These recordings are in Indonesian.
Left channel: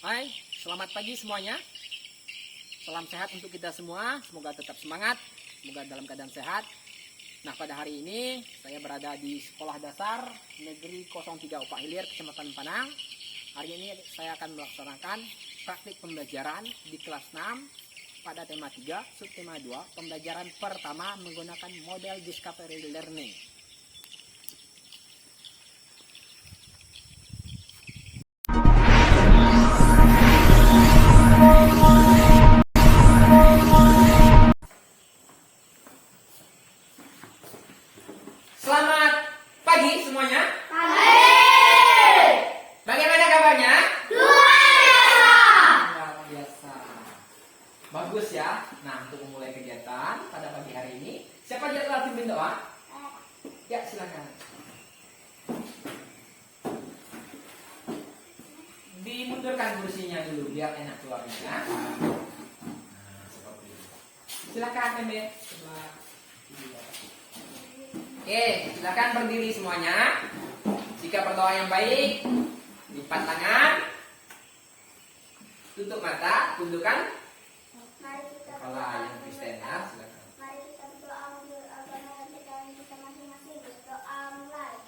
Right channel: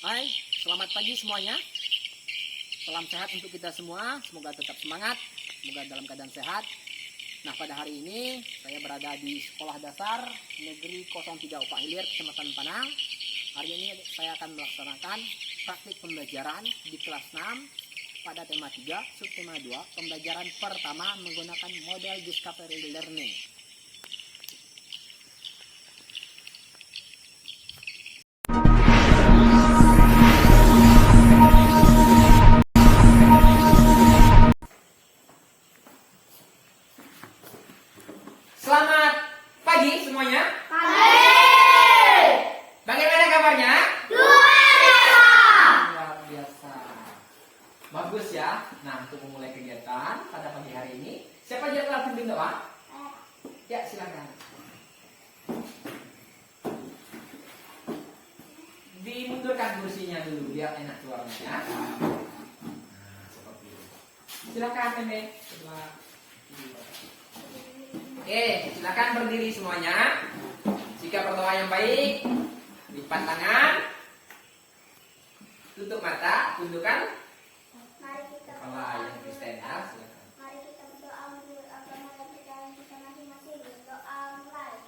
Hai, selamat pagi semuanya. Salam sehat untuk kita semua. Semoga tetap semangat, semoga dalam keadaan sehat. Nah, pada hari ini saya berada di Sekolah Dasar Negeri 03 Upah Hilir, Kecamatan Panang. Hari ini saya akan melaksanakan praktik pembelajaran di kelas 6 pada tema 3, subtema 2, pembelajaran pertama menggunakan model Discovery Learning. Selamat pagi semuanya. Bagaimana kabarnya? Luar biasa. Bagus ya. Nah, untuk memulai kegiatan pada pagi hari ini, siapa yang telah pimpin doa? Ya, silakan. Dimundurkan kursinya dulu biar enak keluarnya ya. Nah, seperti itu. Silakan, Meme. Oke, silakan berdiri semuanya. Jika berdoa yang baik, lipat tangan, tutup mata, tundukkan kepala yang Kristen ya. Silakan. Mari kita berdoa menurut agama dan percayaan kita masing-masing. Berdoa mulai.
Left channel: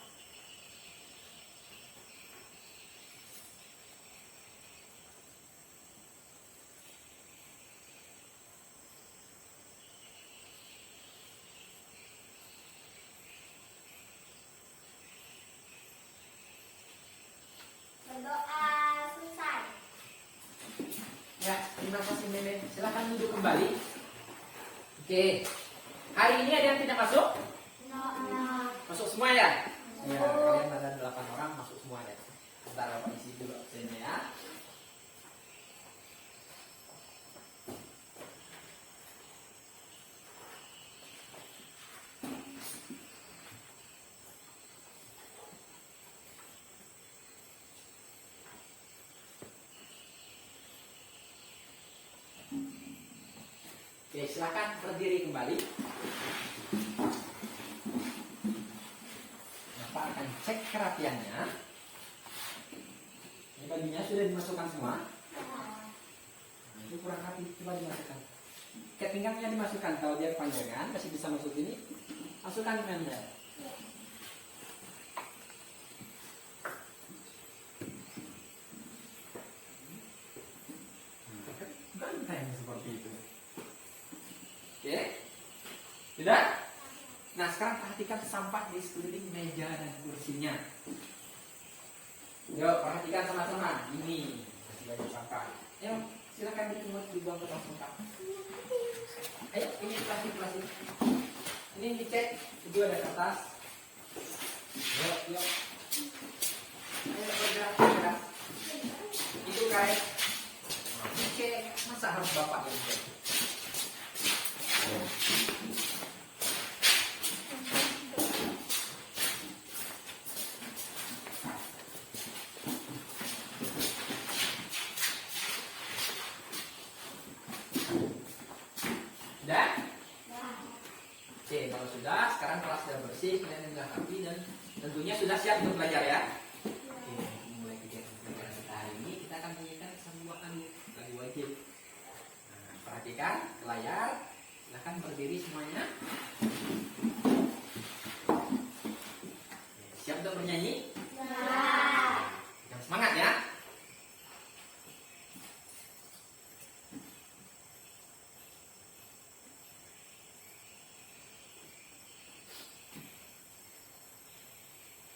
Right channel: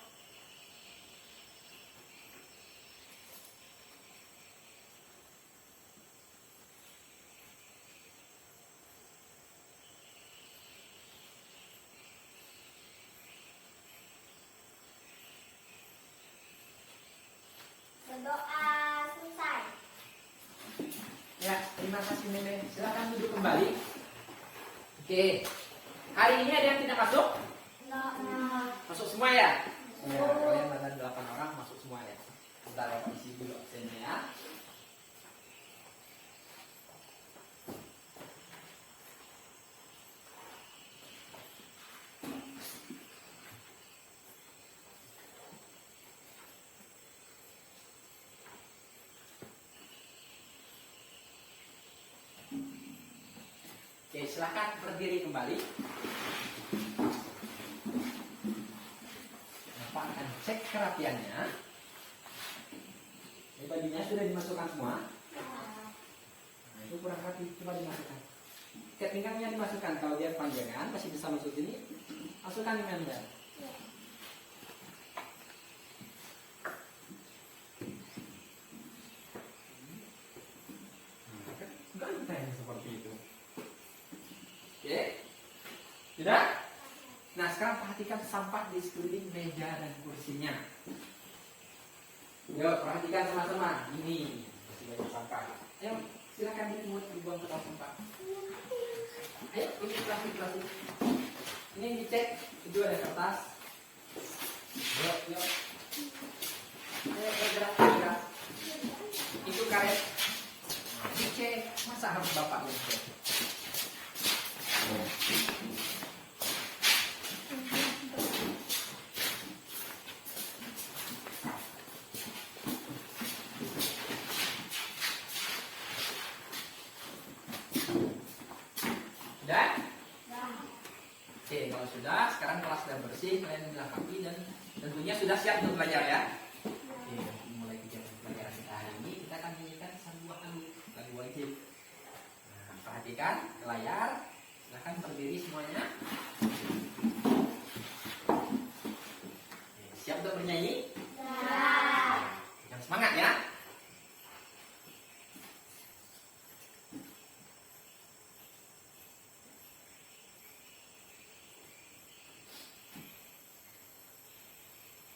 Berdoa selesai. Ya, terima kasih Meme. Silakan duduk kembali. Oke. Hari ini ada yang tidak masuk? Masuk semua ya? Ya, kalian ada 8 orang masuk semua ya. Kita dapat isi dulu absennya ya. Oke, silahkan berdiri kembali. Nah, Pak akan cek kerapiannya. Ini bajunya sudah dimasukkan semua. Nah, itu kurang rapi, coba dimasukkan. Ketingkatnya dimasukkan, kalau dia panjangan masih bisa masuk ini. Masukkan ke Anda. Ganteng seperti itu. Oke, sudah? Nah, sekarang perhatikan sampah di sekeliling meja dan kursinya. Yuk, perhatikan sama-sama. Ini masih banyak sampah. Ayo, silakan dipungut, dibuang ke dalam sampah. Ayo, ini plastik. Ini dicek, itu ada kertas. Yuk. Ayo, bergerak. Itu karet. Dicek, masa harus bapak yang dicek? Sudah? Oke, kalau sudah, sekarang kelas sudah bersih, kalian dilengkapi dan tentunya sudah siap untuk belajar ya. Oke, mulai kegiatan pelajaran kita hari ini, kita akan menyanyikan satu buah lagu wajib. Nah, perhatikan ke layar, silahkan berdiri semuanya. Oke, siap untuk bernyanyi? Yang semangat ya.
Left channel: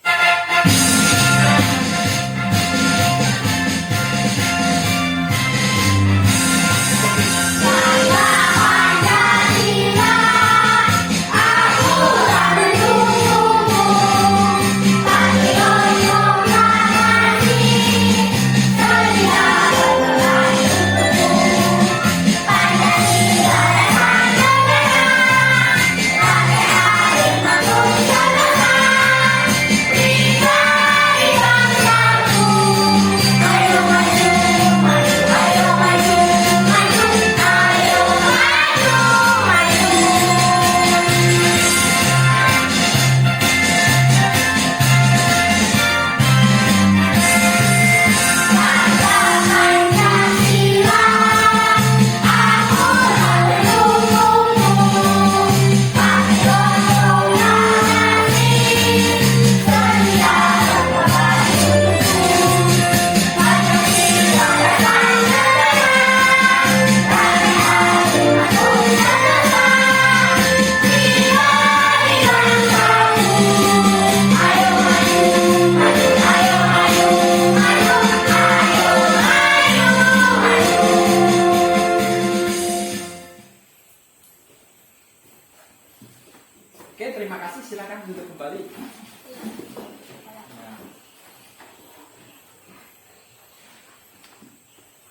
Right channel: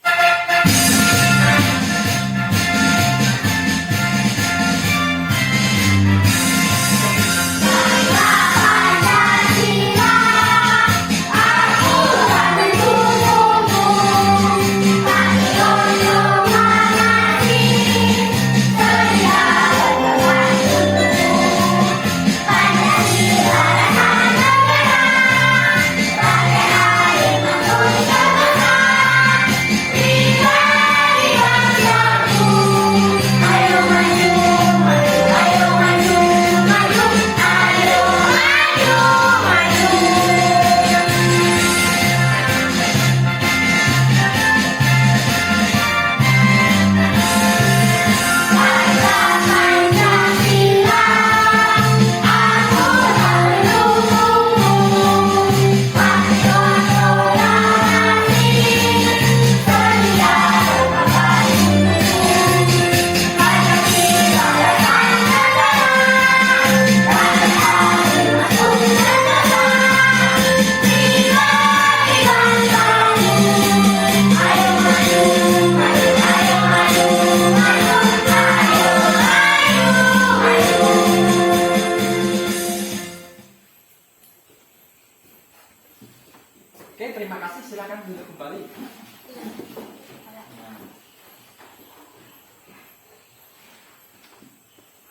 Saya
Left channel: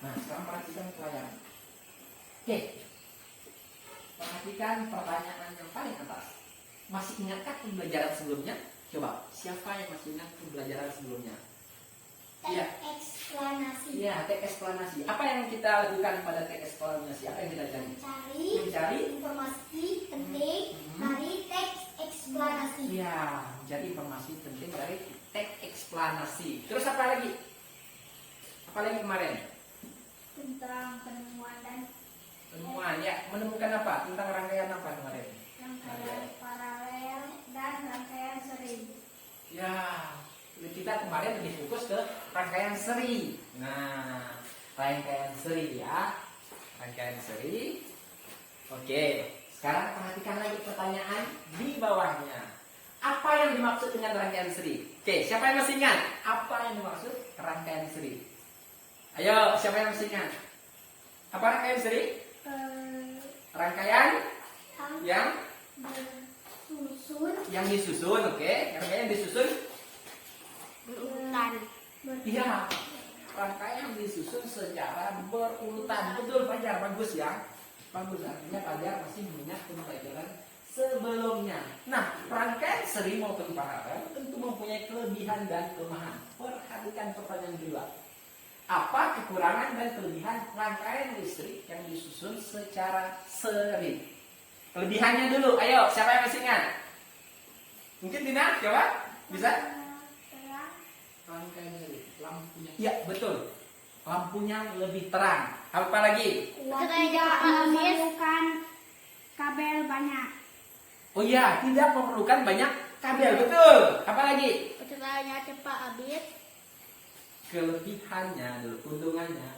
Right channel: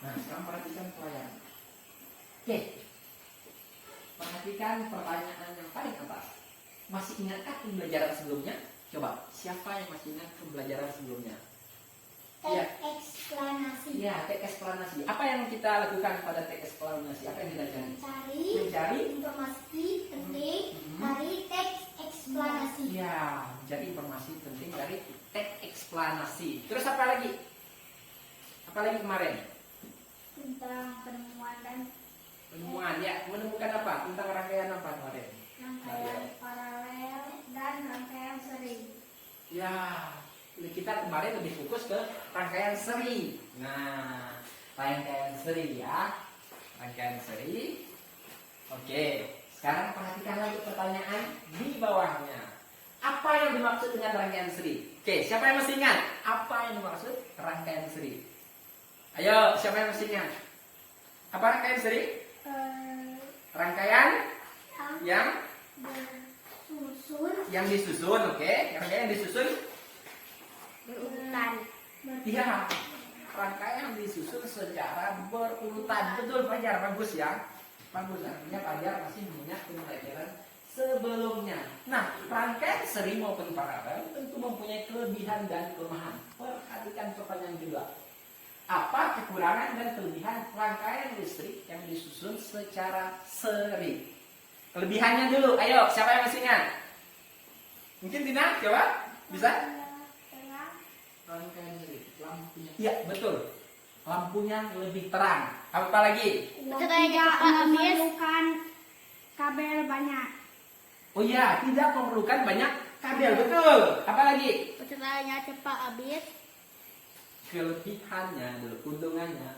Nah, sekarang perhatikan pelajaran. Oke. Perhatikan pertanyaan yang paling atas. Masih ingatkah pembelajaran sebelumnya? Coba, siapa yang masih ingat pembelajaran sebelumnya? Iya. Eksplanasi. Iya, teks eksplanasi. Apa yang kita lakukan pada teks eksplanasi? Apa yang kita cari? Mencari informasi penting dari teks eksplanasi. Iya, mencari informasi penting dari teks eksplanasi. Terus apa lagi? Apa lagi kemarin? Tentang penemuan dan Penemuan, ya. Menemukan apa? Tentang rangkaian apa kemarin? rangkaian paralel dan rangkaian seri. Ya, kita kemarin lebih fokus ke rangkaian seri. Nah, rangkaian seri ya. Rangkaian seri. Oke, sekarang perhatikan lagi pertanyaan di bawahnya. Apa yang dimaksud dengan rangkaian seri? Oke, siapa yang masih ingat? Apa yang dimaksud rangkaian seri? Ayo, siapa yang masih ingat? Apa rangkaian seri? Rangkaian yang disusun, oke. Rangkaian disusun. Berurutan. Iya, rangkaian yang disusun secara berurutan. Betul, Fajar, bagus ya. Bagus, artinya Fajar masih mengingat pembelajaran sebelumnya. Nah, rangkaian seri maupun paralel tentu mempunyai kelebihan dan kelemahan. Perhatikan pertanyaan kedua. Apa kekurangan dan kelebihan rangkaian listrik yang disusun secara seri? Kelebihannya dulu, ayo, siapa yang masih ingat? Mungkin Dina, coba? Bisa? Rangkaian seri, lampunya. Iya, betul. Lampunya lebih terang. Apa lagi? Tidak memerlukan kabel banyak. Oh iya, tidak memerlukan banyak kabel, betul. Apa lagi? Baterainya cepat habis. Kelebihannya dulu, keuntungannya.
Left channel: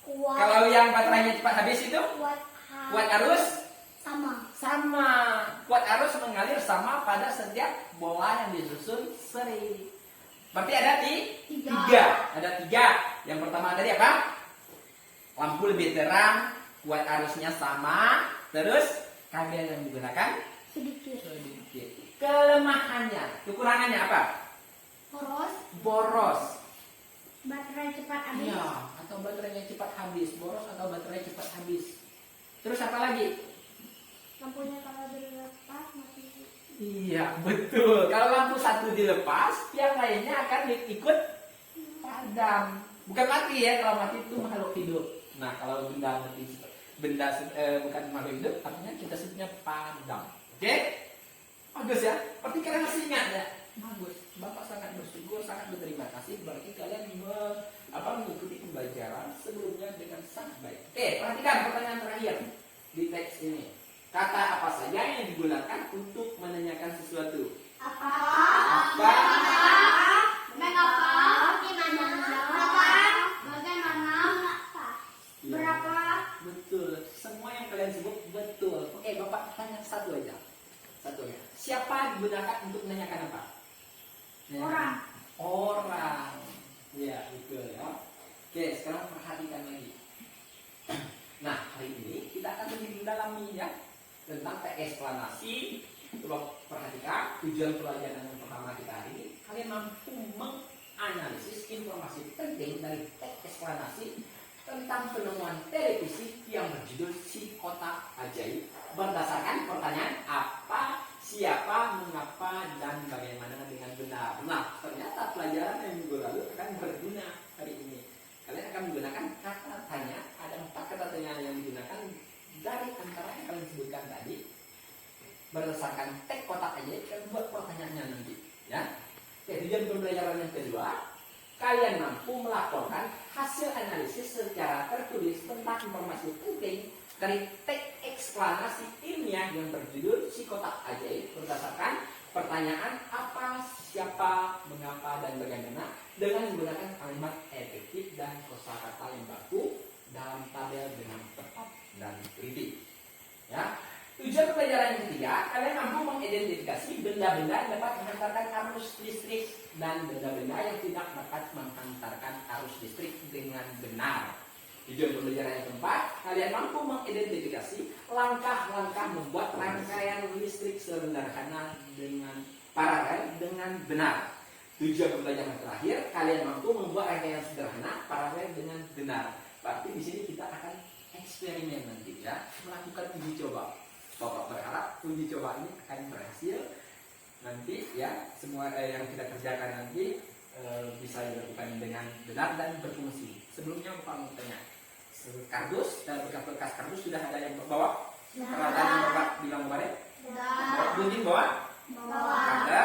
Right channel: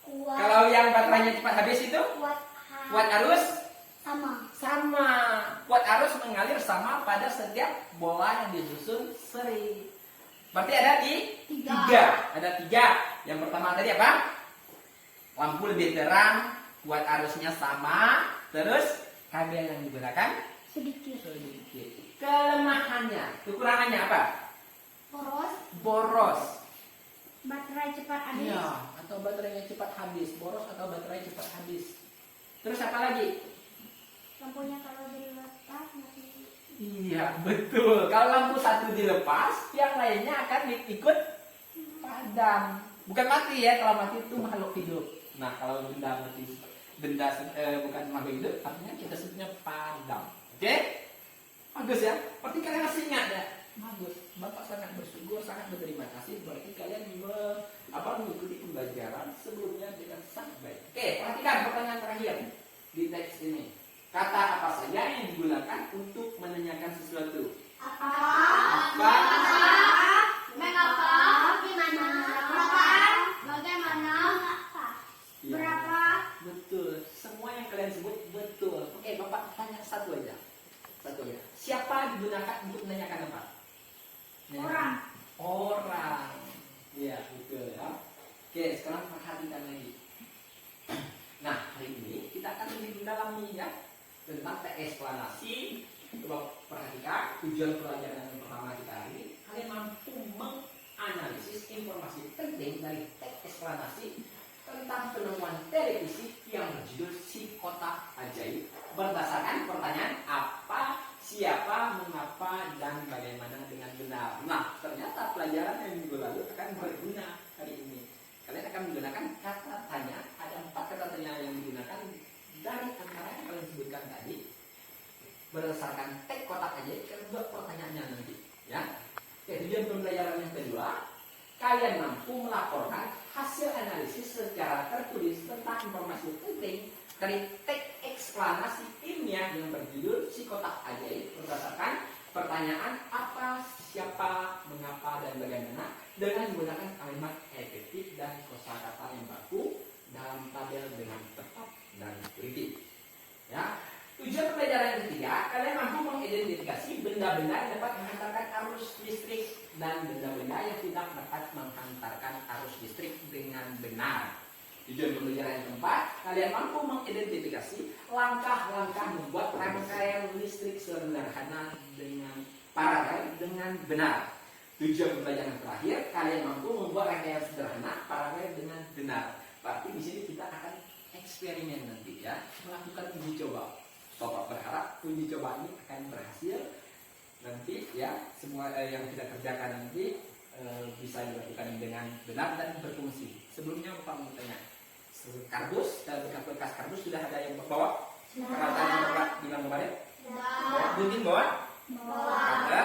Kuat. Kalau yang baterainya cepat habis itu, kuat arus sama. Kuat arus mengalir sama pada setiap bola yang disusun seri. Berarti ada tiga. Ada tiga. Yang pertama tadi apa? Lampu lebih terang, kuat arusnya sama, terus kabel yang digunakan sedikit. Kelemahannya, kekurangannya apa? Boros. Baterai cepat habis. Iya, atau baterainya cepat habis, boros atau baterai cepat habis. Terus apa lagi? Lampunya kalau dilepas mati. Iya, betul. Kalau lampu satu dilepas, yang lainnya akan ikut padam. Bukan mati ya, kalau mati itu makhluk hidup. Nah, kalau benda mati, bukan makhluk hidup, artinya kita sebutnya padam. Oke? Bagus ya. Berarti kalian masih ingat ya? Bagus. Bapak sangat bersyukur, sangat berterima kasih. Berarti kalian mengikuti pembelajaran sebelumnya dengan sangat baik. Oke, perhatikan pertanyaan terakhir di teks ini. Kata apa saja yang digunakan untuk menanyakan sesuatu? Apa? Apa? Mengapa? Bagaimana? Ya, Berapa? betul. Semua yang kalian sebut betul. Oke, Bapak tanya satu aja. Siapa digunakan untuk menanyakan apa? Orang. Iya, betul ya. Oke, sekarang perhatikan lagi. Nah, hari ini kita akan lebih mendalami ya tentang teks eksplanasi. Coba perhatikan tujuan pelajaran yang pertama kita hari ini. Kalian mampu menganalisis informasi penting dari teks eksplanasi tentang penemuan televisi yang berjudul Si Kotak Ajaib berdasarkan pertanyaan apa, siapa, mengapa, dan bagaimana dengan benar. Nah, ternyata pelajaran yang minggu lalu akan berguna hari ini. Kalian akan menggunakan kata tanya. Ada 4 kata tanya yang digunakan dari antara yang kalian sebutkan tadi. Berdasarkan teks kotak ajaib, kalian buat pertanyaannya nanti. Ya. Oke, tujuan pembelajaran yang kedua, kalian mampu melaporkan hasil analisis secara tertulis tentang informasi penting dari teks eksplanasi ilmiah yang berjudul Si Kotak Ajaib berdasarkan pertanyaan apa, siapa, mengapa, dan bagaimana dengan menggunakan kalimat efektif dan kosakata yang baku dalam tabel dengan tepat dan teliti. Ya. Tujuan pelajaran yang ketiga, kalian mampu mengidentifikasi benda-benda yang dapat menghantarkan arus listrik dan benda-benda yang tidak dapat menghantarkan arus listrik dengan benar. Tujuan pembelajaran yang keempat, kalian mampu mengidentifikasi langkah-langkah membuat rangkaian listrik sederhana dengan paralel dengan benar. Tujuan pembelajaran yang terakhir, kalian mampu membuat rangkaian sederhana paralel dengan benar. Berarti di sini kita akan eksperimen nanti ya, melakukan uji coba. Bapak berharap uji coba ini akan berhasil nanti ya, semua yang kita kerjakan nanti bisa dilakukan dengan benar dan berfungsi. Sebelumnya Bapak mau tanya, kardus dan bekas kardus sudah ada yang bawa? Peralatan yang Bapak bilang kemarin? Bunyin bawa? Ada?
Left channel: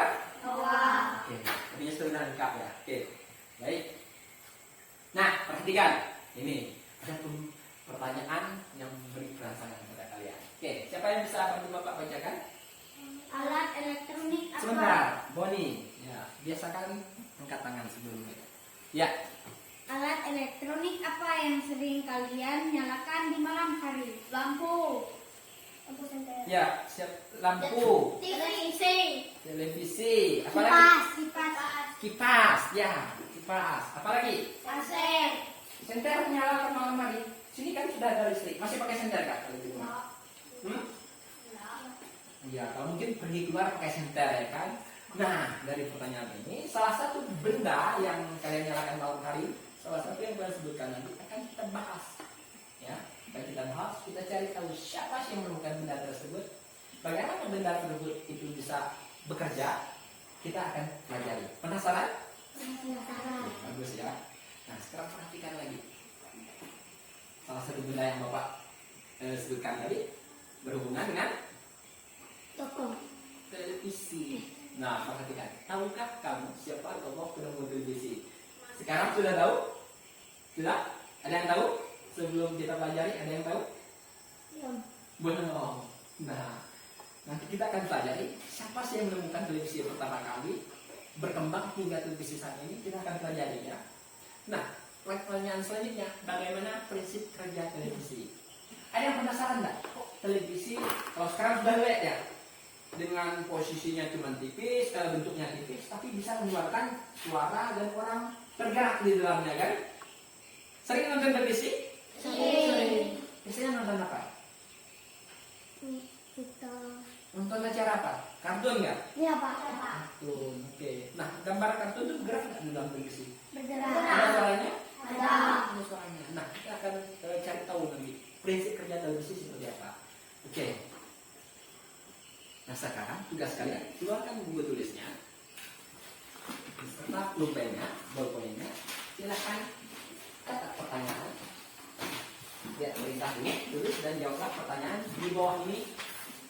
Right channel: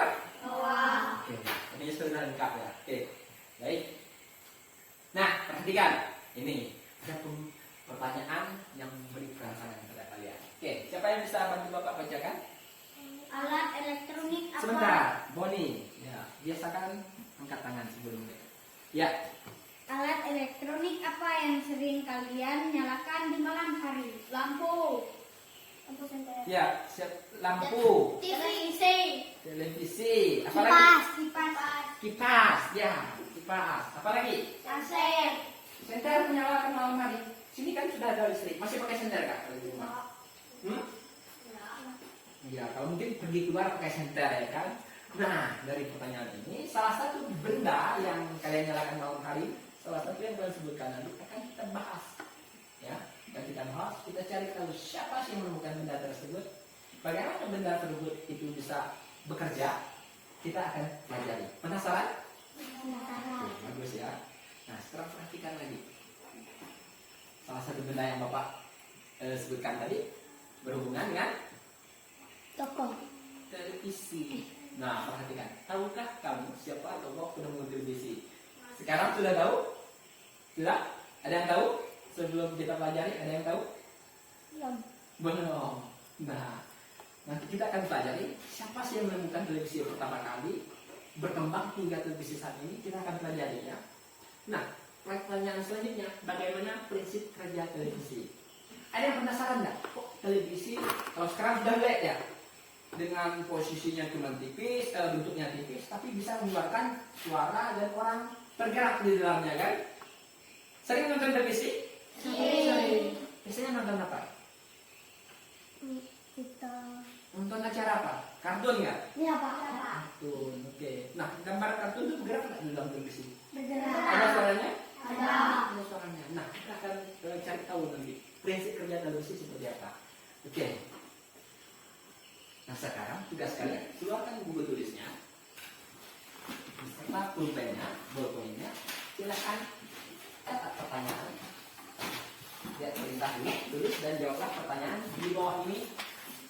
Oke, ini sudah lengkap ya. Oke, baik. Nah, perhatikan ini ada pertanyaan yang memberi perasaan kepada kalian. Oke, siapa yang bisa bantu Bapak bacakan? Alat elektronik apa? Sebentar, Boni. Ya, biasakan angkat tangan sebelumnya. Ya, Alat elektronik apa yang sering kalian nyalakan di malam hari? Lampu. Lampu senter. ya, siap. Lampu, televisi, apa lagi? Kipas. Kipas, ya, kipas. Apa lagi? Kaset. Senter menyalakan malam hari. Sini kan sudah ada listrik. Masih pakai senter Kak kalau di rumah? Ya, kalau mungkin pergi keluar pakai senter ya kan. Nah, dari pertanyaan ini salah satu benda yang kalian nyalakan malam hari, salah satu yang kalian sebutkan nanti akan kita bahas. Ya, akan kita bahas, kita cari tahu siapa sih yang menemukan benda tersebut, bagaimana benda tersebut itu bisa bekerja, kita akan pelajari. Penasaran? Oke, bagus ya. Nah, sekarang perhatikan lagi. Salah satu benda yang Bapak sebutkan tadi berhubungan dengan Toko. televisi. Nah, perhatikan. Tahukah kamu siapa tokoh penemu televisi? Sekarang sudah tahu? Sudah? Ada yang tahu? Sebelum kita pelajari, ada yang tahu? Belum. Nah, nanti kita akan pelajari siapa sih yang menemukan televisi pertama kali, berkembang hingga televisi saat ini, kita akan pelajari ya. Nah, pertanyaan selanjutnya, bagaimana prinsip kerja televisi? Ada yang penasaran nggak? Kok televisi kalau sekarang sudah LED ya, dengan posisinya cuma tipis, bentuknya tipis, tapi bisa mengeluarkan suara dan orang tergerak di dalamnya kan? Sering nonton televisi? Sering. Biasanya nonton apa? Kita. Nonton acara apa? Kartun nggak? Ini apa? Kartun, oke. Nah, gambar kartun itu bergerak nggak di dalam televisi? Bergerak. Ada suaranya? Ada. Ada suaranya. Nah, kita akan cari tahu nanti prinsip kerja televisi seperti apa. Oke. Nah, sekarang tugas kalian keluarkan buku tulisnya beserta pulpennya, bolpennya. Silakan catat pertanyaan. Ya, perintah ini tulis dan jawablah pertanyaan di bawah ini.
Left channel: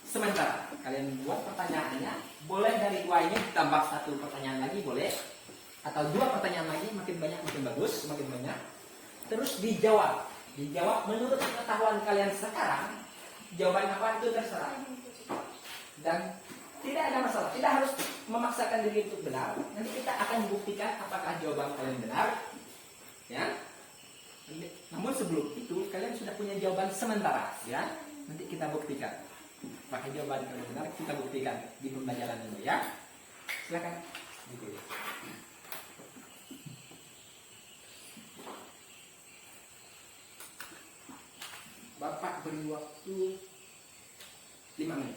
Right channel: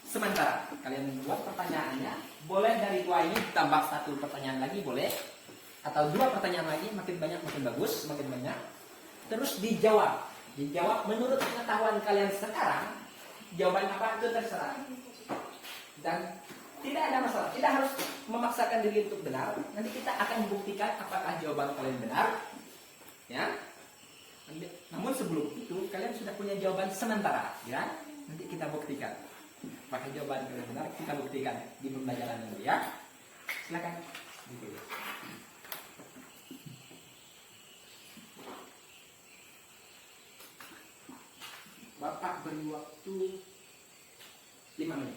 Sementara kalian buat pertanyaannya, boleh dari dua ini tambah satu pertanyaan lagi boleh, atau dua pertanyaan lagi, makin banyak makin bagus, semakin banyak. Terus dijawab menurut pengetahuan kalian sekarang. Jawaban apa itu terserah. Dan tidak ada masalah, tidak harus memaksakan diri untuk benar. Nanti kita akan buktikan apakah jawaban kalian benar, ya. Namun sebelum itu kalian sudah punya jawaban sementara, ya. Nanti kita buktikan apakah jawaban kalian benar, kita buktikan di pembelajaran ini, ya. Silakan. Bapak beri waktu 5 menit.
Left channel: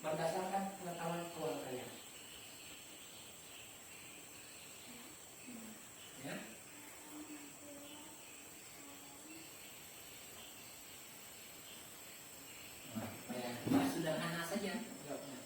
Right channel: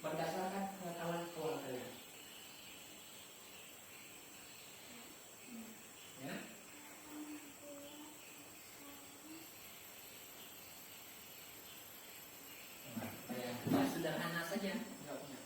berdasarkan pengetahuan keluarganya. Ya. Ya, sederhana saja jawabnya.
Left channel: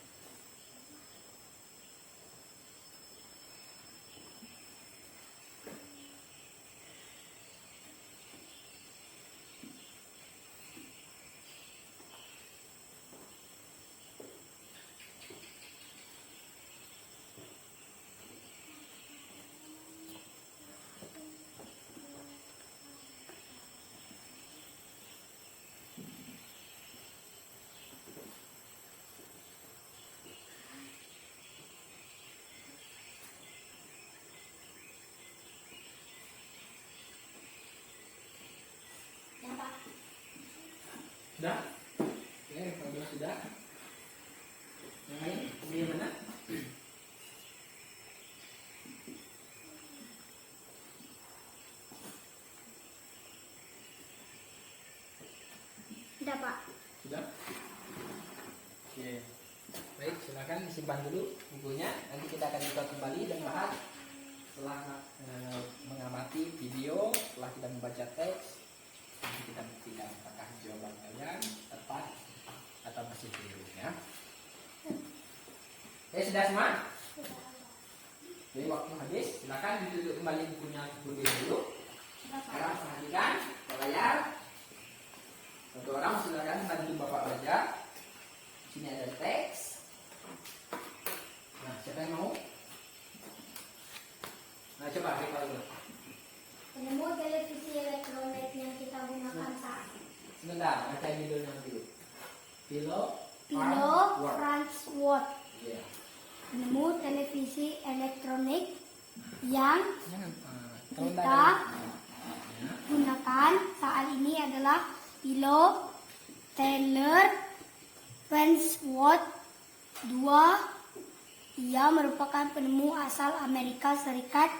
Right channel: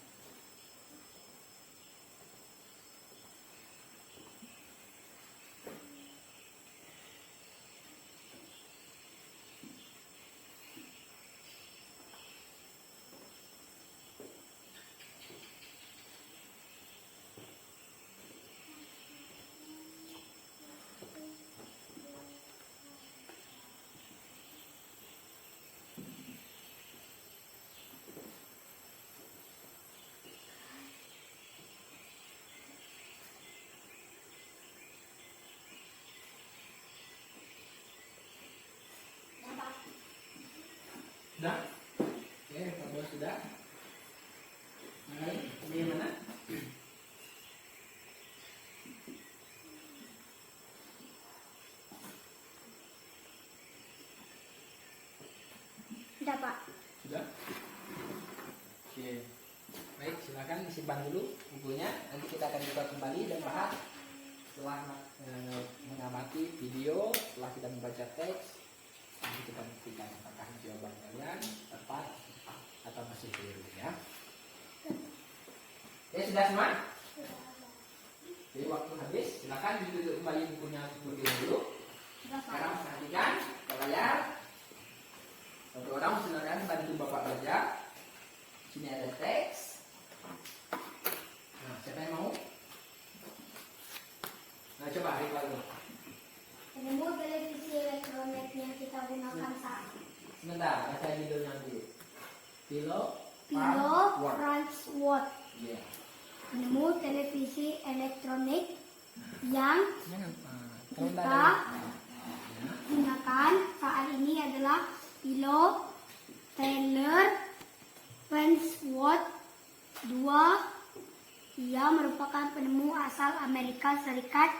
Sudah? Oke, kalau sudah. Yang lain, ini mana? Sudah, Pak. Sudah? Oke. Baik, silakan disimpan dulu bukunya. Nanti kita akan buka kembali dan bahas setelah mengamati video, setelah kita membaca teks. Nanti kita buktikan apakah jawaban kalian tepat atau masih keliru ya. Oke, sudah semua? Jadi waktu habis, silakan ditutup kembali bukunya terlebih dahulu. Sekarang perhatikan ke layar. Satu orang silakan bantu Bapak baca. Sini ada teks. Nah, siapa yang mau? Nah, coba Rika dulu. Penemu televisi elektronik yang kita gunakan saat Sebentar, baca judulnya dulu. Pilo Farnsworth. Iya. Penemu televisi elektronik yang kita gunakan saat ini adalah Pilo Taylor Farnsworth II. Ia merupakan penemu asal Amerika Serikat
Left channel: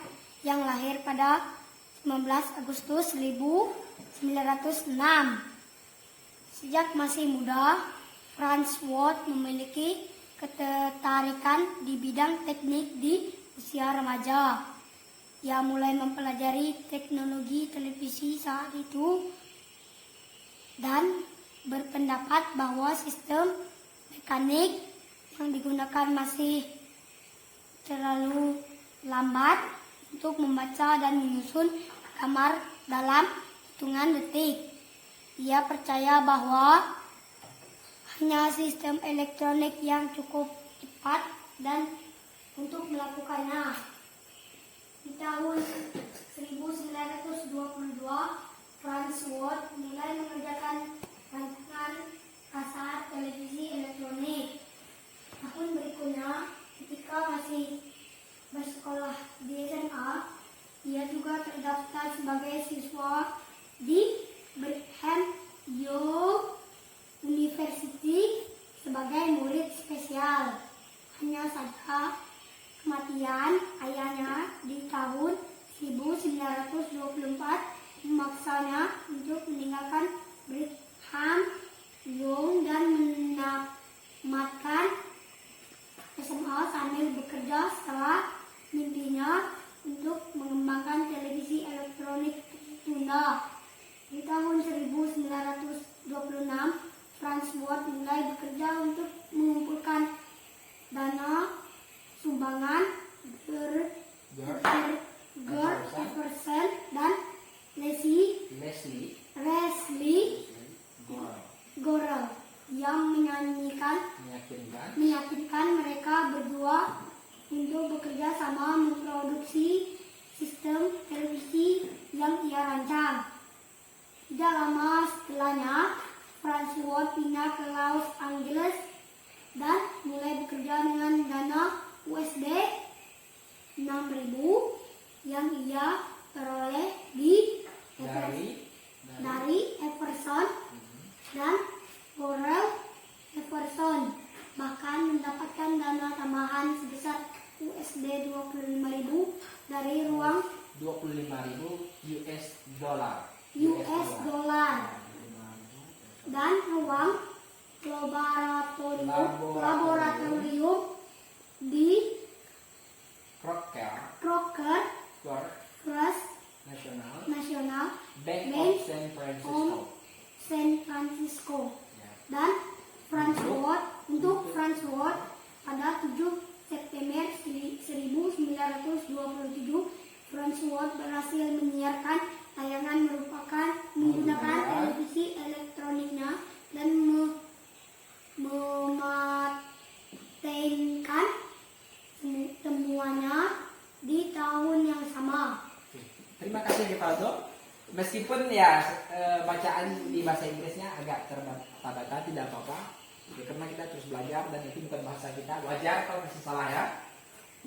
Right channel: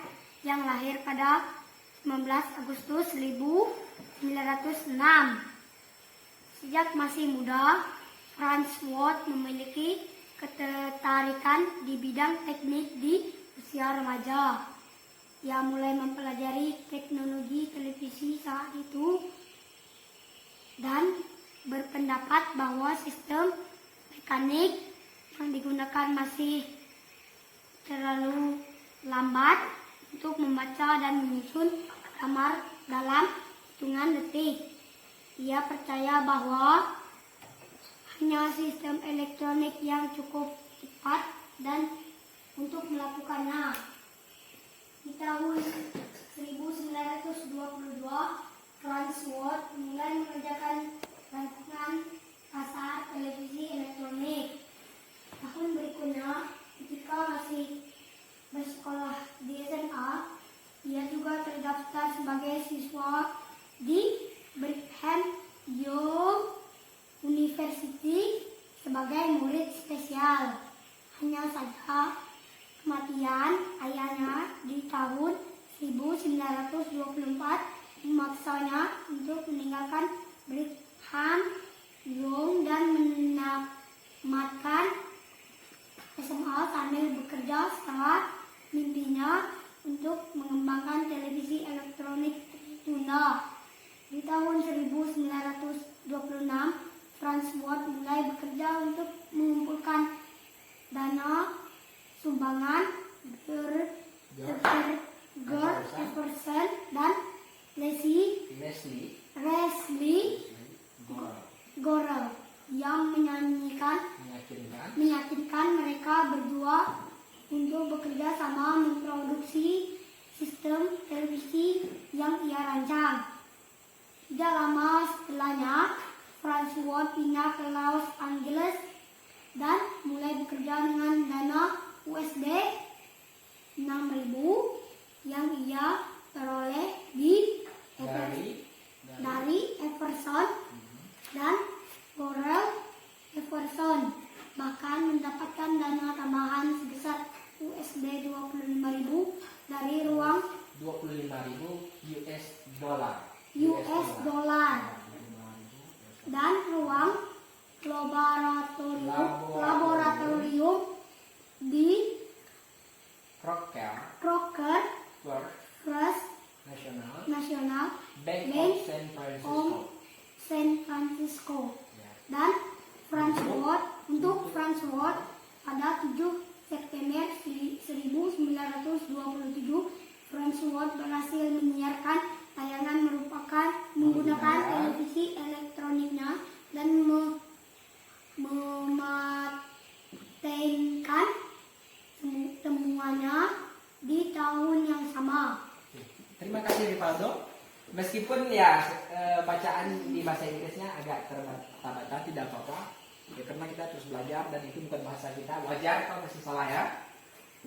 yang lahir pada 19 Agustus 1906. Sejak masih muda, Farnsworth memiliki ketertarikan di bidang teknik di usia remaja. Ia mulai mempelajari teknologi televisi saat itu dan berpendapat bahwa sistem mekanik yang digunakan masih terlalu lambat untuk membaca dan menyusun gambar dalam hitungan detik. Ia percaya bahwa hanya sistem elektronik yang cukup cepat dan untuk melakukannya. Di tahun 1922, Farnsworth mulai mengerjakan rancangan kasar televisi elektronik. Tahun berikutnya, ketika masih bersekolah di SMA, ia juga terdaftar sebagai siswa di Brigham Young University sebagai murid spesial. Hanya saja kematian ayahnya di tahun 1924 memaksanya untuk meninggalkan Brigham Young dan menamatkan SMA sambil bekerja setelah mimpinya untuk mengembangkan televisi elektronik tertunda. Di tahun 1926, Farnsworth mulai bekerja untuk mengumpulkan dana sumbangan George Jefferson dan Leslie Gorel yang meyakinkan mereka berdua untuk bekerja sama memproduksi sistem televisi yang ia rancang. Tidak lama setelahnya, Farnsworth pindah ke Los Angeles dan mulai bekerja dengan dana USD 6.000 yang ia peroleh dari Everson dan Gorel Everson, bahkan mendapatkan dana tambahan sebesar USD 25.000 dari ruang 25.000 US dollar dan ruang laboratorium di Crocker Crocker First First National Bank Bank of San Francisco. San Francisco Ya. dan Frankfurt pada 7 September 1927 Frankfurt berhasil menyiarkan tayangan menggunakan televisi elektroniknya dan mematenkan temuannya di tahun yang sama. Oke. Terima kasih Rivaldo. Meskipun ya bacaan di bahasa Inggrisnya agak terbata-bata, tidak apa-apa. Ya, karena kita terus belajar dan itu bukan bahasa kita. Wajar kalau masih salah ya.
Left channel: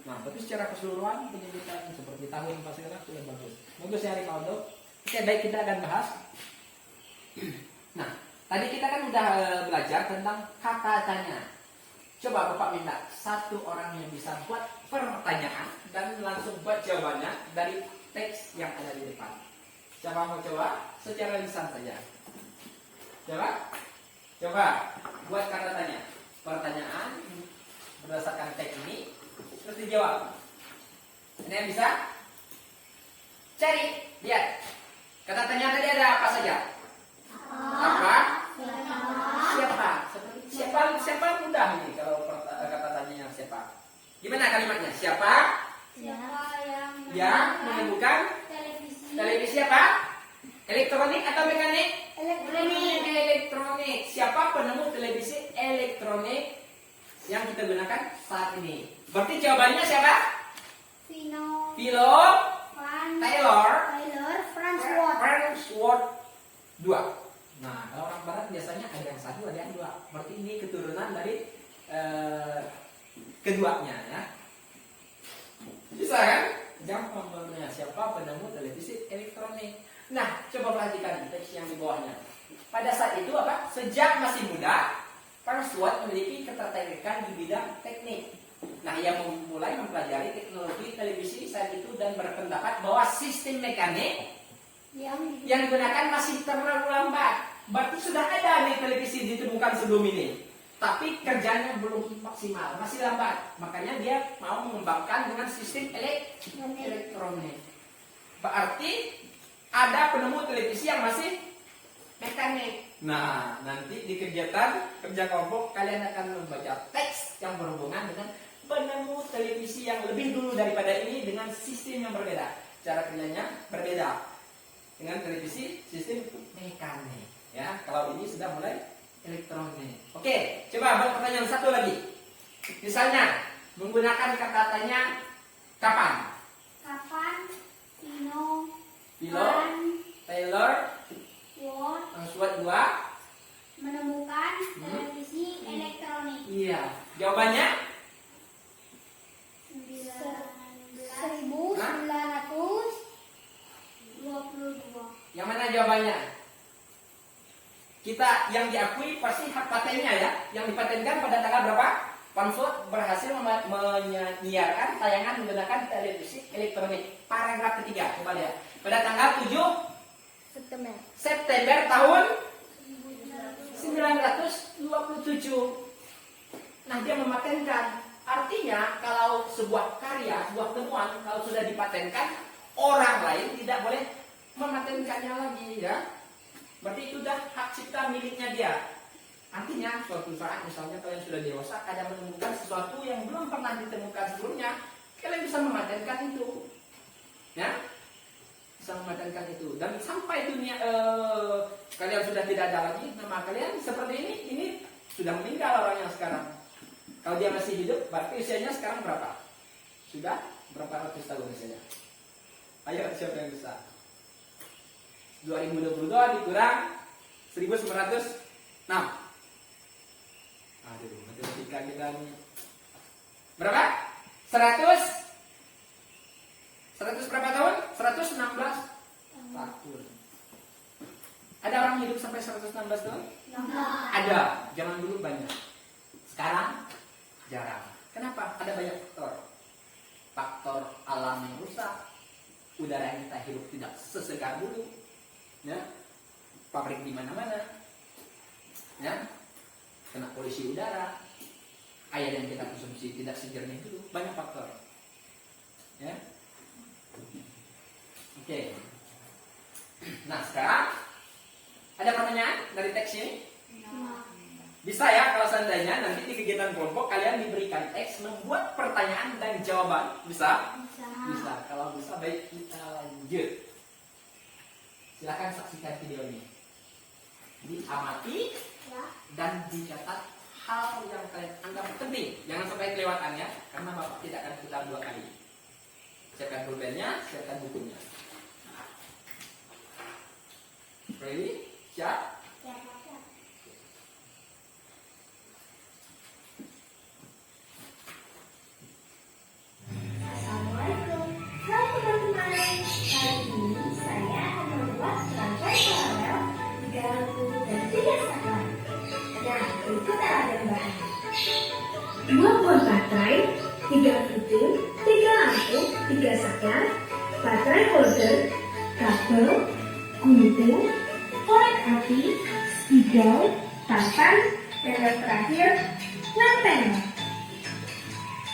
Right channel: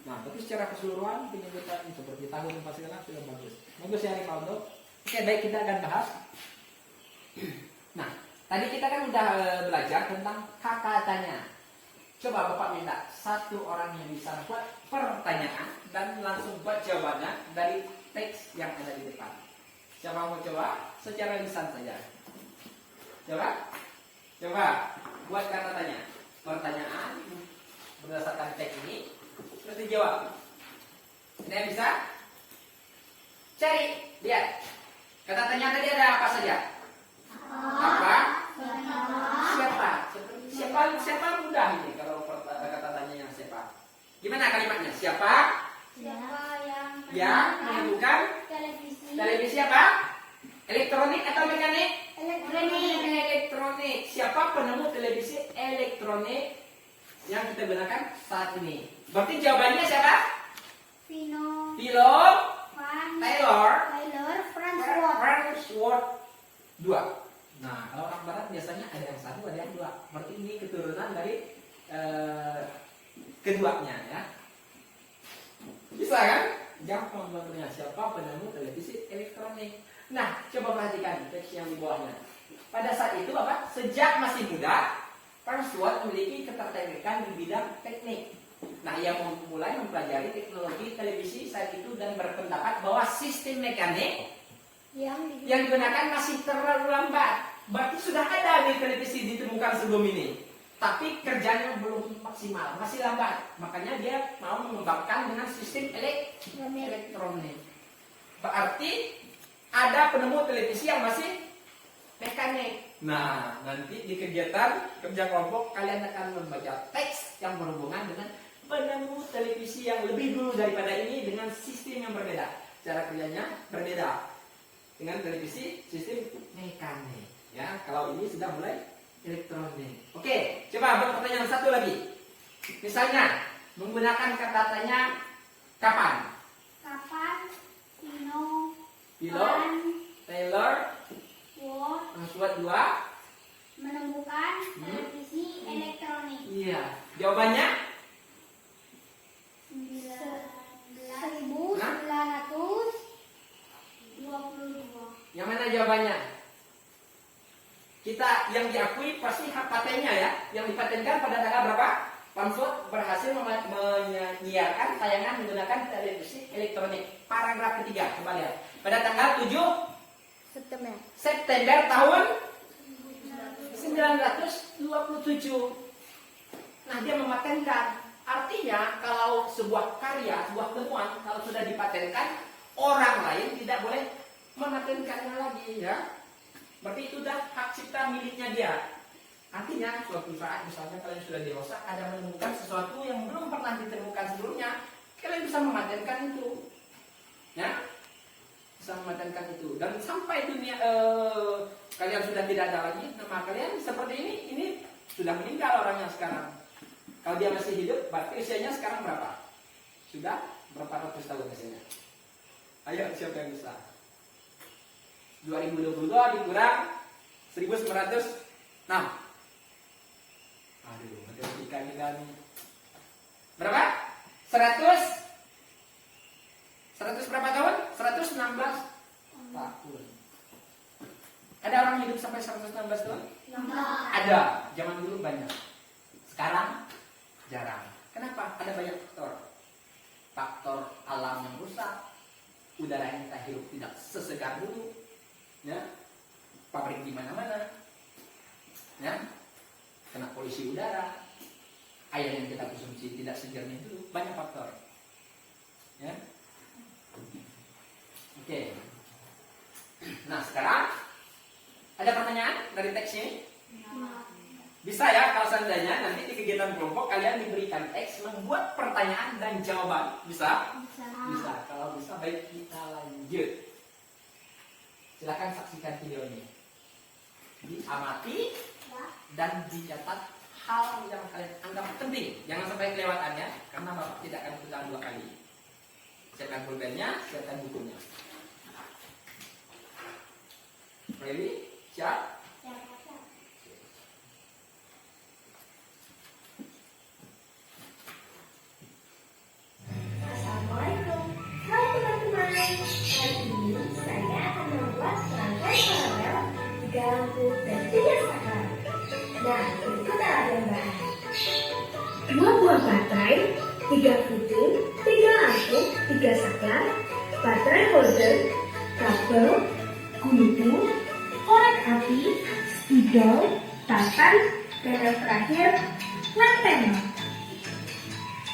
Nah, tapi secara keseluruhan penyebutan seperti tahun pas segala sudah bagus. Bagus ya Rivaldo. Oke, baik, kita akan bahas. Nah, tadi kita kan udah belajar tentang kata tanya. Coba Bapak minta satu orang yang bisa buat pertanyaan dan langsung buat jawabannya dari teks yang ada di depan. Siapa mau coba? Secara lisan saja. Coba buat kata tanya. Pertanyaan berdasarkan teks ini terus dijawab. Ini yang bisa? Cari, lihat. Kata tanya tadi ada apa saja? Apa? Siapa mudah ini kalau kata tanya yang siapa? Gimana kalimatnya? Siapa yang menemukan televisi apa? Elektronik atau mekanik? Elektronik. Siapa penemu televisi elektronik yang kita gunakan saat ini? Berarti jawabannya siapa? Philo Taylor Farnsworth 2. Nah, kalau orang barat biasanya ada yang satu, ada yang dua. Berarti ini keturunan dari keduanya ya. Bisa kan? Gampang banget. Siapa penemu televisi elektronik? Nah, coba perhatikan teks yang di bawahnya. Pada saat itu apa? Sejak masih muda, Farnsworth memiliki ketertarikan di bidang teknik. Nah, ia mulai mempelajari teknologi televisi saat itu dan berpendapat bahwa sistem mekanik yang digunakan masih terlalu lambat. Berarti sudah ada nih televisi ditemukan sebelum ini, tapi kerjanya belum maksimal, masih lambat. Makanya dia mau mengembangkan dengan sistem elektronik. Berarti ada penemu televisi yang masih mekanik. Nah, nanti di kegiatan kerja kelompok kalian akan membaca teks yang berhubungan dengan penemu televisi yang lebih dulu daripada ini dengan sistem yang berbeda. Cara kerjanya berbeda dengan televisi sistem mekanik. Ya, kalau ini sudah mulai elektronik. Oke, coba buat pertanyaan satu lagi. Misalnya menggunakan kata tanya kapan? Philo Taylor Farnsworth 2 menemukan televisi elektronik. Iya, jawabannya 1922. yang mana jawabannya? Kita yang diakui pasti hak patennya ya. Yang dipatenkan pada tanggal berapa? Farnsworth berhasil menyiarkan tayangan menggunakan televisi elektronik. Paragraf ketiga, coba lihat. Pada tanggal 7 September tahun 1927. Nah, dia mematenkan. Artinya kalau sebuah karya, sebuah temuan kalau sudah dipatenkan, orang lain tidak boleh mematenkannya lagi ya. Berarti itu sudah hak cipta miliknya dia. Artinya suatu saat misalnya kalian sudah dewasa, ada menemukan sesuatu yang belum pernah ditemukan sebelumnya, kalian bisa mematenkan itu. Ya? Bisa mematenkan itu. Dan sampai dunia kalian sudah tidak ada lagi, nama kalian seperti ini sudah meninggal orangnya sekarang. Kalau dia masih hidup, berarti usianya sekarang berapa? Sudah berapa ratus tahun usianya? Ayo, siapa yang bisa? 2022 dikurang 1906. Aduh, matematika kita nih. Berapa? 100 berapa tahun? 116 tahun. Ada orang hidup sampai 116 tahun? Ada. Zaman dulu banyak. Sekarang jarang. Kenapa? Ada banyak faktor. Faktor alam yang rusak, udara yang kita hirup tidak sesegar dulu, ya, pabrik di mana-mana, ya. ada air yang kita konsumsi tidak sejernih dulu, banyak faktor. Ya. Oke. Nah, sekarang ada pertanyaan dari teks ini? Bisa ya, kalau seandainya nanti di kegiatan kelompok kalian diberikan teks membuat pertanyaan dan jawaban. Bisa? Bisa. Kalau bisa, baik kita lanjut. Silahkan saksikan video ini. Diamati dan dicatat hal yang kalian anggap penting. Jangan sampai kelewatan ya, karena Bapak tidak akan putar 2 kali. Siapkan pulpennya, siapkan bukunya. Ready? Siap? Assalamualaikum. Hai teman-teman. Kali ini saya akan membuat serangkai paralel 3 lampu dan 3 saklar. Nah, ikut alat bahan. 2 buah baterai, 3 fitur, 3 lampu, 3 saklar, baterai holder, kabel, gunting, korek api, spidol, papan, dan yang terakhir, lantern.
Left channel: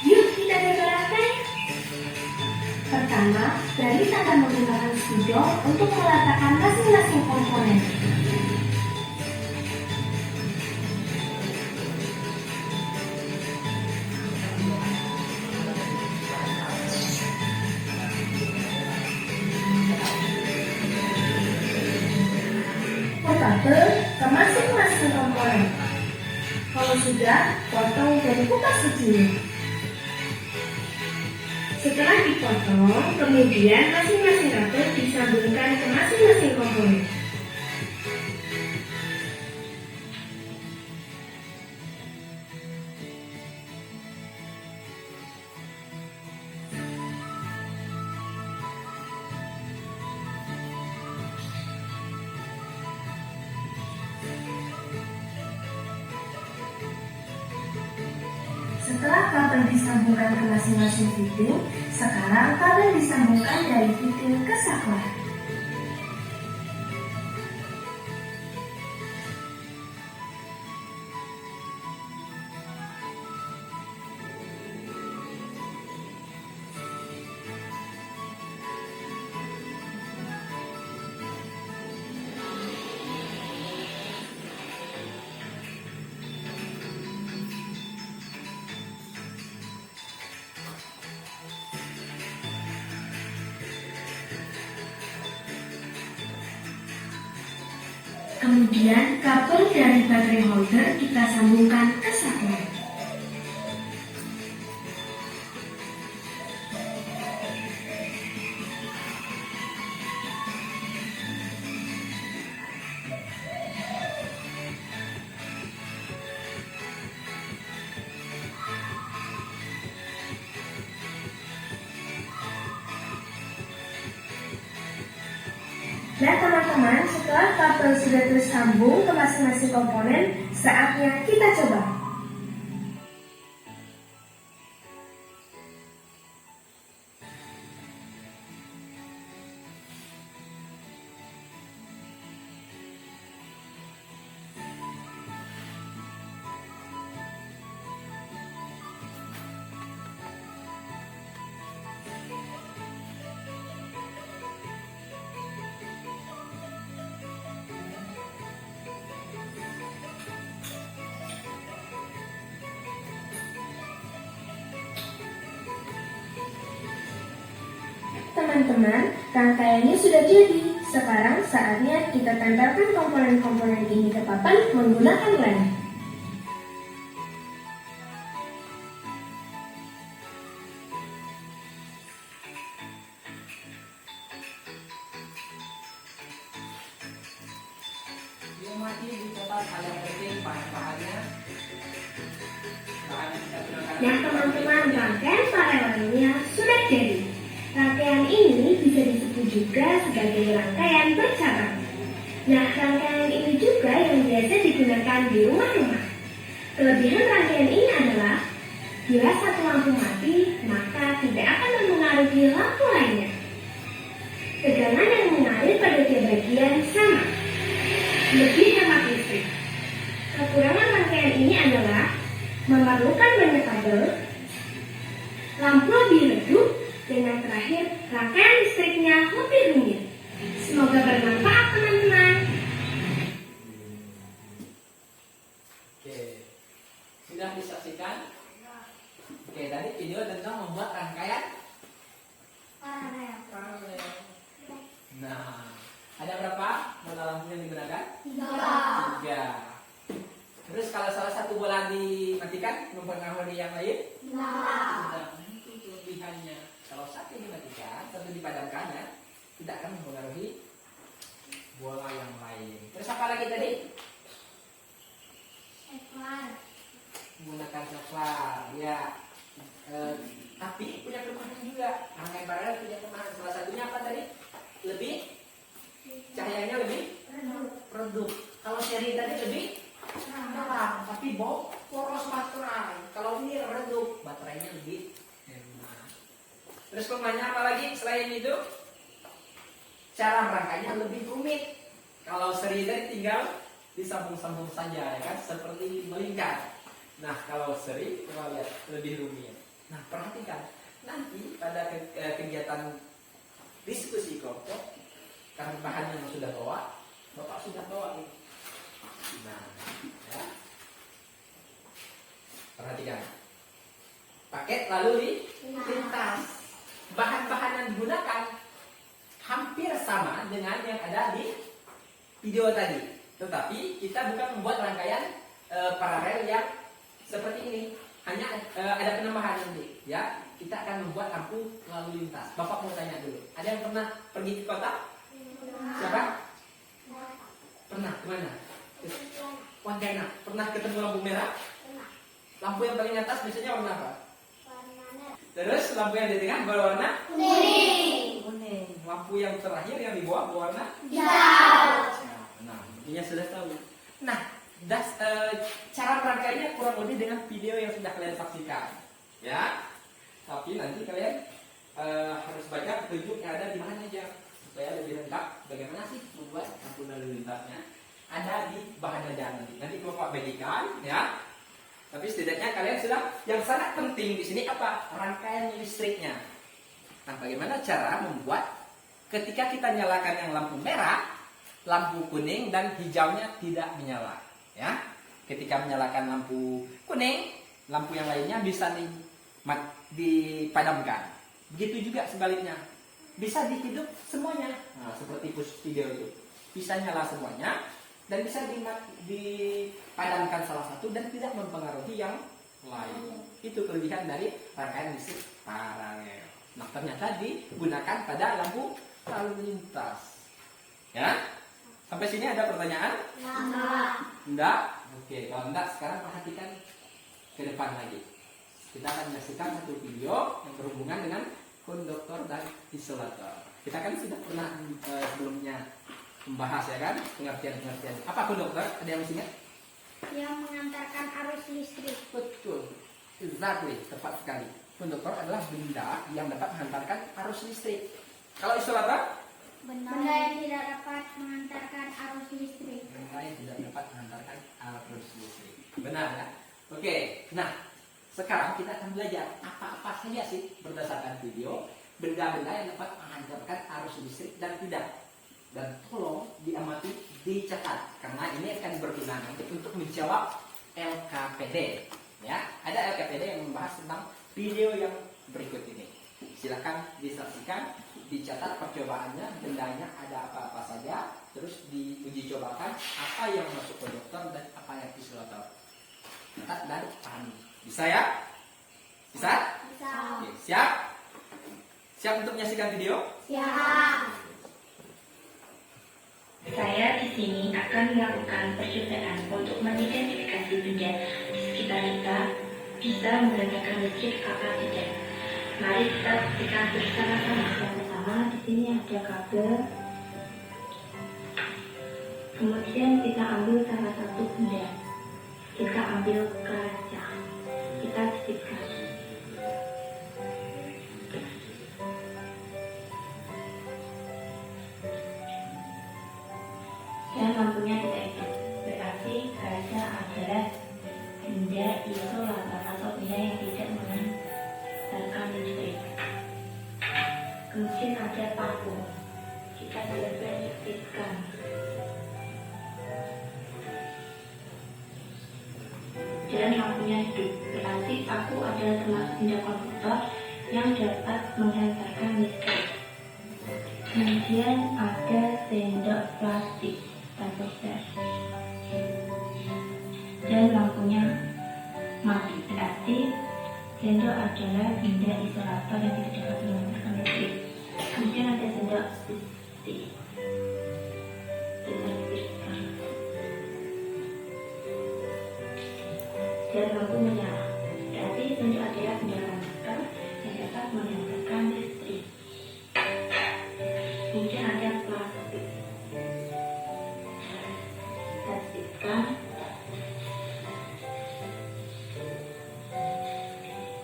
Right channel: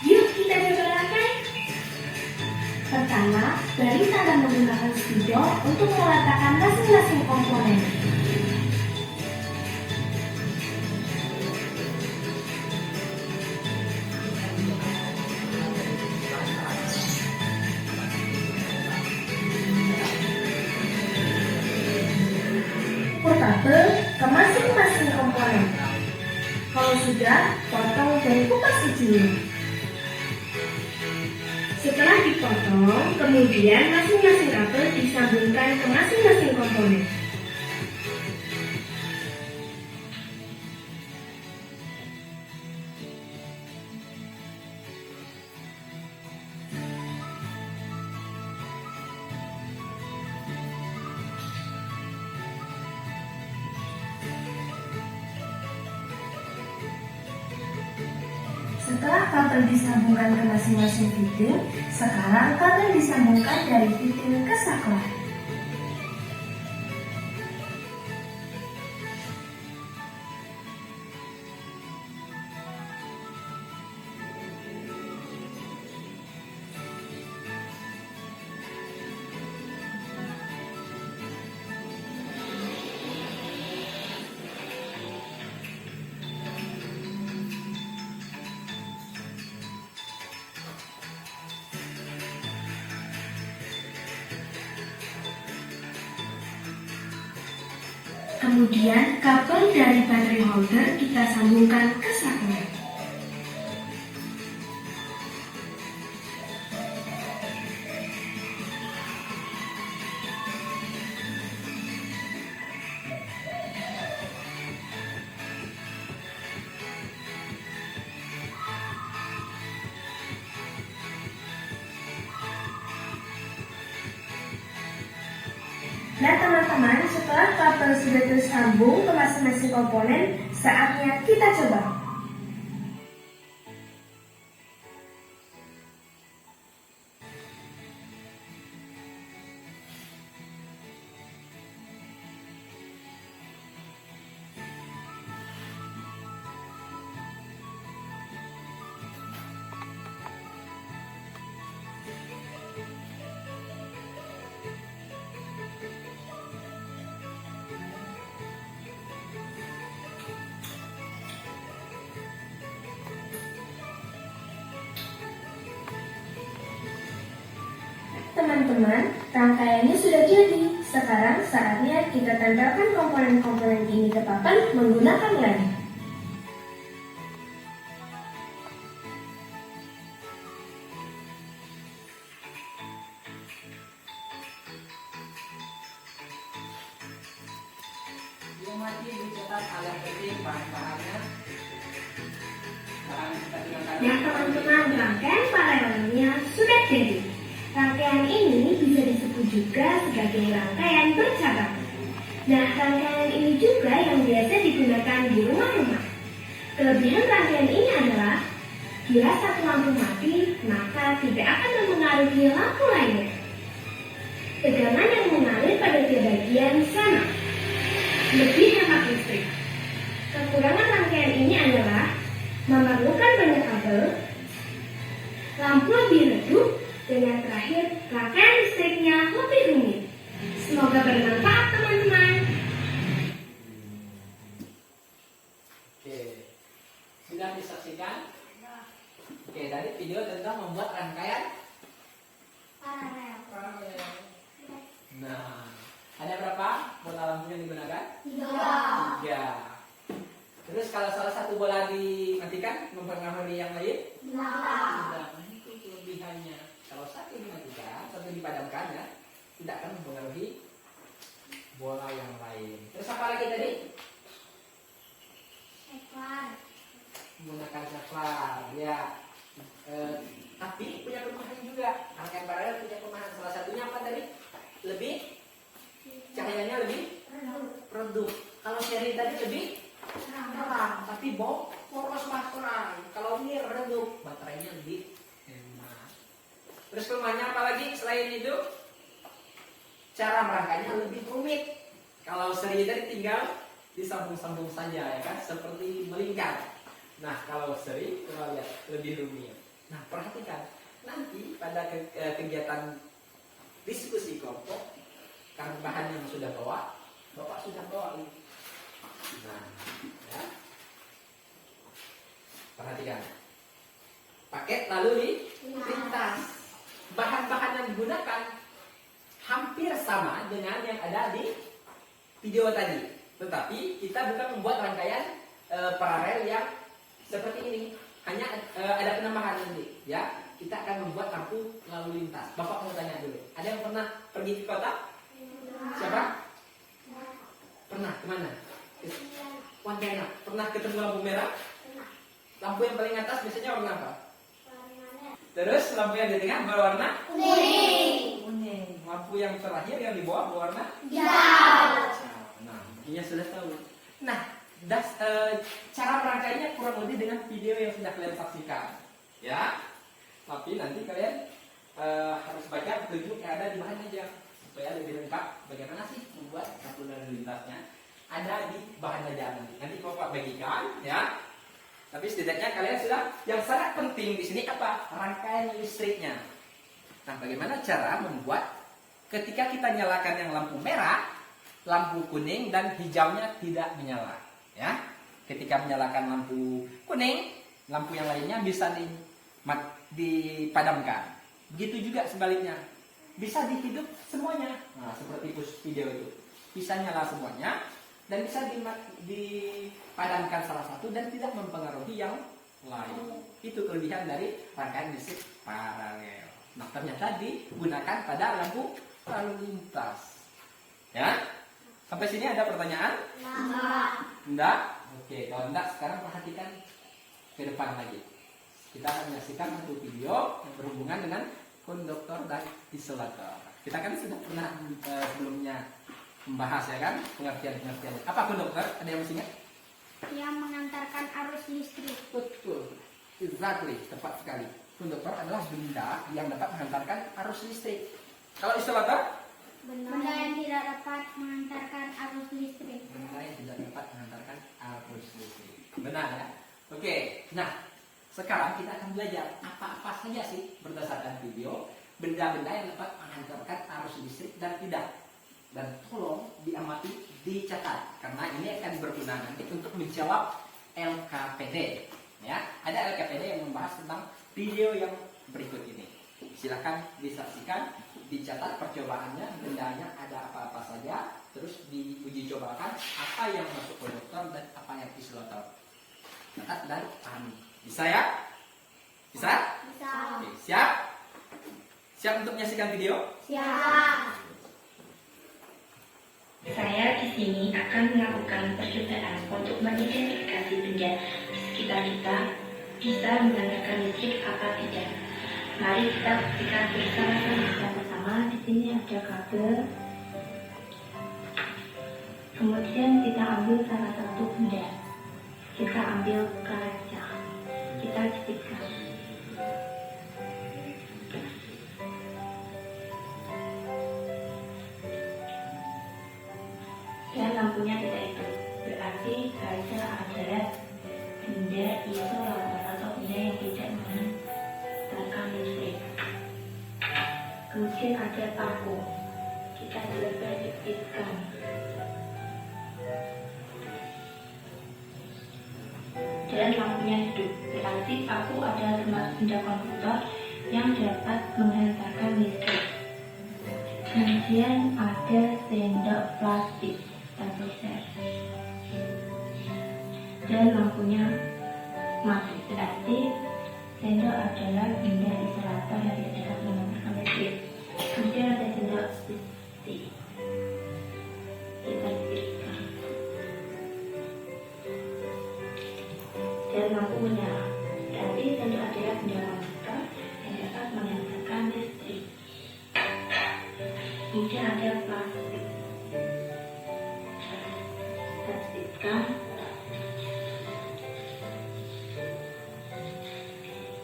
Yuk kita gambarkan. Pertama, Baris akan menggunakan spidol untuk meletakkan masing-masing komponen. Potable ke masing-masing komponen. Kalau sudah, potong dan kupas isinya. Setelah dipotong, kemudian masing-masing kabel disambungkan ke masing-masing komponen. Setelah kabel disambungkan ke masing-masing fitting, sekarang kabel disambungkan dari fitting ke saklar. Kemudian kabel dari baterai holder kita sambungkan ke saklar. Dan teman-teman, setelah kabel sudah tersambung ke masing-masing komponen, saatnya kita coba. Teman-teman, rangkaiannya sudah jadi. Sekarang saatnya kita tempelkan komponen-komponen ini ke papan menggunakan lem. Dimati dicetak kalian penting bahan-bahannya. Dan teman-teman, rangkaian paralelnya sudah jadi. Rangkaian ini bisa disebut juga sebagai rangkaian bercabang. Nah, rangkaian ini juga yang biasa digunakan di rumah-rumah. Kelebihan rangkaian ini adalah, bila satu lampu mati, maka tidak akan mempengaruhi lampu lainnya. Tegangan yang mengalir pada tiap bagian sama, lebih hemat listrik. Kekurangan rangkaian ini adalah memerlukan banyak kabel, lampu lebih redup, dan yang terakhir, rangkaian listriknya lebih rumit. Semoga bermanfaat teman-teman. Oke, sudah disaksikan? Oke, tadi video tentang membuat rangkaian paralel. Nah, ada berapa bola lampu yang digunakan? 3. Terus kalau salah satu bola dimatikan, mempengaruhi yang lain? Tidak. Itu kelebihannya. Kalau satu dimatikan, satu dipadamkan ya, tidak akan mempengaruhi bola yang lain. Terus apa lagi tadi? Menggunakan saklar, ya. Tapi punya kelemahan juga. Rangkaian paralel punya kelemahan. Salah satunya apa tadi? Lebih cahayanya lebih redup. Kalau seri tadi lebih terang, tapi boros baterai. Kalau ini redup, baterainya lebih hemat. Terus kelemahannya apa lagi selain itu? Cara merangkainya lebih rumit. Kalau seri tadi tinggal disambung-sambung saja, ya kan? Seperti melingkar. Nah, kalau seri kita lihat lebih rumit. Nah, perhatikan nanti pada kegiatan diskusi kelompok, karena bahan yang sudah bawa, Bapak sudah bawa nih. Nah, ya. Perhatikan. Pakai lalu lintas. Bahan-bahan yang digunakan hampir sama dengan yang ada di video tadi. Tetapi kita bukan membuat rangkaian paralel yang seperti ini. Hanya ada penambahan ini, ya. Kita akan membuat lampu lalu lintas. Bapak mau tanya dulu. Ada yang pernah pergi ke kota? Siapa? Pernah. Kemana? Pontianak. Pernah ketemu lampu merah? Lampu yang paling atas biasanya warna apa? Terus lampu yang di tengah berwarna? Kuning. Lampu yang terakhir yang di bawah berwarna? Hijau. Nah, mungkinnya sudah tahu. Nah, cara merangkainya kurang lebih dengan video yang sudah kalian saksikan, ya. Tapi nanti kalian harus baca petunjuk yang ada di mana aja supaya lebih lengkap. Bagaimana sih membuat lampu lalu lintasnya? Ada di bahan aja nanti. Nanti Bapak bagikan, ya. Tapi setidaknya kalian sudah. Yang sangat penting di sini apa? Rangkaian listriknya. Nah, bagaimana cara membuat ketika kita nyalakan yang lampu merah, lampu kuning dan hijaunya tidak menyala, ya. Ketika menyalakan lampu kuning, lampu yang lainnya bisa dipadamkan. Begitu juga sebaliknya, bisa dihidup semuanya. Nah, seperti video itu, bisa nyala semuanya dan bisa dipadamkan salah satu dan tidak mempengaruhi yang lain. Itu kelebihan dari rangkaian listrik paralel. Nah, ternyata digunakan pada lampu lalu lintas, ya. Sampai sini ada pertanyaan? Enggak? Oke, kalau enggak sekarang perhatikan ke depan lagi. Kita akan menyaksikan satu video yang berhubungan dengan konduktor dan isolator. Kita kan sudah pernah sebelumnya membahas, ya kan, pengertian-pengertian. Apa konduktor? Ada yang masih ingat? Yang mengantarkan arus listrik. Betul, exactly, tepat sekali. Konduktor adalah benda yang dapat menghantarkan arus listrik. Kalau isolator? Benda yang tidak dapat mengantarkan arus listrik. Benda yang tidak dapat mengantarkan arus listrik. Benar ya? Oke, nah sekarang kita akan belajar apa-apa saja sih berdasarkan video benda-benda yang dapat menghantarkan arus listrik dan tidak. Dan tolong diamati, dicatat karena ini akan berguna nanti untuk menjawab LKPD. Ya, ada LKPD yang membahas tentang video yang berikut ini. Silakan disaksikan, dicatat percobaannya, bendanya ada apa-apa saja, terus diuji cobakan apa yang masuk konduktor dan apa yang isolator. Catat dan pahami. Bisa ya? Bisa? Bisa. Oke, siap? Siap untuk menyaksikan video? Siap. Saya di sini akan melakukan percobaan untuk mengidentifikasi benda di sekitar kita bisa menggunakan listrik apa tidak. Mari kita buktikan bersama-sama. Di sini ada kabel. Kemudian kita ambil salah satu benda. Kita ambil kaca. Kita titikkan. Dan lampunya tidak hidup. Berarti kaca adalah benda isolator. dan lampunya hidup. Berarti aku adalah termasuk benda komputer yang dapat menghantarkan listrik. Kemudian ada sendok plastik atau set dan lampunya mati. Berarti sendok adalah benda isolator yang tidak dapat menghantarkan listrik. Kemudian ada sendok stick. Kita kirikan. Dan lampu menyala. Berarti sendok adalah benda komputer yang dapat menghantarkan listrik. Kemudian ada plastik. Pastikan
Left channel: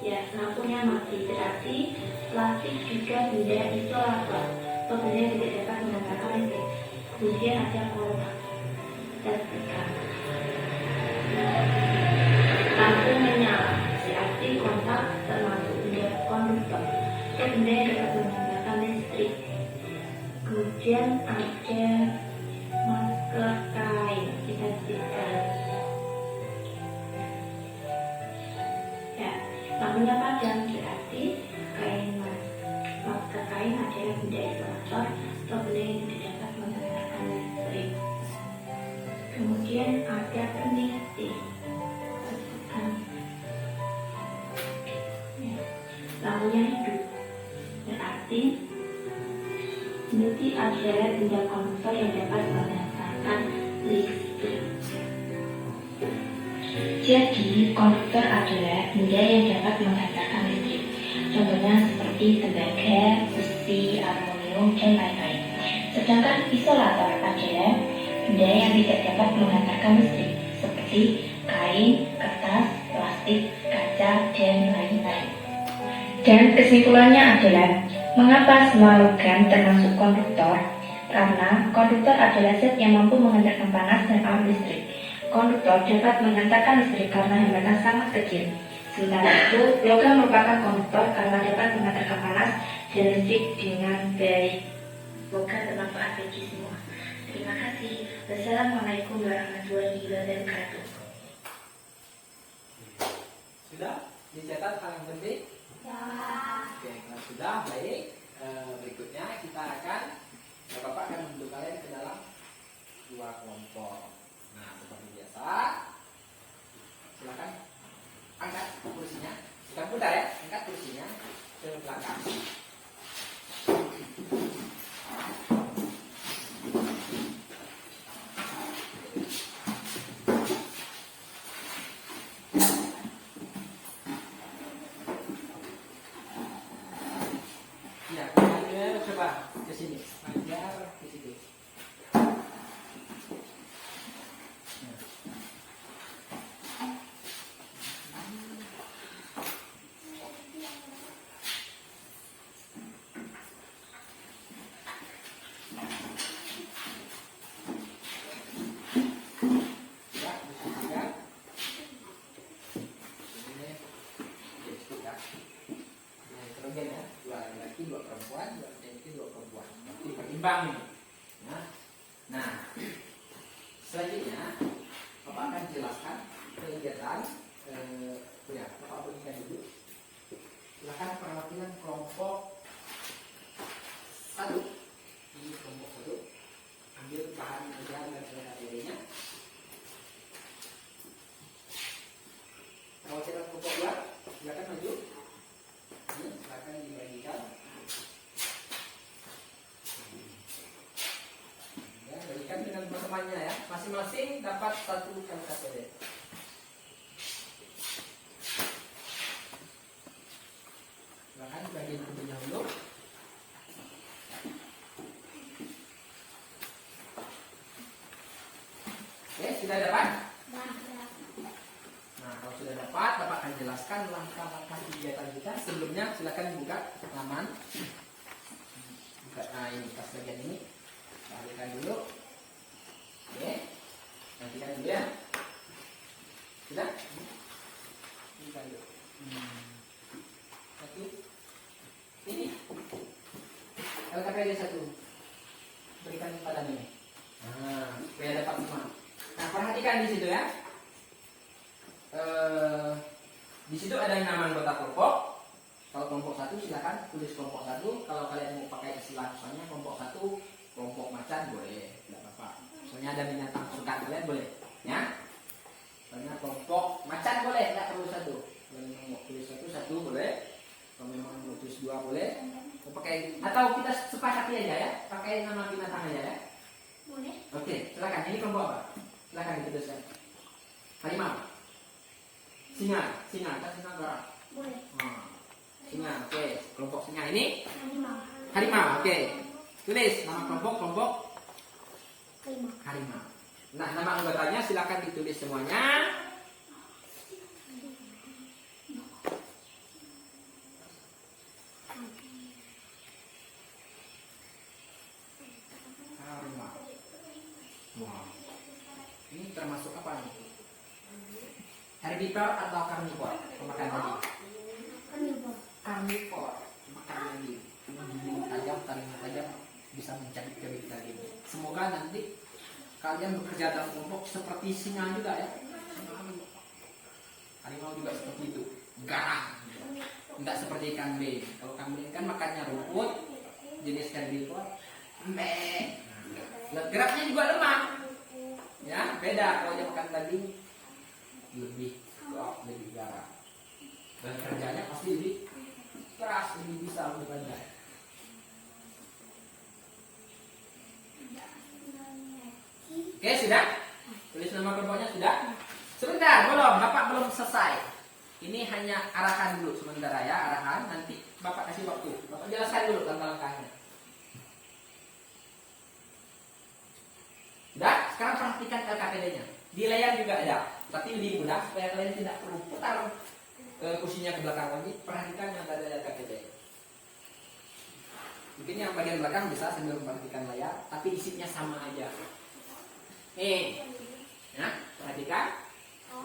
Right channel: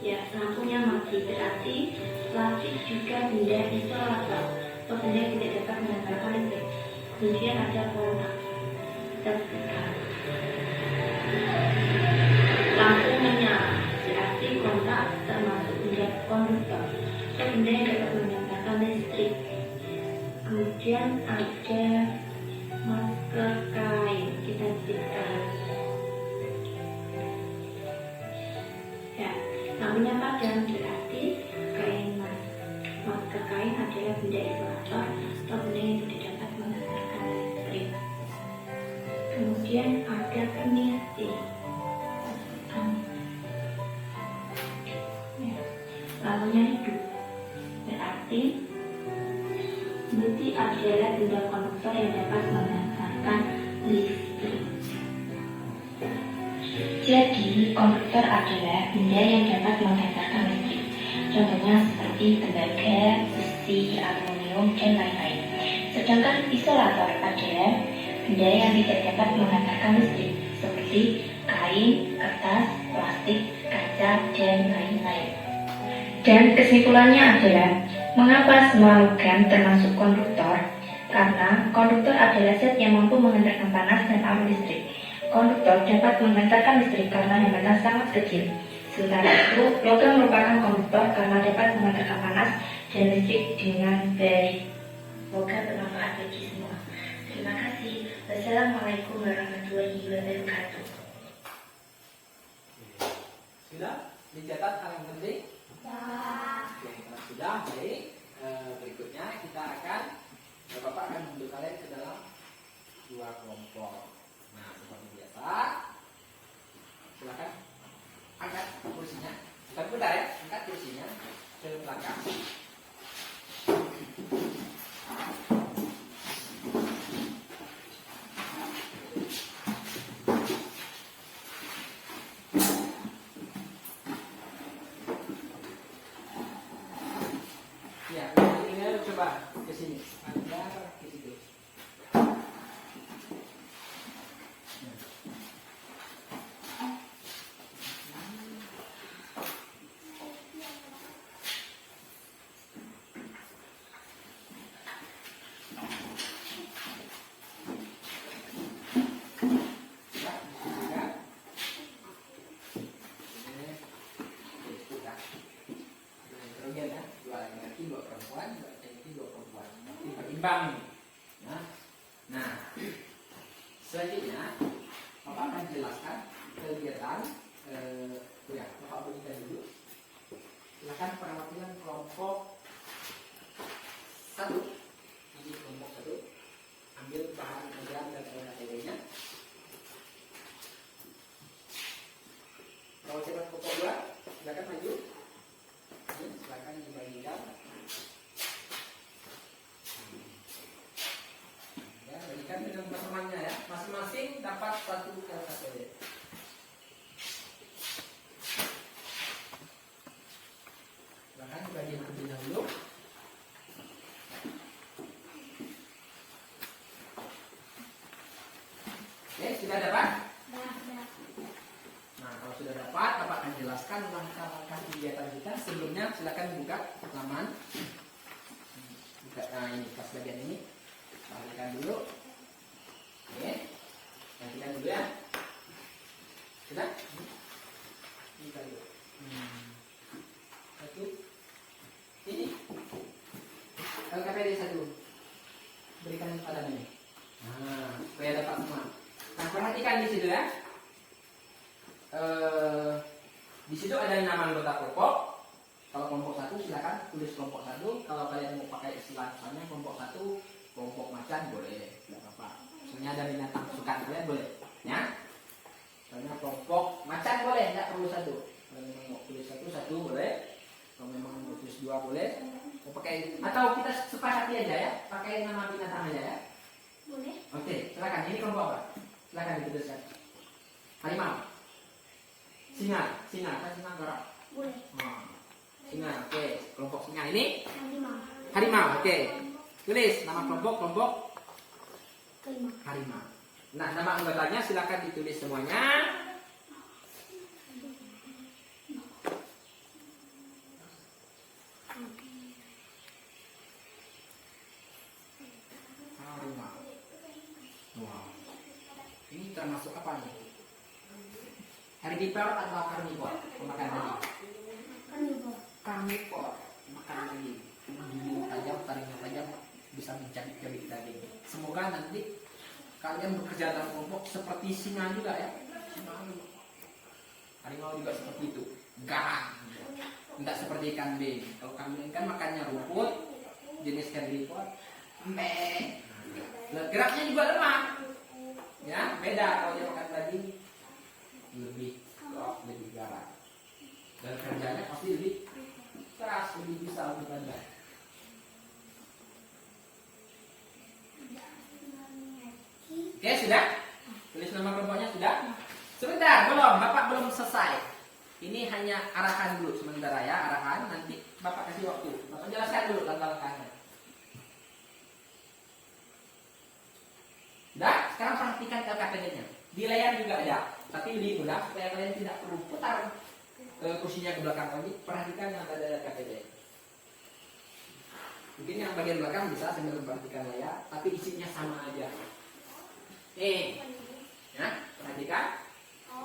ya, lampunya mati. Berarti plastik juga benda isolator atau benda yang tidak dapat menghantarkan listrik. Kemudian ada kontak. Pastikan lampu menyala. Berarti kontak termasuk benda konduktor atau benda yang dapat menghantarkan listrik. Kemudian ada masker kain. Kita cek. Ya, lampunya padam. Berarti masker kain adalah benda isolator atau benda yang tidak dapat menghantarkan listrik. Kemudian ada peniti. Ya, lampunya hidup. Berarti peniti adalah benda komputer yang dapat menghantarkan listrik. Jadi, komputer adalah benda yang dapat menghantarkan listrik. Contohnya seperti tembaga, besi, aluminium, dan lain-lain. Sedangkan isolator adalah benda yang tidak dapat menghantarkan listrik, seperti kain, kertas, plastik, kaca, dan lain-lain. Dan kesimpulannya adalah, mengapa semua logam termasuk konduktor? Karena konduktor adalah zat yang mampu menghantarkan panas dan arus listrik. Konduktor dapat menghantarkan listrik karena hambatan sangat kecil. Sementara itu, logam merupakan konduktor karena dapat menghantarkan panas dan listrik dengan baik. Semoga bermanfaat bagi semua. Terima kasih. Wassalamualaikum warahmatullahi wabarakatuh. Sudah dicatat hal yang penting? Oke, kalau sudah baik. Berikutnya kita akan Bapak akan membentuk kalian ke dalam dua kelompok. Nah, seperti biasa, silakan angkat kursinya. Bukan putar ya, angkat kursinya ke belakang. Ya, kemudian coba ke sini, ajar ke situ. Berimbang. Nah, selanjutnya Bapak akan jelaskan kegiatan ya, Bapak berikan dulu. Silakan perhatian kelompok 1. Ini kelompok 1. Ambil bahan ajaran dan materinya. Kalau saya kelompok 2, silakan maju. Silakan dibagikan. Bagikan dengan teman-temannya ya. Masing-masing dapat 1 LKPD. Silahkan dibagikan ke dulu. Oke, sudah dapat? Nah, kalau sudah dapat, Bapak akan jelaskan langkah-langkah kegiatan kita. Sebelumnya silakan buka halaman. Buka, nah ini pas bagian ini. Bagikan dulu. Oke. Nantikan dulu ya. Sudah? Ini kali dulu. Satu. Ini. LKPD 1. Berikan pada ini. Nah, supaya dapat semua. Nah, perhatikan di situ ya. situ ada nama anggota kelompok. Kalau kelompok 1 silakan tulis kelompok 1. Kalau kalian mau pakai istilah misalnya kelompok 1, kelompok macan boleh, tidak apa-apa. Misalnya ada binatang kesukaan kalian boleh, ya. Misalnya kelompok macan boleh, tidak perlu 1. Kalau memang mau tulis 1 boleh. Kalau memang mau tulis 2 boleh. Mau pakai atau kita sepakati aja ya, pakai nama binatang aja ya. Boleh. Oke, silakan. Ini kelompok apa? Silakan dituliskan. Harimau. Singa kan singa garang. Boleh. Singa, oke. Kelompok singa ini Harimau. harimau, oke. Tulis nama kelompok Kelima. harimau. Nah, nama anggotanya silakan ditulis semuanya. Harimau. Wow. Ini termasuk apa nih? Herbivore atau karnivor? Pemakan daging. Karnivor. Karnivor, makan daging. Bulu tajam, taringnya tajam, bisa mencabik-cabik daging. Semoga nanti kalian bekerja dalam kelompok seperti singa juga ya. Harimau juga seperti itu, garang. Tidak seperti kambing. Kalau kambing kan makannya rumput, jenis herbivor, lembek. Geraknya juga lemah. Ya, beda kalau dia makan daging lebih kuat, lebih garang. Dan kerjanya pasti lebih keras, lebih besar bebannya. Oke, sudah? Tulis nama kelompoknya sudah? Sebentar, belum. Bapak belum selesai. Ini hanya arahan dulu sementara ya, arahan. Nanti Bapak kasih waktu. Bapak jelaskan dulu tentang langkahnya. Sudah? Sekarang perhatikan LKPD-nya. Di layar juga ada, tapi lebih mudah supaya kalian tidak perlu putar kursinya ke belakang lagi. Perhatikan yang ada LKPD. Mungkin yang bagian belakang bisa sambil memperhatikan layar, tapi isinya sama aja. Nih, ya, perhatikan.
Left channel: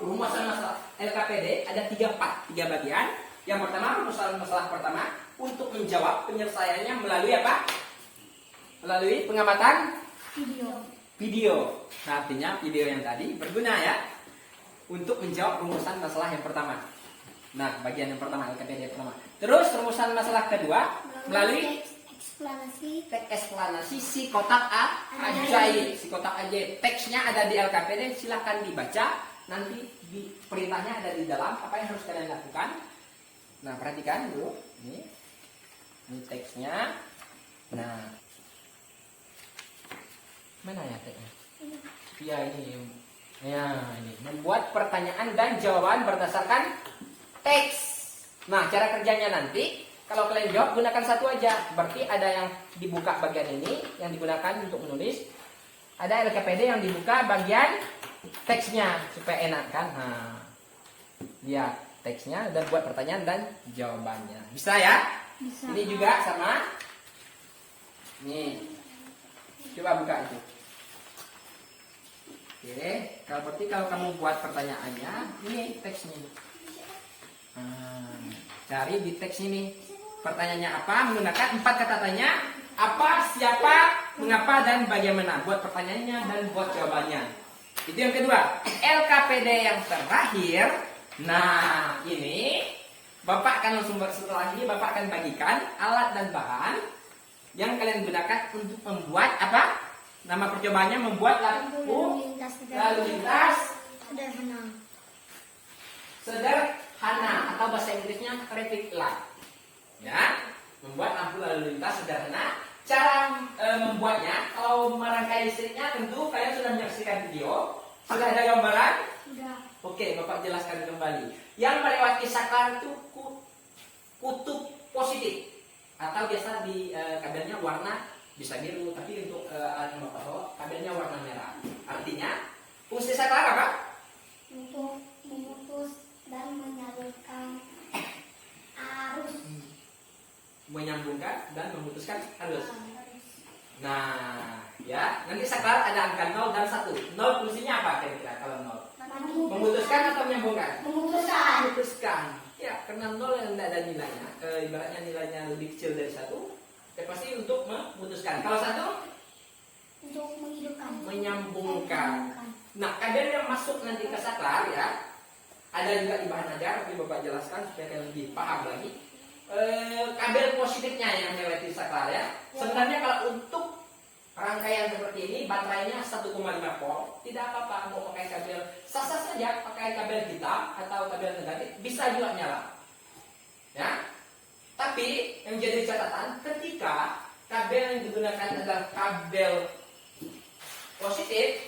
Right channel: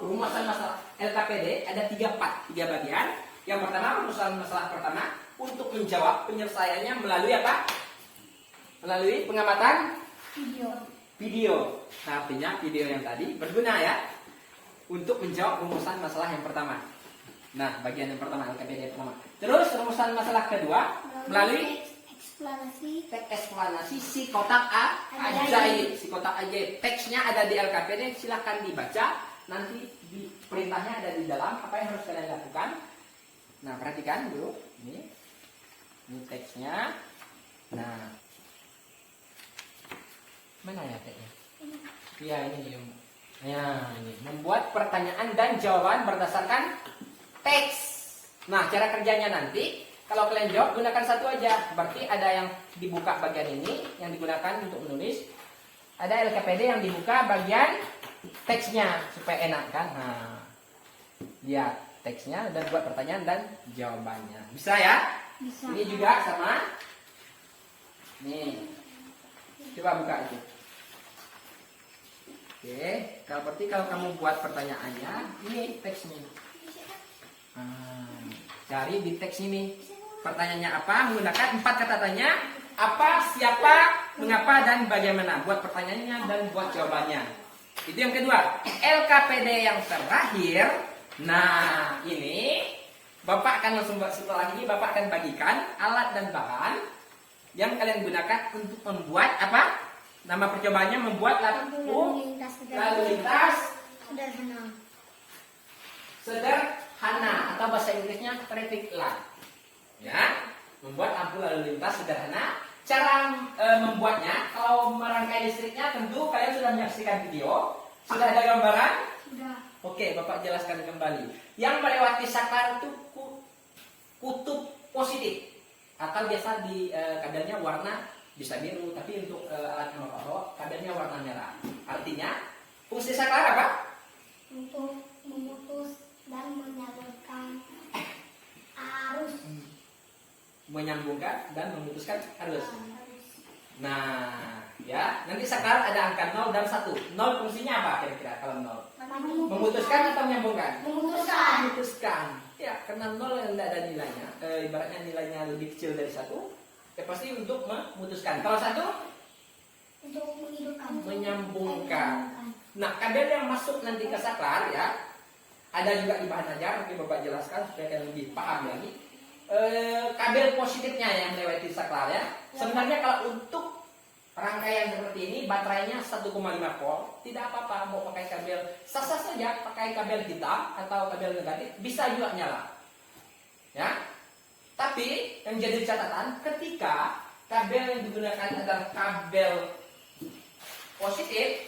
Rumusan masalah LKPD ada 3 part, 3 bagian. Yang pertama, rumusan masalah pertama untuk menjawab penyelesaiannya melalui apa? Melalui pengamatan video. Nah, artinya video yang tadi berguna ya untuk menjawab rumusan masalah yang pertama. Nah, bagian yang pertama LKPD pertama. Terus rumusan masalah kedua melalui teks eksplanasi si kotak ajaib. Si kotak ajaib. Teksnya ada di LKPD, silahkan dibaca. Nanti perintahnya ada di dalam. Apa yang harus kalian lakukan? Nah, perhatikan dulu. Ini teksnya. Nah, mana ya teksnya? Iya, ini. Ya, ini. Membuat pertanyaan dan jawaban berdasarkan teks. Nah, cara kerjanya nanti kalau kalian jawab gunakan satu aja. Berarti ada yang dibuka bagian ini yang digunakan untuk menulis. Ada LKPD yang dibuka bagian teksnya supaya enak kan. Nah, lihat teksnya dan buat pertanyaan dan jawabannya. Bisa ya? Bisa. Ini juga sama. Nih. Coba buka itu. Oke, kalau berarti kalau kamu buat pertanyaannya, ini teksnya. Cari di teks ini. Pertanyaannya apa? Menggunakan 4 kata tanya. Apa, siapa, mengapa, dan bagaimana. Buat pertanyaannya dan buat jawabannya. Itu yang kedua. LKPD yang terakhir. Nah, ini Bapak akan langsung setelah ini Bapak akan bagikan alat dan bahan yang kalian gunakan untuk membuat apa? Nama percobaannya membuat lampu lalu lintas sederhana atau bahasa Inggrisnya traffic light. Ya, membuat lampu lalu lintas sederhana. Cara membuatnya, kalau merangkai listriknya tentu kalian sudah menyaksikan video. Sudah ada gambaran? Sudah. Oke, Bapak jelaskan kembali. Yang melewati saklar itu kutub positif atau biasa di kadarnya warna bisa biru, tapi untuk alat yang Bapak bawa kadarnya warna merah. Artinya fungsi saklar apa? Untuk memutus dan menyalurkan arus. Menyambungkan dan memutuskan arus. Nah, ya, nanti saklar ada angka 0 dan 1. 0 fungsinya apa kira-kira kalau 0? Memutuskan atau menyambungkan? Memutuskan. Ya, karena 0 yang tidak ada nilainya, ibaratnya nilainya lebih kecil dari 1, ya pasti untuk memutuskan. Kalau 1? Untuk menghidupkan. Menyambungkan. Nah, kadar yang masuk nanti ke saklar ya, ada juga di bahan ajar, tapi Bapak jelaskan supaya kalian lebih paham lagi. Kabel positifnya yang melewati saklar ya. Sebenarnya kalau untuk rangkaian seperti ini baterainya 1,5 volt, tidak apa-apa mau pakai kabel sah-sah saja, pakai kabel hitam atau kabel negatif bisa juga nyala. Ya. Tapi yang jadi catatan ketika kabel yang digunakan adalah kabel positif,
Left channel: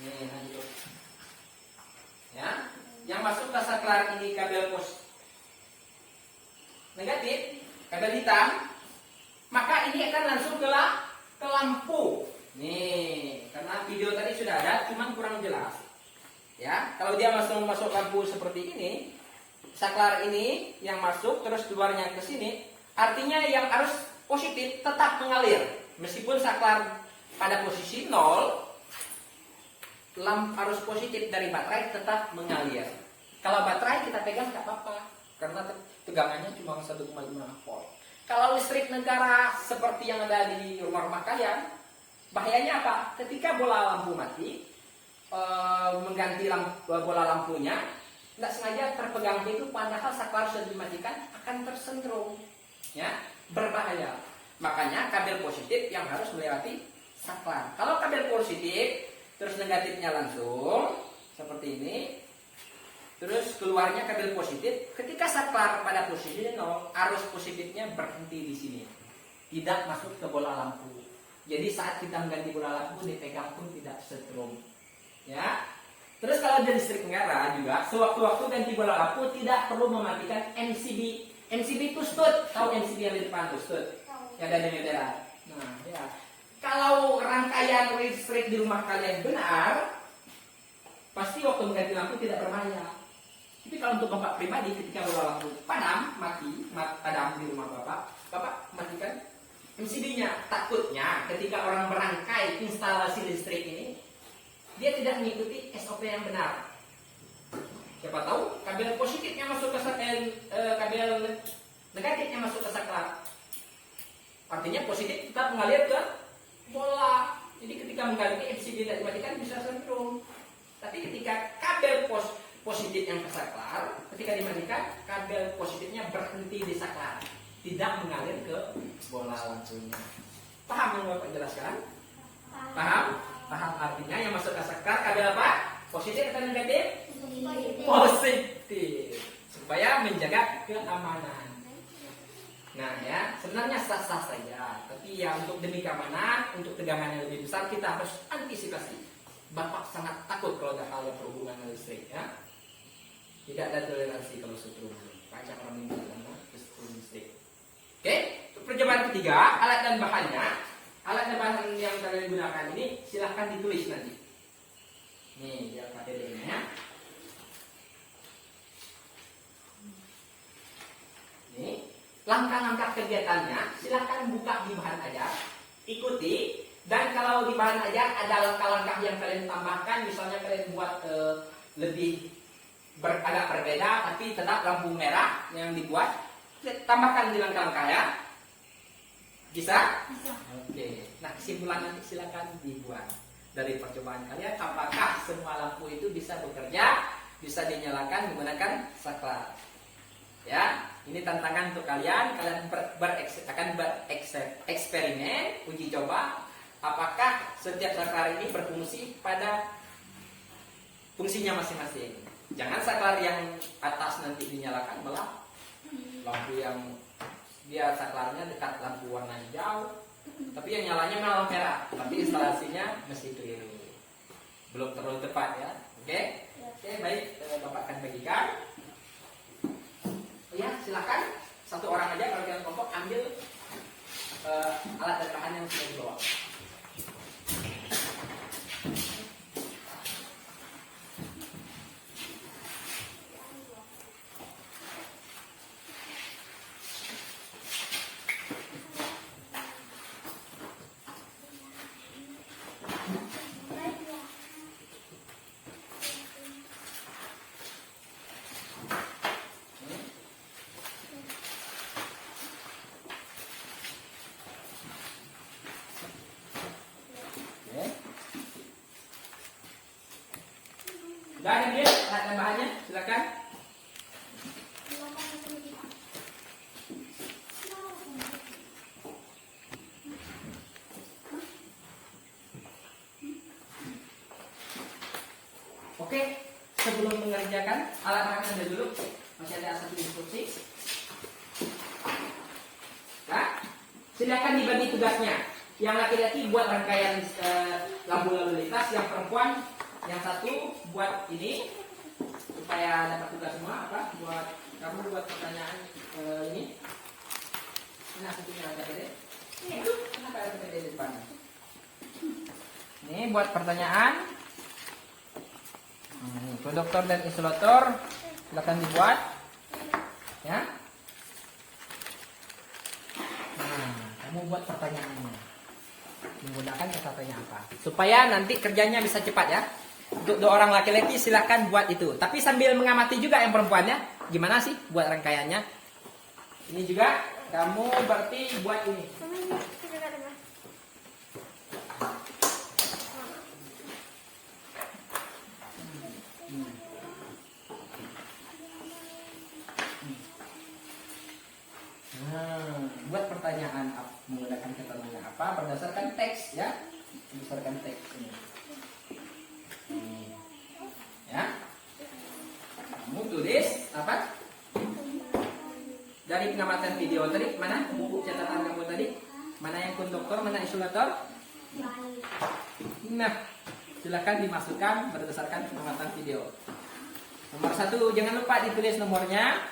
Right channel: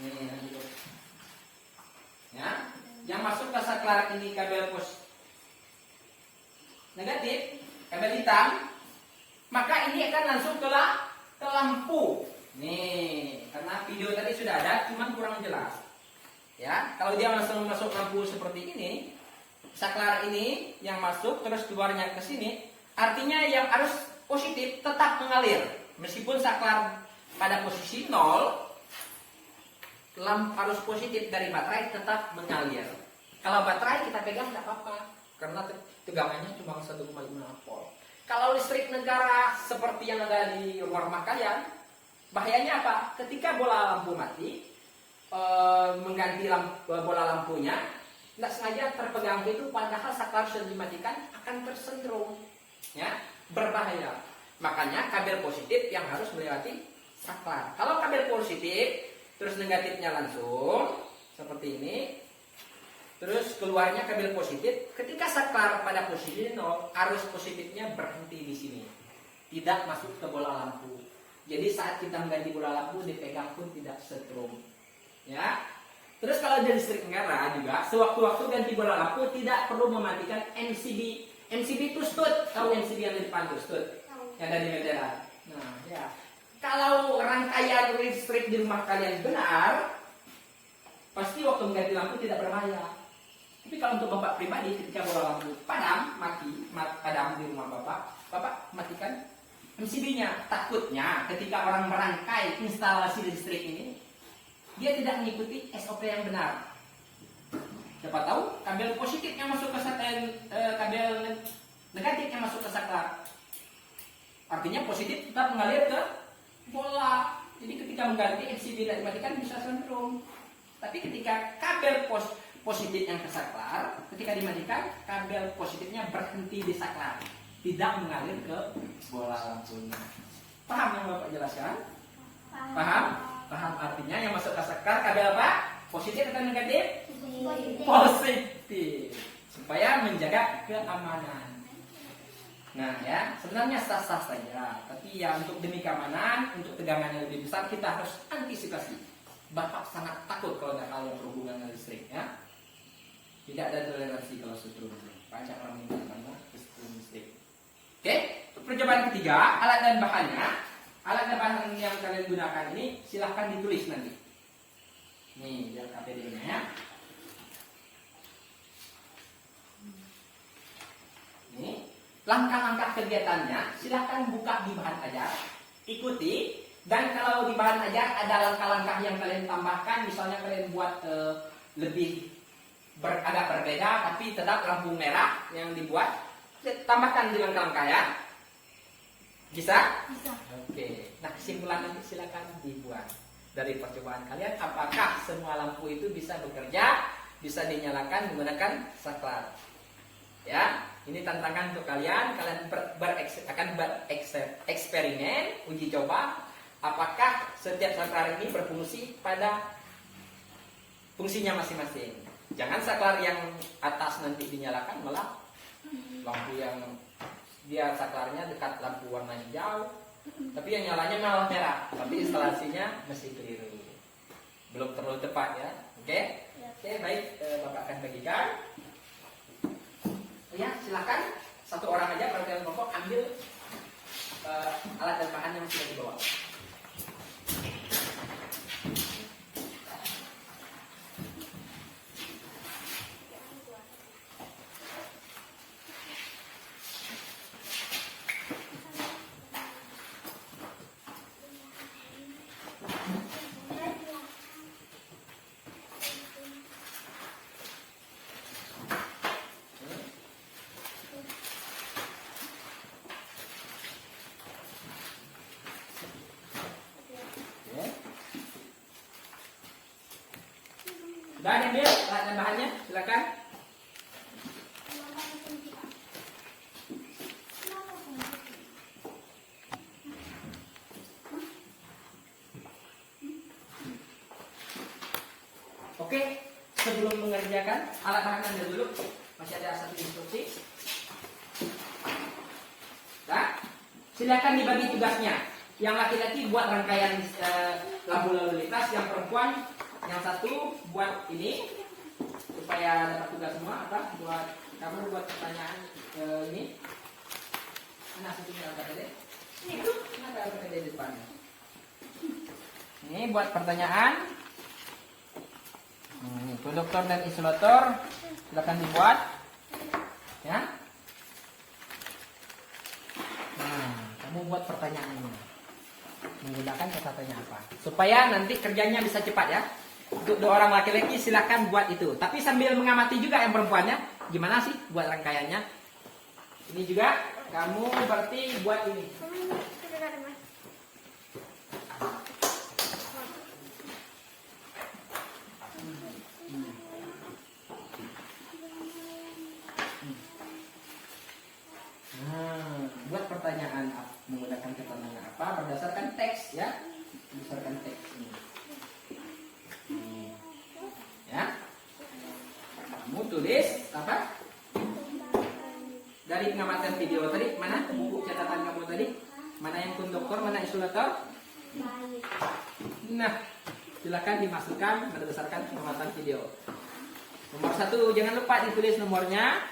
ini lanjut. Ya, yang masuk ke saklar ini kabel negatif, kabel hitam, maka ini akan langsung ke lampu. Nih, karena video tadi sudah ada, cuman kurang jelas. Ya, kalau dia langsung masuk lampu seperti ini, saklar ini yang masuk terus keluarnya ke sini, artinya yang arus positif tetap mengalir. Meskipun saklar pada posisi 0, arus positif dari baterai tetap mengalir. Kalau baterai kita pegang nggak apa-apa, karena tegangannya cuma 1,5 volt. Kalau listrik negara seperti yang ada di rumah kalian, bahayanya apa? Ketika bola lampu mati, mengganti bola lampunya, tidak sengaja terpegang itu, padahal saklar sudah dimatikan, akan tersentrum, ya, berbahaya. Makanya kabel positif yang harus melewati saklar. Kalau kabel positif, terus negatifnya langsung seperti ini, terus keluarnya kabel positif, ketika saklar pada posisi 0, arus positifnya berhenti di sini, tidak masuk ke bola lampu. Jadi saat kita mengganti bola lampu, dipegang pun tidak setrum. Ya, terus kalau dari listrik negara juga sewaktu-waktu ganti bola lampu tidak perlu mematikan MCB. MCB itu stud, tahu MCB yang di depan itu stud, yang ada di meteran. Nah, ya, kalau rangkaian listrik di rumah kalian benar, pasti waktu mengganti lampu tidak berbahaya. Tapi kalau untuk bapak pribadi, ketika bola lampu padam, padam di rumah bapak matikan MCB-nya. Takutnya ketika orang merangkai instalasi listrik ini, dia tidak mengikuti SOP yang benar. Siapa tahu kabel positifnya masuk ke kabel negatifnya masuk ke saklar. Artinya positif tetap mengalir ke bola. Jadi ketika mengganti MCB tidak dimatikan bisa sentrum. Tapi ketika kabel positif yang ke saklar, ketika dimatikan kabel positifnya berhenti di saklar, tidak mengalir ke bola lampunya. Paham yang Bapak jelaskan? Paham? Paham artinya yang masuk ke saklar kabel apa? Positif atau negatif? Positif. Supaya menjaga keamanan. Nah ya, sebenarnya sah-sah saja. Tapi ya untuk demi keamanan, untuk tegangan yang lebih besar, kita harus antisipasi. Bapak sangat takut kalau ada hal yang berhubungan dengan listrik ya. Tidak ada toleransi kalau setrum. Banyak orang meninggal karena kesetrum listrik. Oke, untuk percobaan ketiga, alat dan bahannya. Alat dan bahan yang kalian gunakan ini silahkan ditulis nanti. Nih, biar KTD-nya ya. Nih, langkah-langkah kegiatannya silahkan buka di bahan ajar, ikuti. Dan kalau di bahan ajar ada langkah-langkah yang kalian tambahkan, misalnya kalian buat lebih agak berbeda, tapi tetap lampu merah yang dibuat, tambahkan di langkah-langkah ya. Bisa? Bisa. Oke. Nah, kesimpulan nanti silakan dibuat dari percobaan kalian. Apakah semua lampu itu bisa bekerja, bisa dinyalakan menggunakan saklar? Ya, ini tantangan untuk kalian. Kalian akan bereksperimen, uji coba. Apakah setiap saklar ini berfungsi pada fungsinya masing-masing? Jangan saklar yang atas nanti dinyalakan, malah lampu yang dia saklarnya dekat lampu warna hijau, tapi yang nyalanya malah merah, tapi instalasinya mesti keliru, belum terlalu tepat ya. Oke, baik, Bapak akan bagikan. Oh ya, silakan satu orang aja kalau kalian kelompok ambil alat dan bahan yang sudah dibawa. Udah ambil alat dan bahannya, silakan. Oke, sebelum mengerjakan alat bahannya dulu, masih ada satu instruksi. Nah, silakan dibagi tugasnya. Yang laki-laki buat rangkaian lampu lalu lintas, yang perempuan yang satu buat ini supaya dapat tugas semua apa? Buat kamu buat pertanyaan ini. Mana satunya ada tadi? Kenapa ada tadi di depannya? Ini buat pertanyaan. Ini konduktor dan isolator silakan dibuat, ya. Nah, kamu buat pertanyaannya. Menggunakan kata tanya apa supaya nanti kerjanya bisa cepat ya. Untuk dua orang laki-laki silakan buat itu, tapi sambil mengamati juga yang perempuannya gimana sih buat rangkaiannya. Ini juga kamu berarti buat ini. Buat pertanyaan menggunakan keterangan apa berdasarkan teks ya, berdasarkan teks ini. Ya, kamu tulis apa dari pengamatan video tadi, mana buku catatan kamu tadi, mana yang konduktor, mana isolator. Nah, silakan dimasukkan berdasarkan pengamatan video. Nomor 1 jangan lupa ditulis nomornya.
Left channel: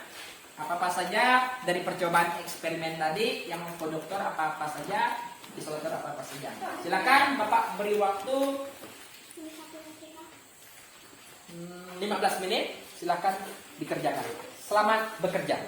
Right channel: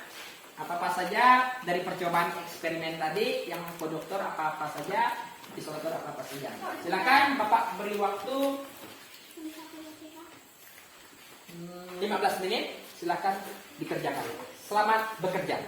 Apa-apa saja dari percobaan eksperimen tadi, yang konduktor apa-apa saja, isolator apa-apa saja. Silakan Bapak beri waktu 15 menit, silakan dikerjakan. Selamat bekerja.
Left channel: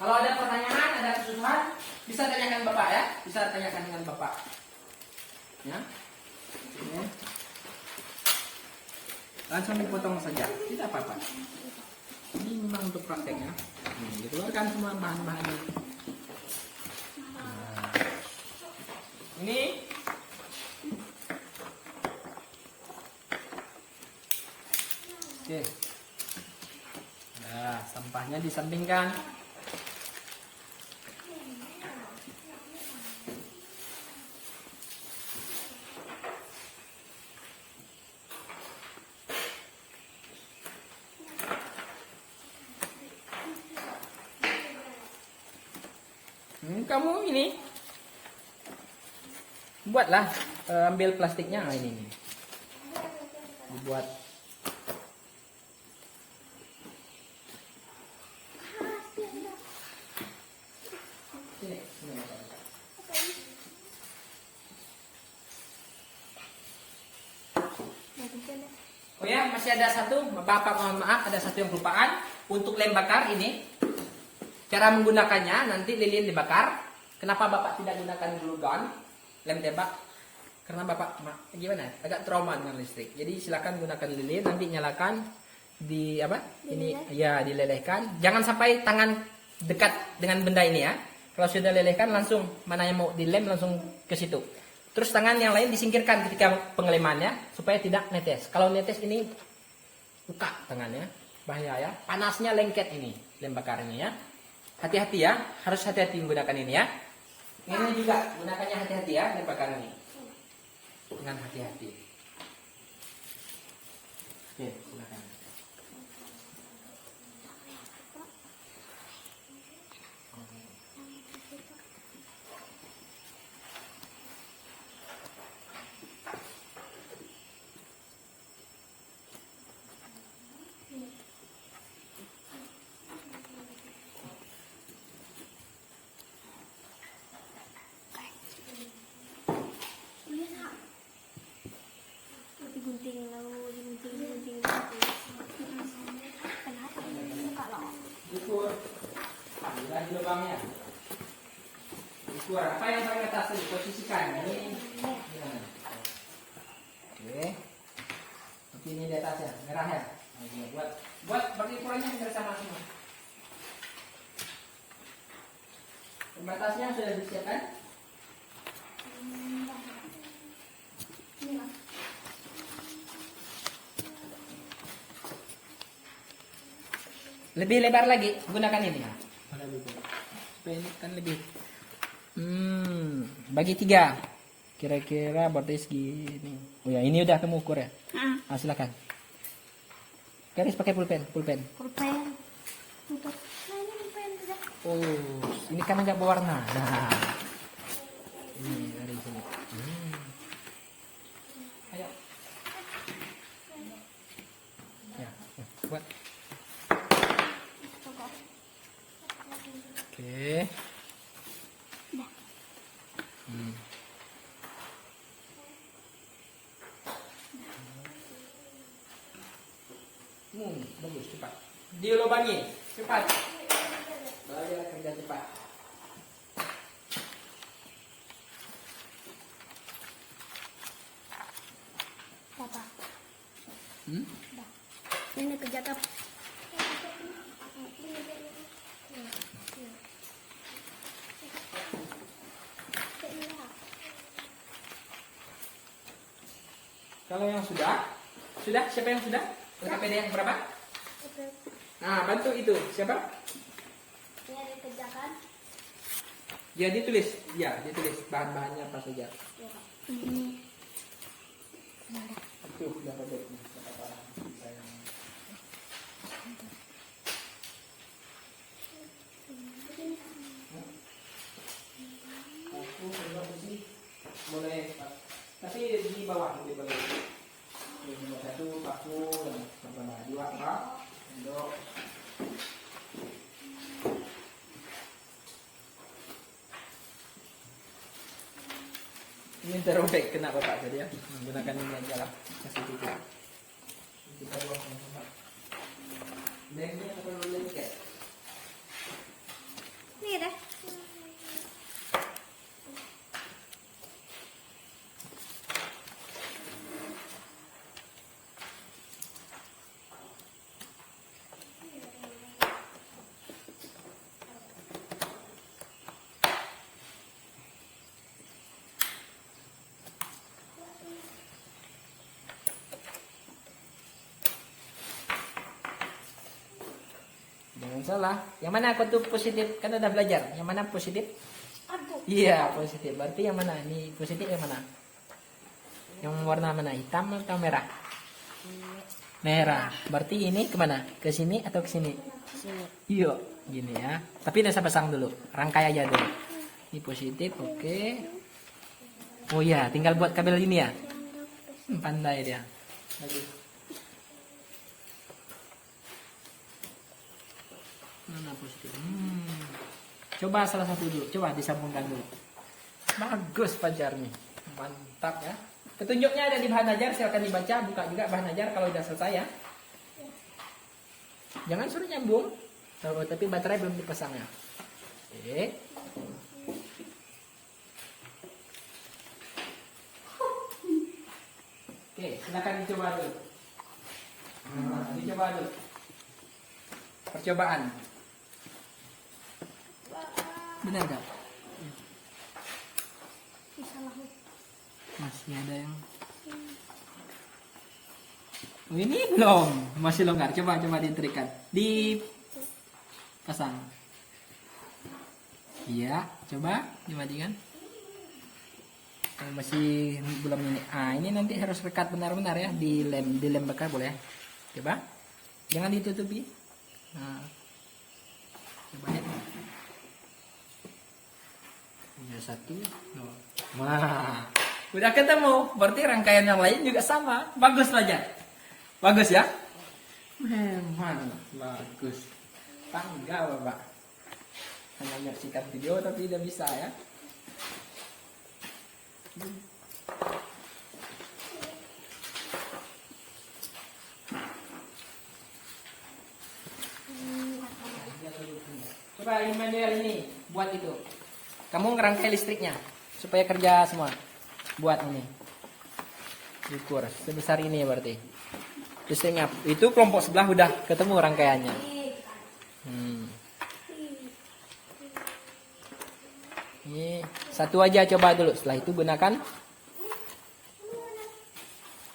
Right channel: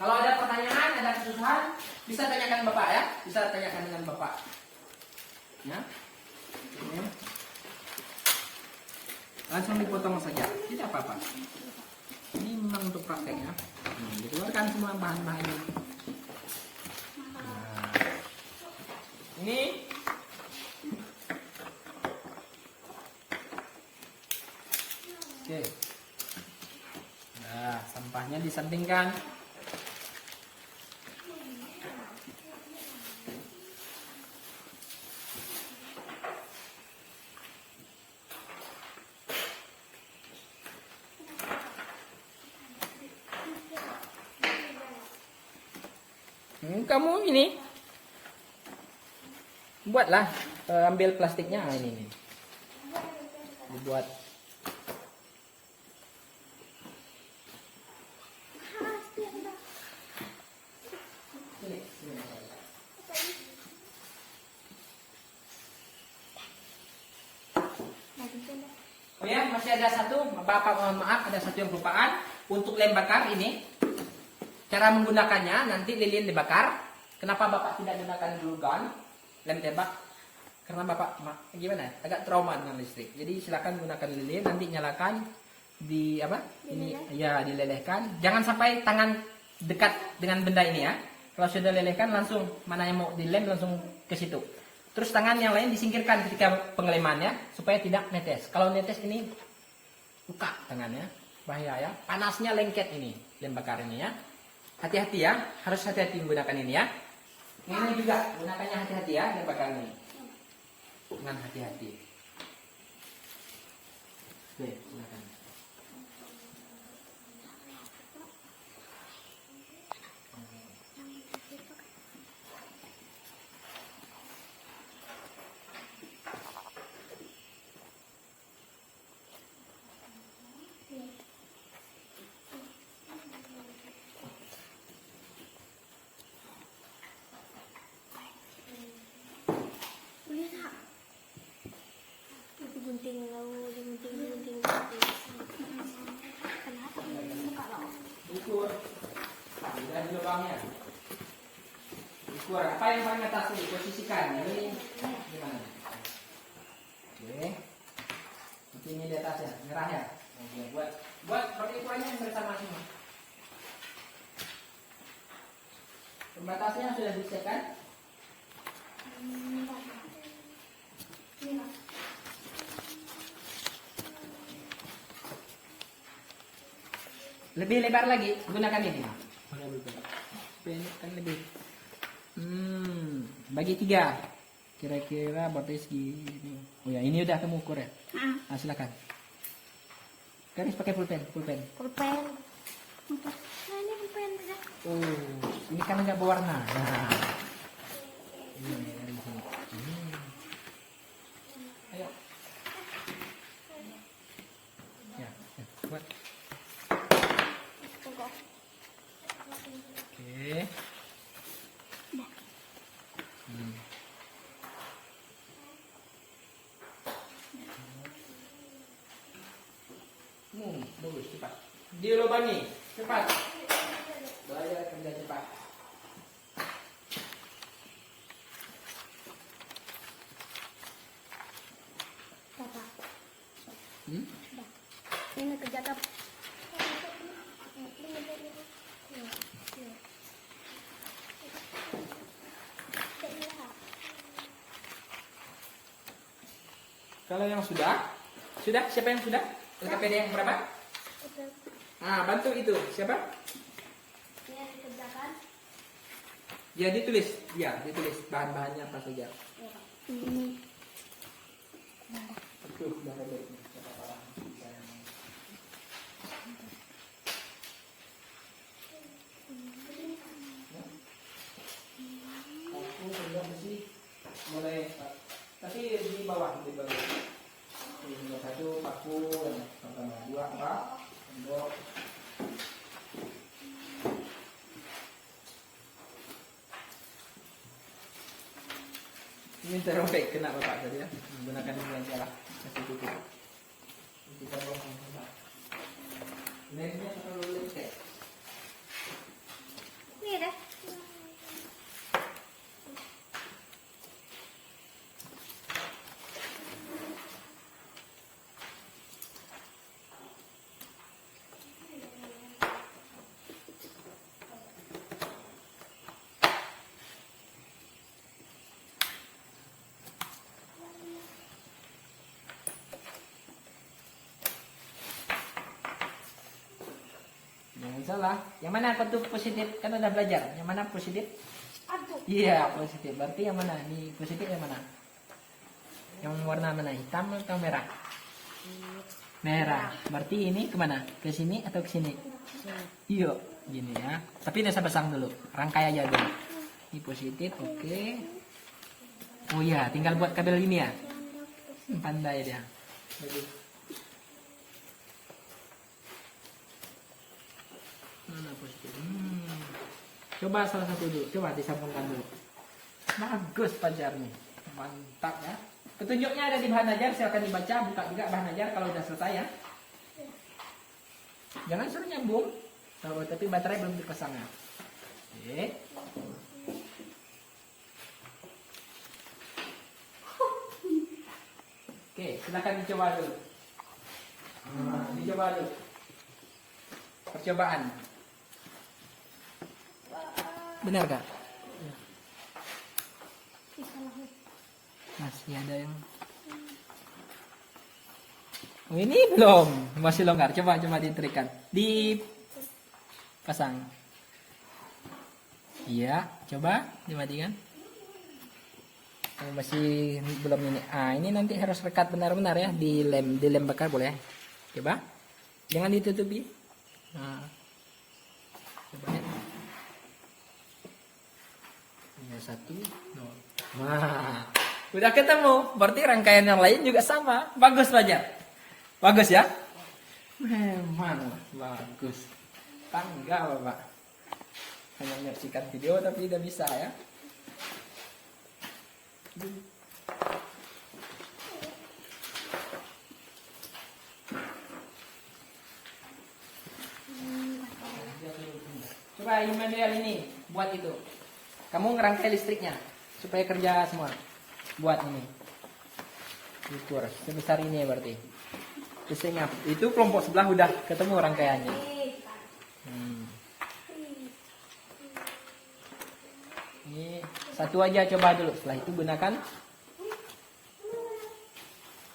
Kalau ada pertanyaan, ada kesusahan, bisa tanyakan Bapak ya, bisa tanyakan dengan Bapak. Ya. Ini. Langsung dipotong saja, tidak apa-apa. Ini memang untuk prakteknya. Dikeluarkan semua bahan-bahannya. Nah. Ini. Oke. Nah, sampahnya disampingkan. Kamu ini buatlah, ambil plastiknya ini nih. Dibuat sini. Oh ya, masih ada satu, Bapak mohon maaf, ada satu yang kelupaan. Untuk lem bakar ini, cara menggunakannya nanti lilin dibakar. Kenapa Bapak tidak gunakan glue gun, lem tembak? Karena Bapak gimana? Agak trauma dengan listrik. Jadi silakan gunakan lilin, nanti nyalakan di apa? Ini ya dilelehkan. Jangan sampai tangan dekat dengan benda ini ya. Kalau sudah lelehkan langsung mana yang mau dilem langsung ke situ. Terus tangan yang lain disingkirkan ketika pengelemannya supaya tidak netes. Kalau netes ini luka tangannya, bahaya ya. Panasnya lengket ini lem bakar ini ya. Hati-hati ya, harus hati-hati menggunakan ini ya. Ini juga gunakannya hati-hati ya, lem bakar ini. Dengan hati-hati. Oke, silakan. gunting lalu gunting ukur apa yang paling atas tadi posisikan ini gimana? Oke, ini di atas ya, merah ya. Oke, buat seperti ukurannya yang bersama semua. Pembatasnya sudah disiapkan. Lebih lebar lagi, gunakan ini. Supaya ini kan lebih. Bagi 3. Kira-kira berarti segini. Oh ya, ini udah kamu ukur ya? Nah, silakan. Garis pakai pulpen. Pulpen. Ini kan enggak berwarna. Nah. Ini dari sini. Ayo. Ya, buat. Oke. Bagus, cepat. Dilubangi, cepat. Belajar kerja cepat. Papa. Hmm? Ini kerja apa? Kalau yang sudah? Siapa yang sudah? LKPD yang berapa? Nah, bantu itu. Siapa? Ini dikerjakan. Ya, ditulis. Ya, ditulis bahan-bahannya apa saja. Ini. Itu sudah ada. Aku sudah mulai, tapi di bawah. Ini satu paku dan sama 2 rak sendok. Ini terobek kena bapak tadi ya. Menggunakan ini aja lah. Kasih tutup. Kita buang sama. Ini akan lengket. Ini deh. Jangan salah. Yang mana bentuk positif? Kan udah belajar. Yang mana positif? Aduh. Iya, positif. Berarti yang mana? Ini positif yang mana? Yang warna mana? Hitam atau merah? Merah. Berarti ini kemana? Ke sini atau ke sini? Sini. Iya, gini ya. Tapi udah saya pasang dulu. Rangkai aja dulu. Ini positif, oke. Oh ya, tinggal buat kabel ini ya. Pandai dia. Bagus. Positif. Coba salah satu dulu. Coba disambungkan dulu. Bagus pajarnya. Mantap ya. Petunjuknya ada di bahan ajar. Silakan dibaca. Buka juga bahan ajar kalau udah selesai ya. Jangan suruh nyambung. Oh, tapi baterai belum dipasang ya. Oke. Oke, silakan dicoba dulu. Dicoba dulu. Percobaan. Benar gak? Masih ada yang. Oh, ini belum, masih longgar. Coba diterikan, dipasang. Iya, coba dimatikan. Oh, masih belum ini. Ini nanti harus lekat benar-benar ya, dilem bakar boleh ya. Coba, jangan ditutupi. Nah, coba ya. Ya, 1, 2. Wah, udah ketemu. Berarti rangkaian yang lain juga sama. Bagus saja. Bagus ya? Memang bagus. Bangga Bapak. Hanya menyaksikan video tapi tidak bisa ya. Coba yang manual ini buat itu. Kamu ngerangkai listriknya supaya kerja semua. Buat ini. Ukur sebesar ini ya berarti. Terus ingat, itu kelompok sebelah udah ketemu rangkaiannya. Ini satu aja coba dulu. Setelah itu gunakan.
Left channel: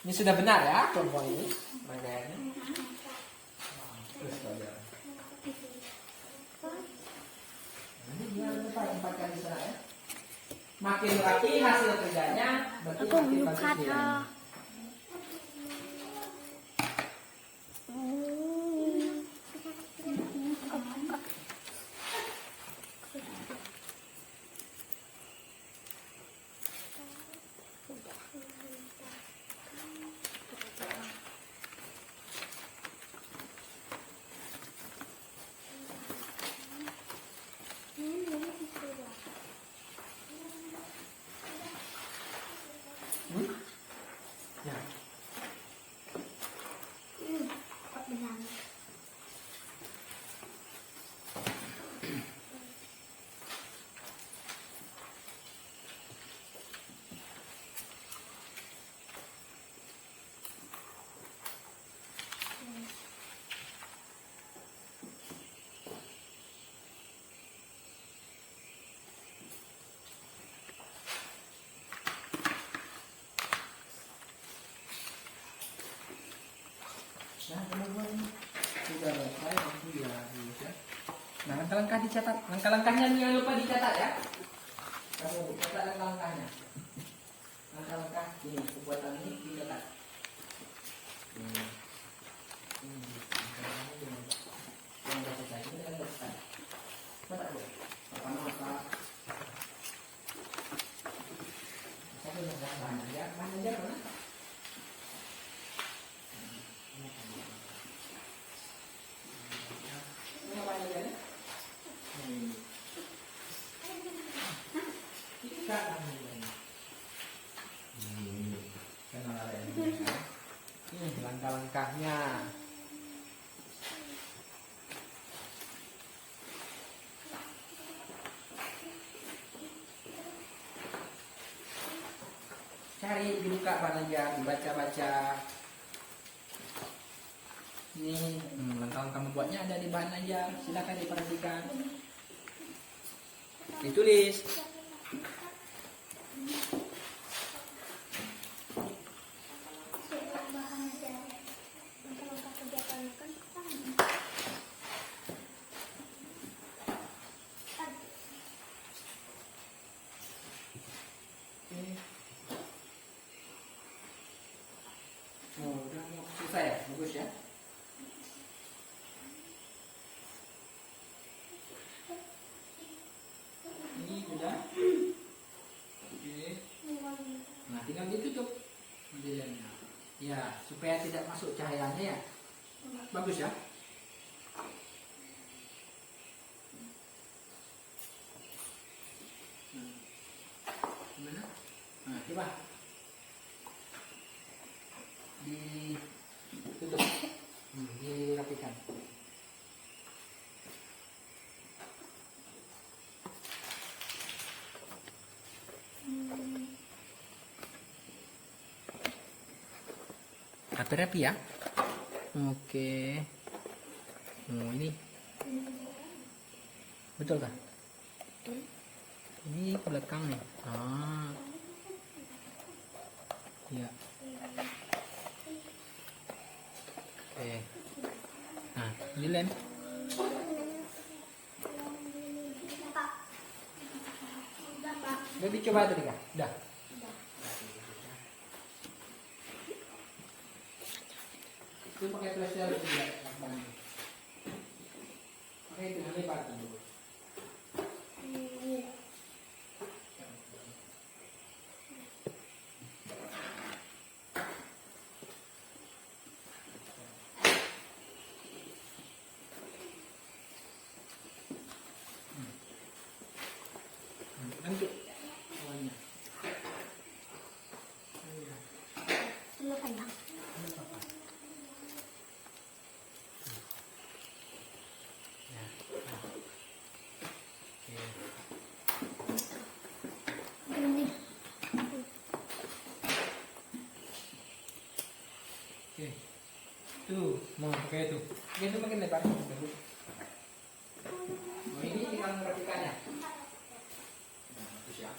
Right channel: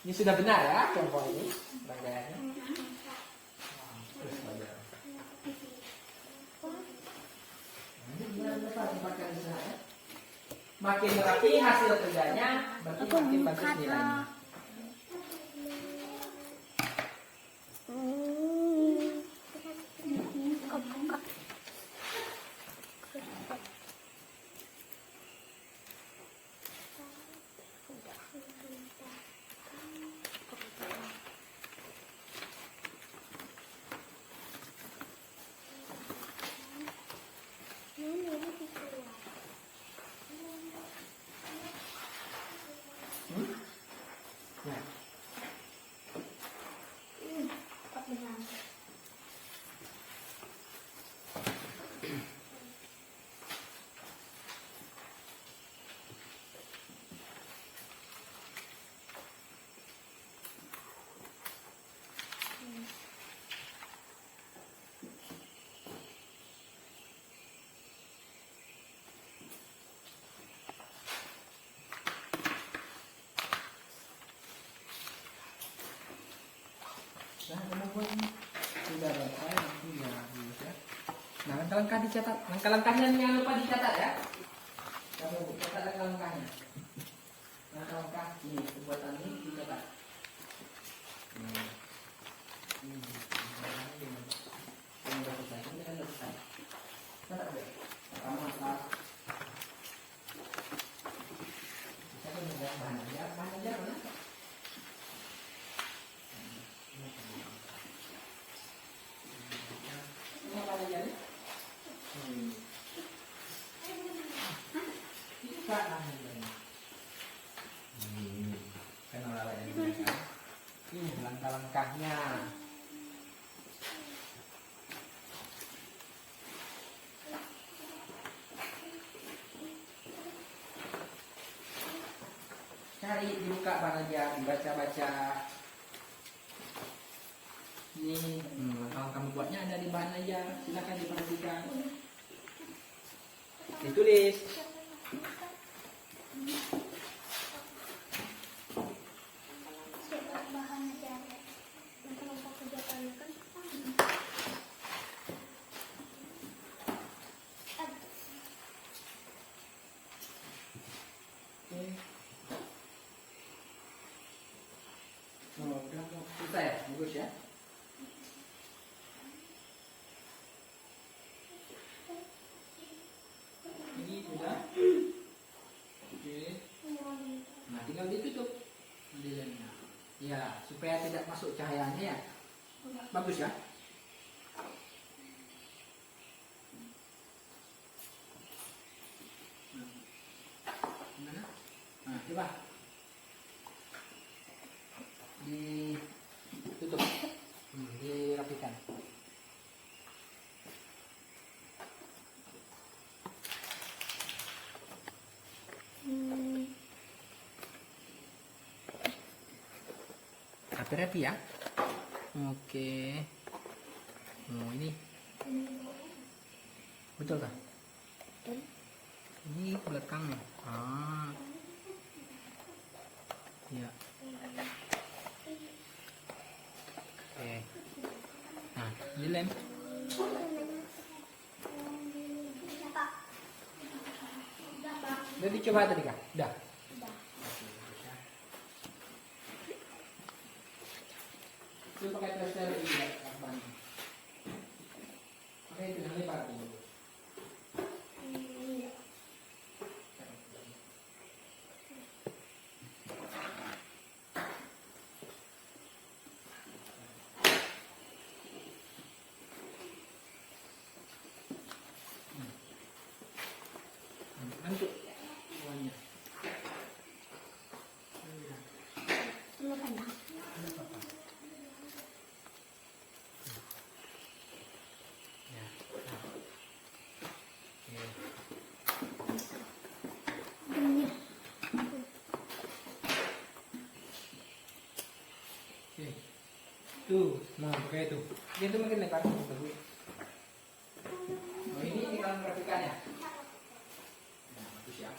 Ini sudah benar ya kelompok ini rangkaiannya. Tempatkan di sana ya. Makin rapi hasil kerjanya, berarti makin bagus nilainya. Nah, teman-teman sudah selesai nanti ya, ya. Nah, langkah-langkah dicatat. Langkah-langkahnya jangan lupa dicatat ya. Kamu catat langkah-langkahnya. Langkah-langkah ini pembuatan ini dicatat. Yang udah selesai, ini kan udah selesai. Catat dulu. Pertama langkah. Bisa kan bahan ajar mana? Langkah-langkahnya. Cari dibuka aja, dibaca-baca. Ini langkah-langkah membuatnya ada di bahan ajar. Silakan diperhatikan. Ditulis. Susah ya? Bagus ya? Ini sudah. Oke. Nah, tinggal ditutup. Ya, supaya tidak masuk cahayanya ya. Bagus ya? Gimana? Nah, coba. Ditutup. Dirapikan. Rapi-rapi ya. Oke. Oh, ini betul toh? Ini belakangnya. Ah. Ya. Oke. Nah, ini lem. Udah dicoba tadi kak? Udah. Itu pakai flashlight lagi ya. Pakai itu yang lipat dulu. Antuk semuanya. Tuh, nah pakai itu. Itu makin lebar, bagus. Nah, ini tinggal merapikannya. Nah, bagus ya.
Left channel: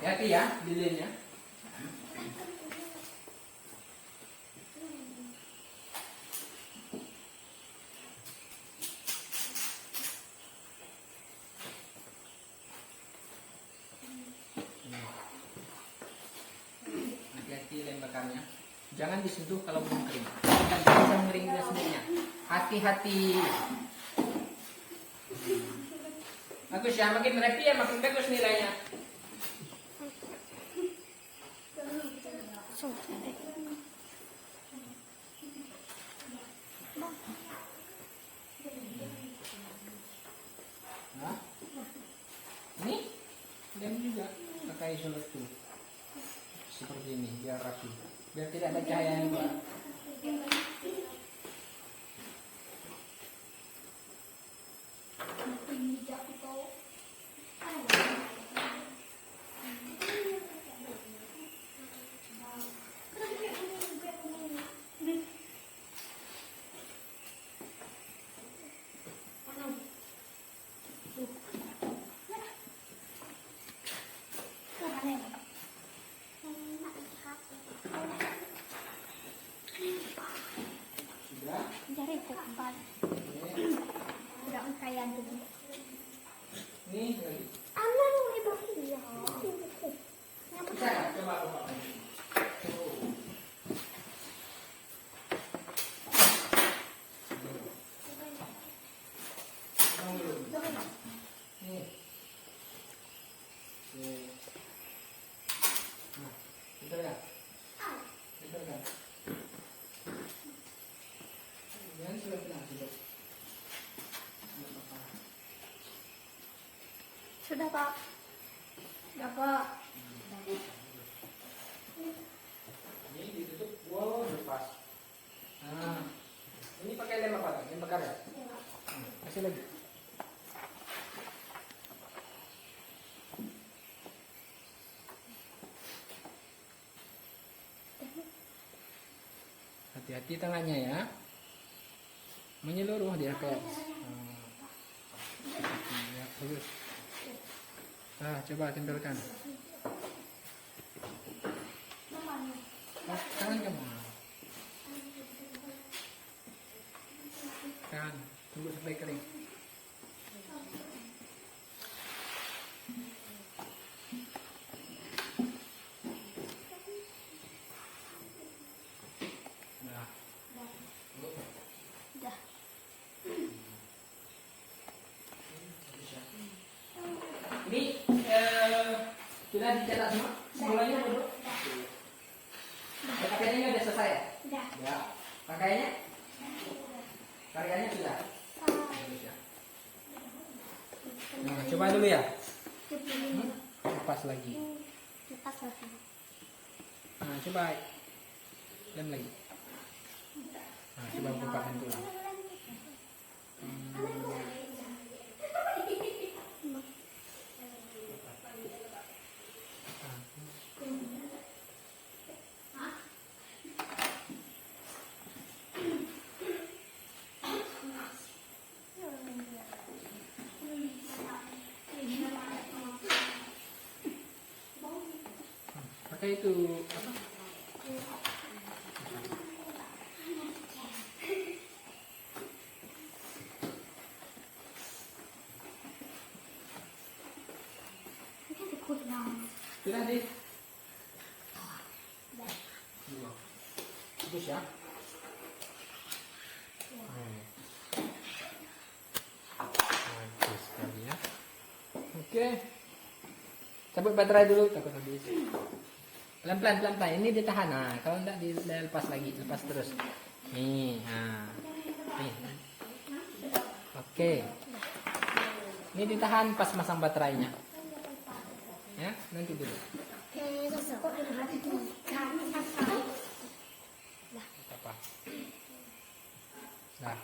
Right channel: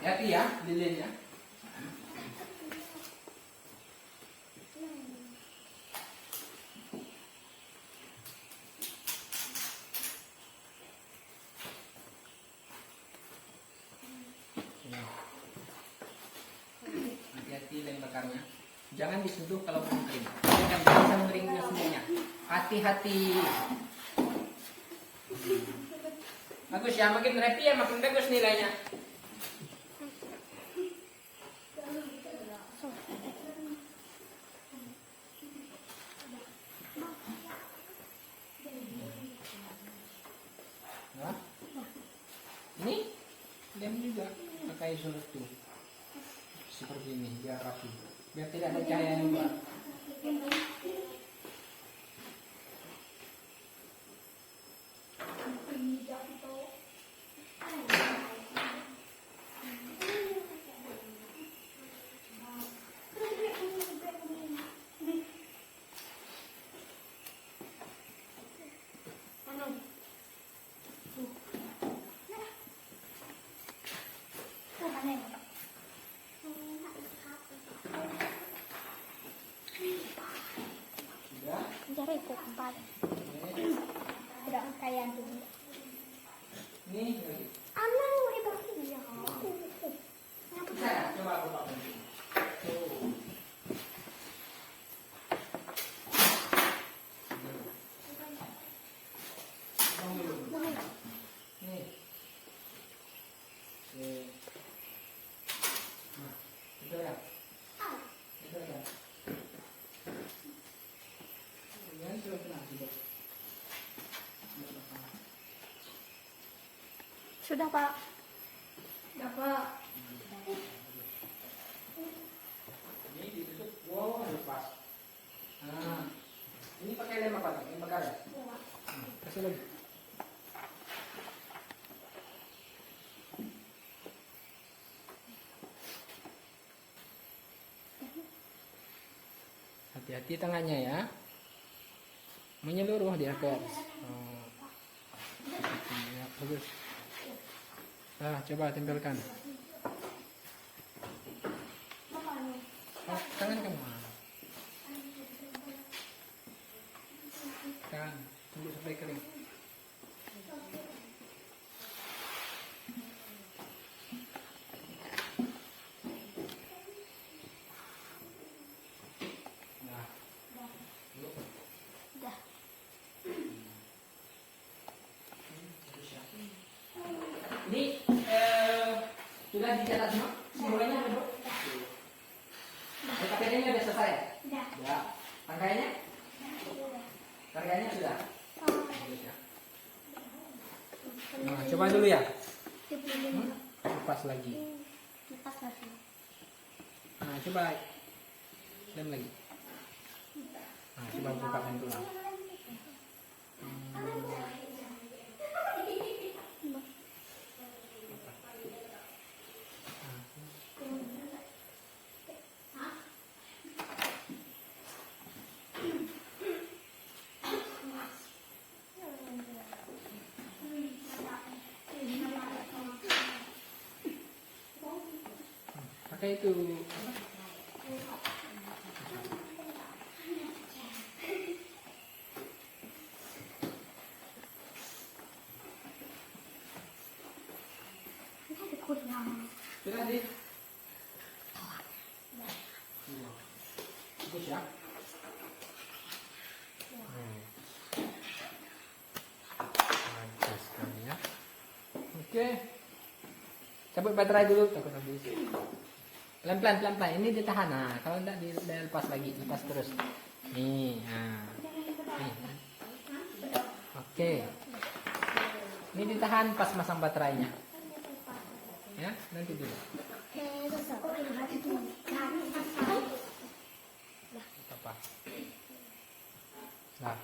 Hati-hati ya, lilinnya. Hati-hati lem bakarnya. Jangan disentuh kalau belum kering. Jangan bisa mengeringnya sendirinya. Hati-hati. Bagus ya, makin rapi ya, makin bagus nilainya. Nah, ini lem juga pakai seletu seperti ini biar rapi, biar tidak ada cahaya yang keluar. Sudah. Jadi cepat. Tidak kayak dulu. Nih lagi. Anak itu dia. Bisa ya? Coba aku pakai. Nih. Itu ya. Itu ya. Kemudian sudah kena juga. Sudah Pak. Sudah Pak. Ini ditutup, wow, lepas. Nah, ini pakai lem apa? Lem bakar ya? Kasih lagi. Hati-hati tangannya ya. Menyeluruh dia ke atas. Ya, bagus. Nah, coba tempelkan. Tangan kamu. Kan, tunggu sampai kering. Nah, Sudah. ini sudah dicetak semua? Semuanya dulu? Pakaiannya sudah selesai ya? Sudah. Ya. Pakaiannya? Pakaiannya sudah? Bagus ya. Nah, coba dulu ya. Lepas lagi. Lepas lagi. Nah, coba lem lagi. Nah, coba buka pintu lah. Pakai itu apa? Ini kurang. Sudah di. Iya. Bagus ya. Bagus sekali ya. Oke. Cabut baterai dulu, takut habis. Pelan-pelan, pelan-pelan. Ini ditahan. Nah, kalau enggak dilepas lagi, lepas terus. Nih, nah. Nih. Oke. Ini ditahan pas masang baterainya. Ya, nanti dulu. Apa? Nah.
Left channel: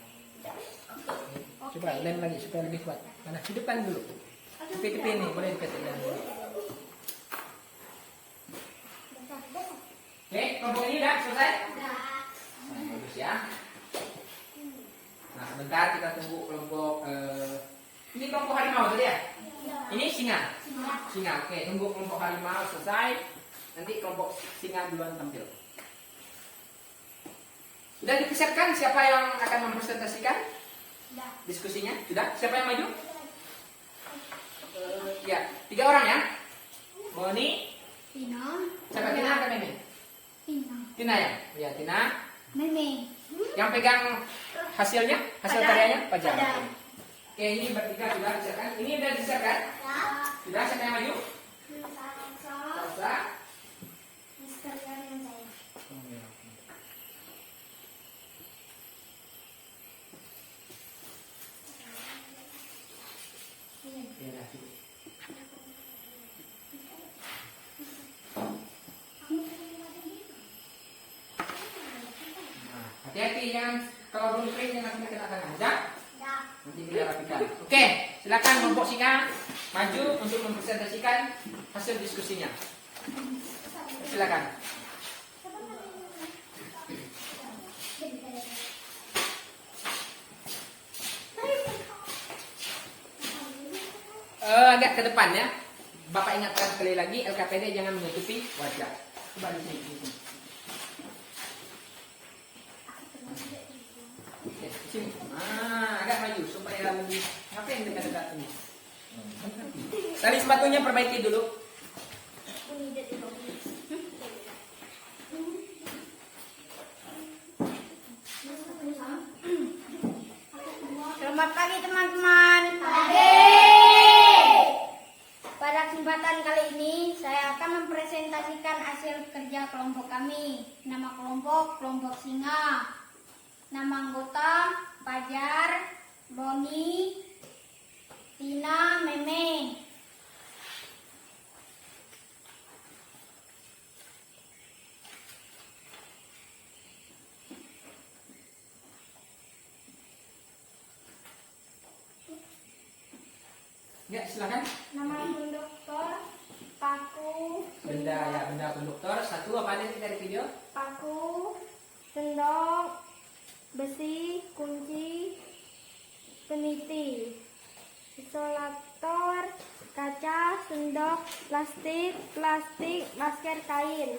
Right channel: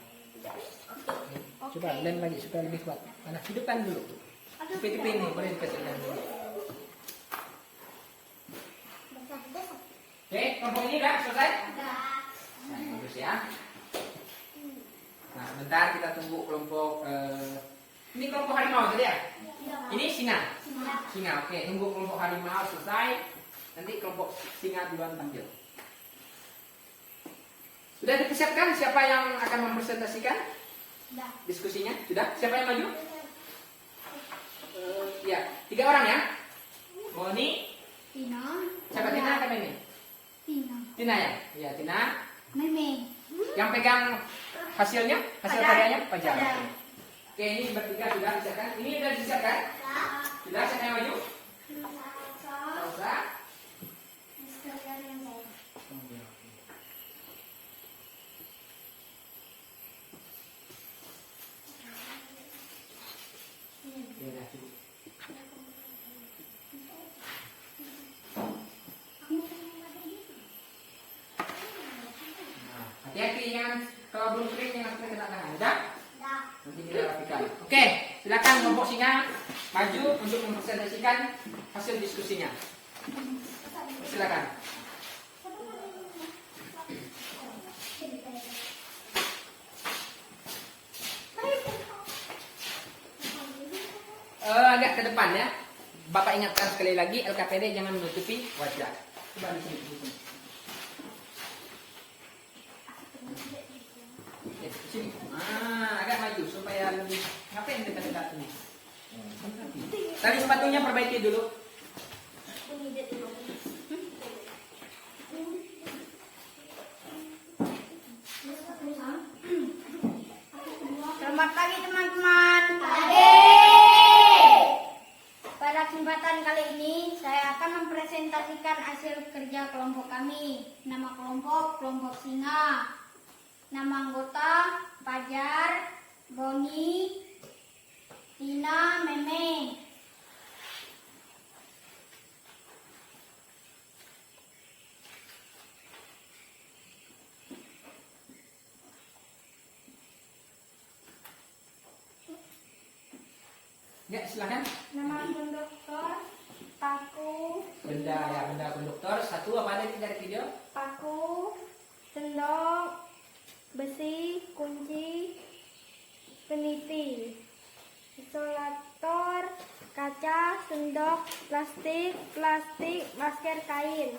Coba lem lagi supaya lebih kuat. Mana hidupkan dulu. Tepi-tepi ini boleh dikasih lem dulu. kelompok ini udah selesai? Nah, bagus ya. Nah, sebentar kita tunggu kelompok ini kelompok harimau tadi ya? Ini singa. Singa, oke. Tunggu kelompok harimau selesai. Nanti kelompok singa duluan tampil. Sudah dipersiapkan siapa yang akan mempresentasikan diskusinya? Sudah? Siapa yang maju? Ya, 3 orang ya. Moni, Tina. siapa Tina atau Memi? Tina. Tina ya? Ya, Tina. Meme. Yang pegang hasilnya, hasil karyanya, Fajar. Fajar. Oke, ini bertiga sudah disiapkan. Ini sudah disiapkan? Sudah, siapa yang maju? Salsa. Oh, ya, oke. Ya, dah, cukup. Nah, hati-hati kan kalau belum kering jangan sampai kena tangan. Udah? Nanti kita rapikan. Oke, silakan kelompok singa maju untuk mempresentasikan hasil diskusinya. Silakan. Agak ke depan ya. Bapak ingatkan sekali lagi LKPD jangan menutupi wajah. Coba di sini. Di sini. Yes, di sini. Nah, agak maju supaya lebih. Ngapain dekat-dekat ini? Tali sepatunya perbaiki dulu. Selamat pagi teman-teman. Pada kesempatan kali ini saya akan mempresentasikan hasil kerja kelompok kami. Nama kelompok singa. Nama anggota Fajar, Boni, Tina, Meme. Ya, silakan. Nama konduktor paku, Benda konduktor. Satu apa ada dari video? paku, sendok, besi, kunci, peniti, isolator, kaca, sendok, plastik, masker kain.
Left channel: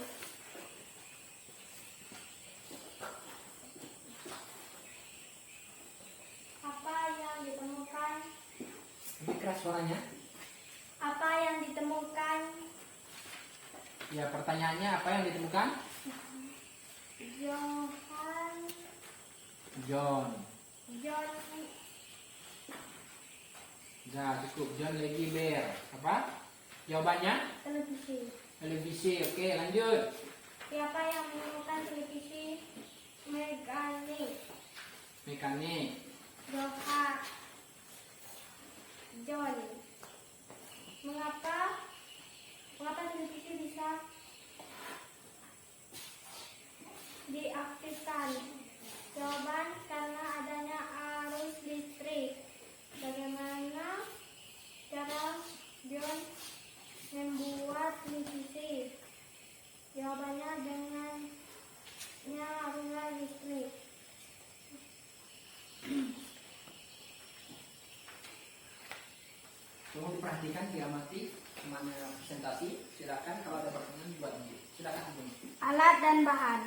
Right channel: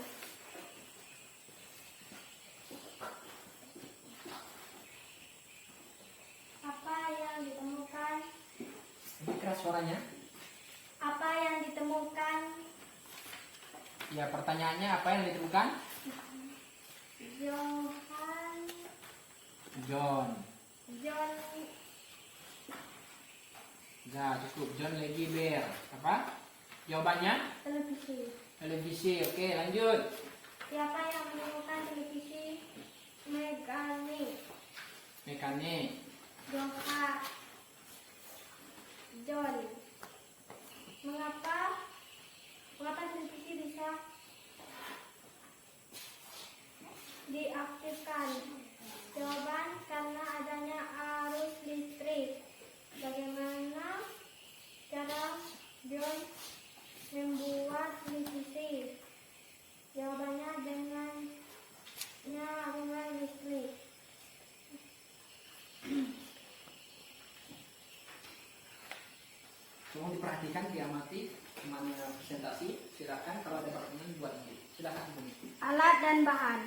Apa yang ditemukan? Lebih keras suaranya. Apa yang ditemukan? Ya, pertanyaannya apa yang ditemukan? John. Ya, cukup. John lagi bear. Apa? Jawabannya? Televisi. Oke, lanjut. Siapa yang menemukan televisi? Mekanik. John. Mengapa televisi bisa diaktifkan? Jawaban, karena adanya arus listrik. Bagaimana cara John membuat televisi? Jawabannya dengannya arus listrik. Tolong diperhatikan, diamati temannya presentasi. Silakan kalau ada pertanyaan buat nanti. Silakan Ibu. Alat dan bahan:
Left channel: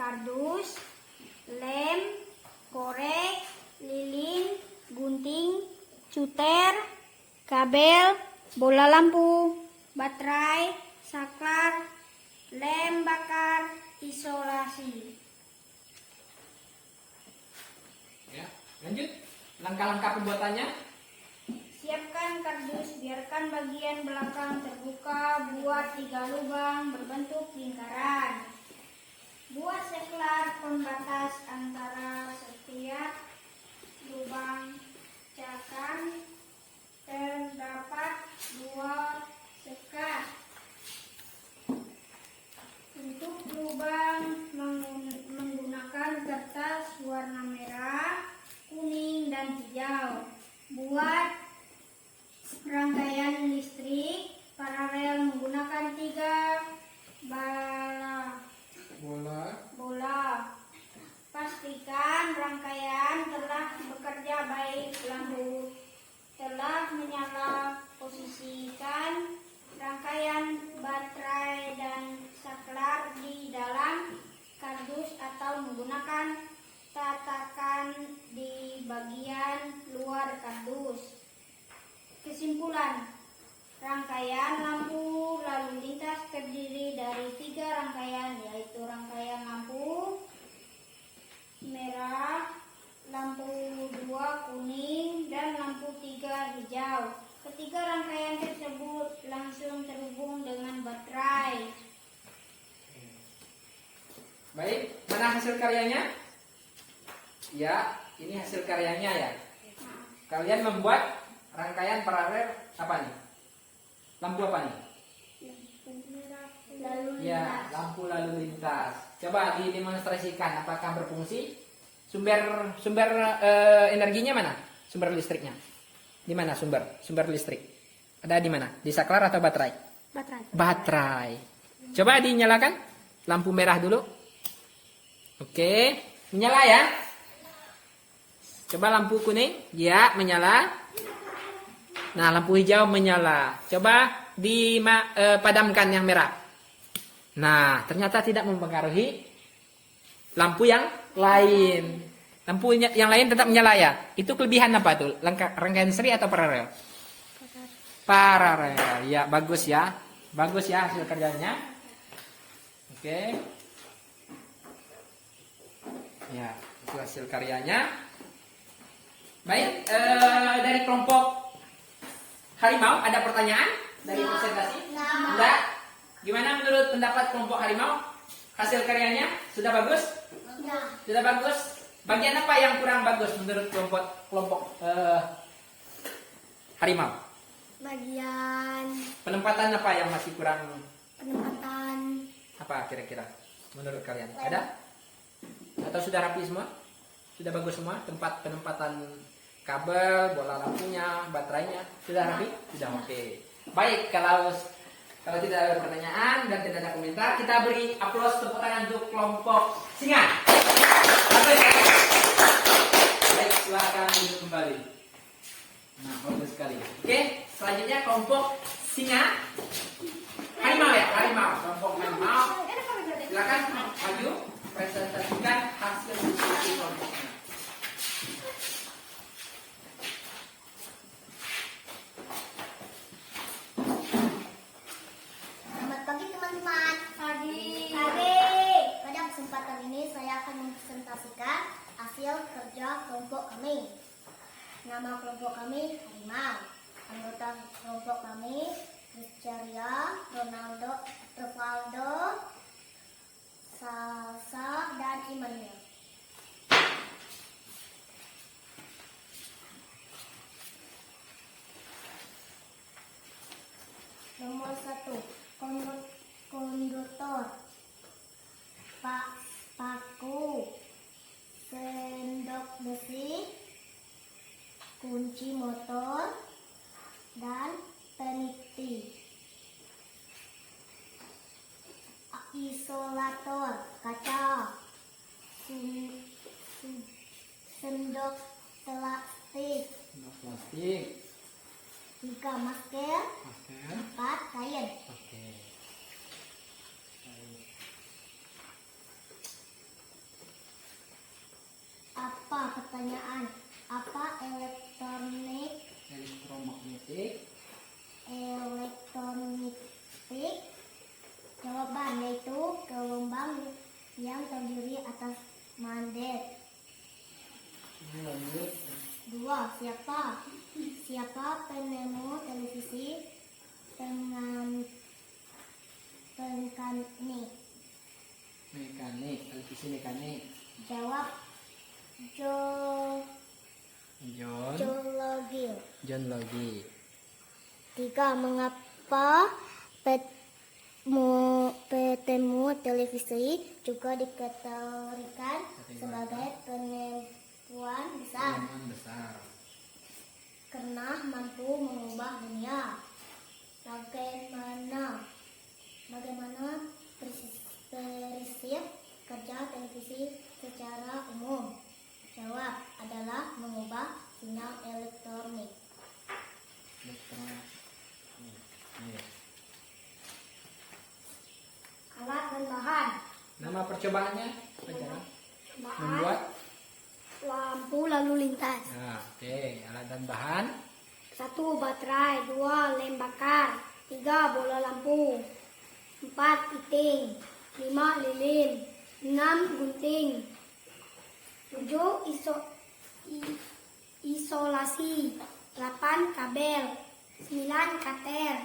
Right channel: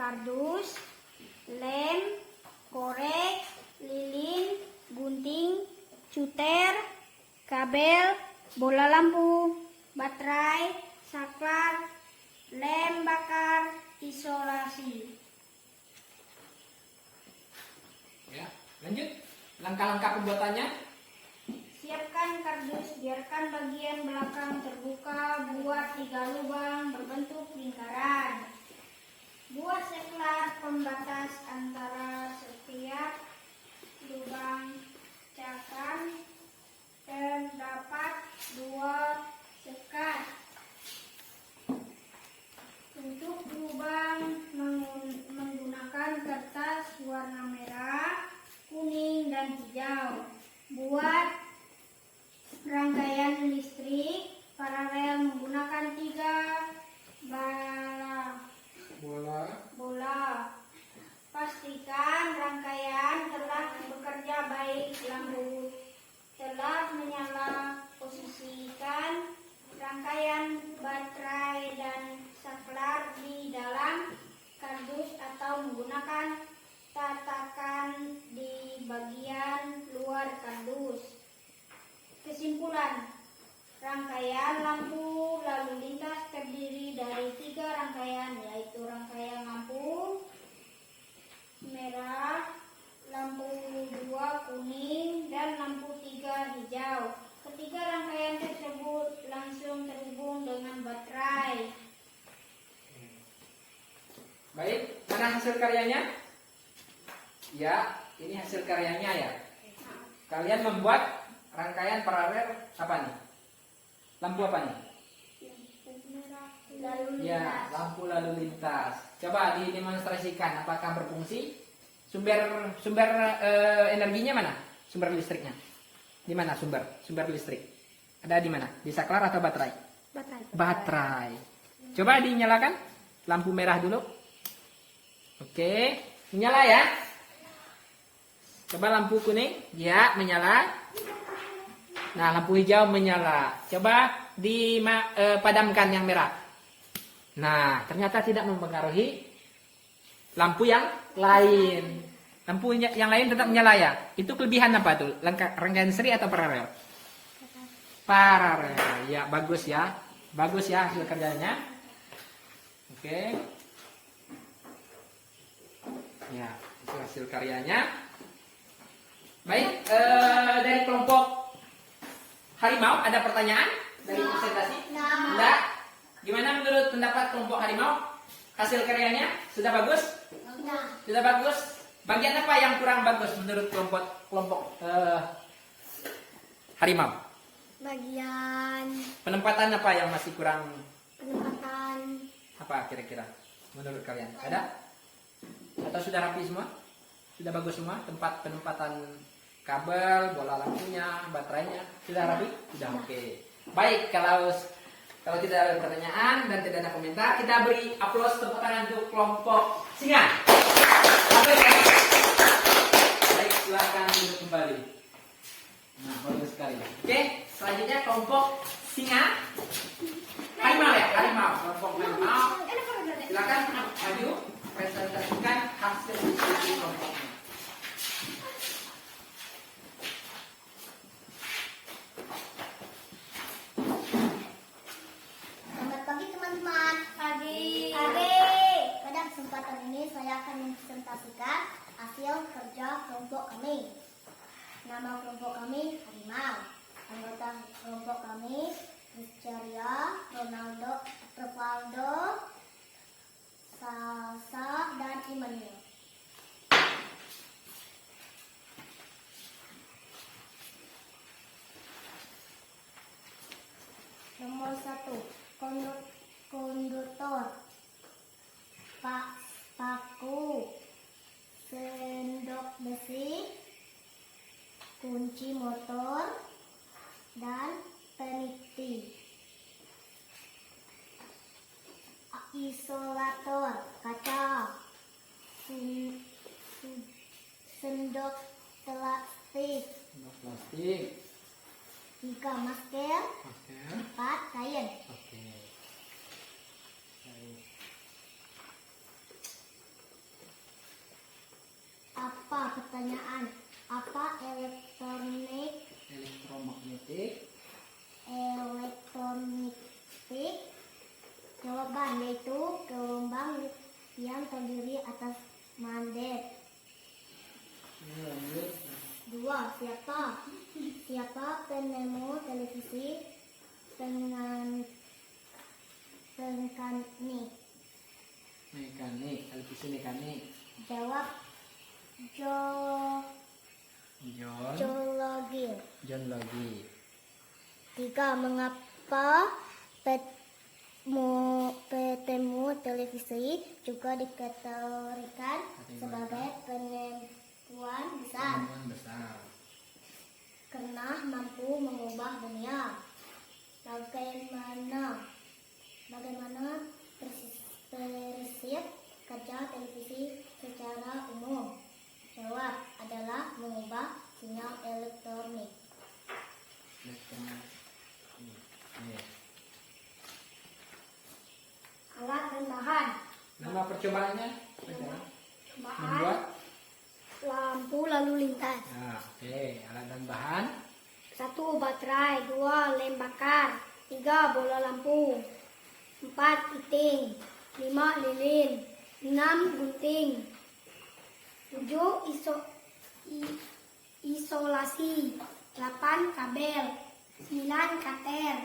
kardus, lem, korek, lilin, gunting, cutter, kabel, bola lampu, baterai, saklar, lem bakar, isolasi. Ya, lanjut. Langkah-langkah pembuatannya. Siapkan kardus, biarkan bagian belakang terbuka, buat 3 lubang berbentuk lingkaran. Buat saklar pembatas antara setiap lubang catan. Terdapat 2 sekat. Untuk lubang menggunakan kertas warna merah, kuning, dan hijau. Buat rangkaian listrik paralel menggunakan 3 memastikan rangkaian telah bekerja baik. Lampu telah menyala. Posisikan rangkaian baterai dan saklar di dalam kardus atau menggunakan tatakan di bagian luar kardus. Kesimpulan, rangkaian lampu lalu lintas terdiri dari 3 rangkaian, yaitu rangkaian lampu merah, lampu 2 kuning, dan lampu 3 hijau. Ketiga rangkaian tersebut langsung terhubung dengan baterai. Baik, mana hasil karyanya? Ya, ini hasil karyanya ya. Kalian membuat rangkaian paralel apa nih? Lampu apa nih? Ya, lampu lalu lintas. Coba didemonstrasikan apakah berfungsi? Sumber energinya mana? Sumber listriknya. Di mana sumber listrik? Ada di mana? Di saklar atau baterai? Baterai. Coba dinyalakan lampu merah dulu. Oke, menyala ya. Coba lampu kuning, ya menyala. Nah, lampu hijau menyala. Coba dipadamkan yang merah. Nah, ternyata tidak mempengaruhi lampu yang lain. Lampu yang lain tetap menyala ya. Itu kelebihan apa tuh? Rangkaian seri atau paralel? Paralel. Ya, bagus ya. Bagus ya hasil kerjanya. Oke. Ya, itu hasil karyanya. Baik, dari kelompok harimau ada pertanyaan dari presentasi? Enggak. Gimana menurut pendapat kelompok harimau? Hasil karyanya sudah bagus? Sudah bagus. Bagian apa yang kurang bagus menurut kelompok harimau? Bagian Penempatan apa yang masih kurang? penempatan Apa kira-kira menurut kalian? Ada? Atau sudah rapi semua? Sudah bagus semua? Penempatan kabel, bola lampunya, baterainya sudah rapi? Sudah oke. Baik, kalau tidak ada pertanyaan dan tidak ada komentar, kita beri aplaus tepuk tangan untuk kelompok singa. Baik, silakan duduk kembali. Nah, bagus sekali. Oke, selanjutnya kelompok singa. Harimau ya, harimau. Kelompok harimau. Silakan maju presentasikan hasil diskusi kelompoknya. Selamat pagi teman-teman. Pagi. Pada kesempatan ini saya akan mempresentasikan hasil kerja kelompok kami. Nama kelompok kami harimau. Anggota kelompok kami Rizcharia, Ronaldo, Rivaldo, Salsa, dan Immanuel. Nomor 1, konduktor, paku, sendok besi, kunci motor, dan peniti. Isolator kaca, sendok plastik, 3 masker, 4 kain. Oke. Baik. Apa pertanyaan? Apa elektronik? Elektromagnetik. Jawaban yaitu gelombang yang terdiri atas magnet. 2. Siapa penemu televisi mekanik? Televisi mekanik. Jawab John Logie. 3. Mengapa petemu televisi juga dikategorikan sebagai penipuan besar? Karena mampu mengubah dunia. Bagaimana prinsip kerja televisi secara umum? Jawab adalah mengubah sinyal elektronik. Alat dan bahan. Nama percobaannya? Cobaan Membuat. lampu lalu lintas. Nah, oke. Alat dan bahan. 1. Baterai. 2. Lem bakar. 3. Bola lampu. 4. Titing. 5. lilin. 6. Gunting. 7. Isolasi. 8. Kabel. 9. Kater.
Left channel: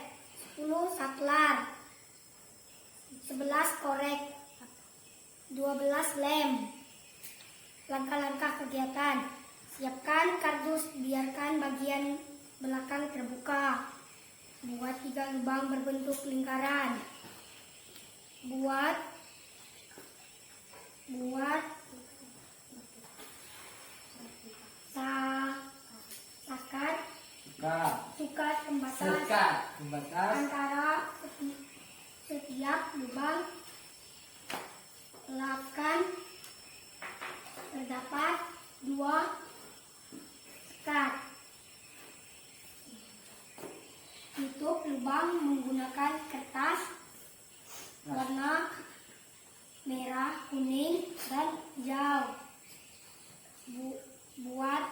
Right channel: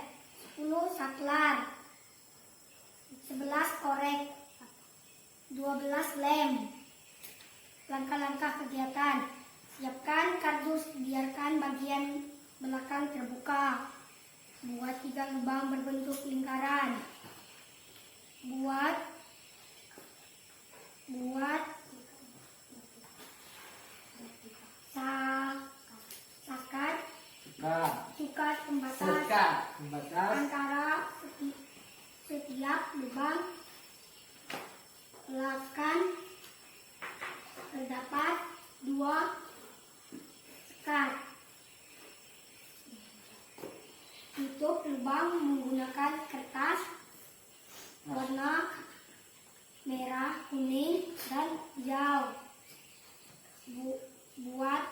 10. Saklar. 11. Korek. 12. Lem. Langkah-langkah kegiatan. Siapkan kardus, biarkan bagian belakang terbuka. Buat 3 lubang berbentuk lingkaran. Buat sakat sukat pembatas antara setiap lubang. Lakukan terdapat 2 sekat. Tutup lubang menggunakan kertas warna merah, kuning, dan hijau. Buat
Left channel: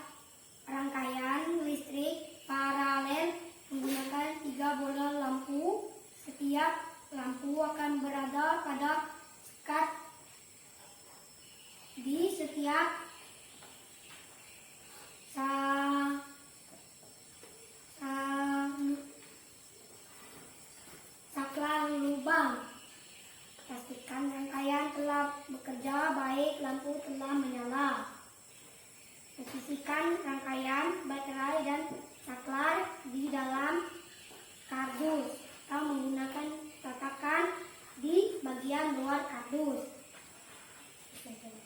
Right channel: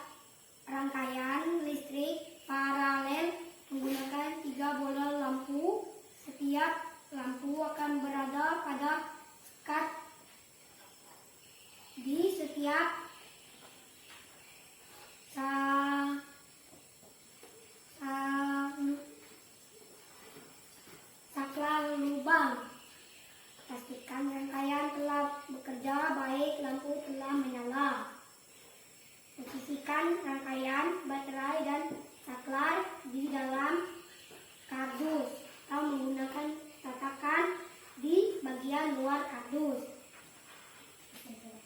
rangkaian listrik paralel menggunakan 3 bola lampu. Setiap lampu akan berada pada sekat di setiap saklar lubang. Pastikan rangkaian telah bekerja baik, lampu telah menyala. Posisikan rangkaian baterai dan saklar di dalam kardus atau menggunakan tatakan di bagian luar kardus.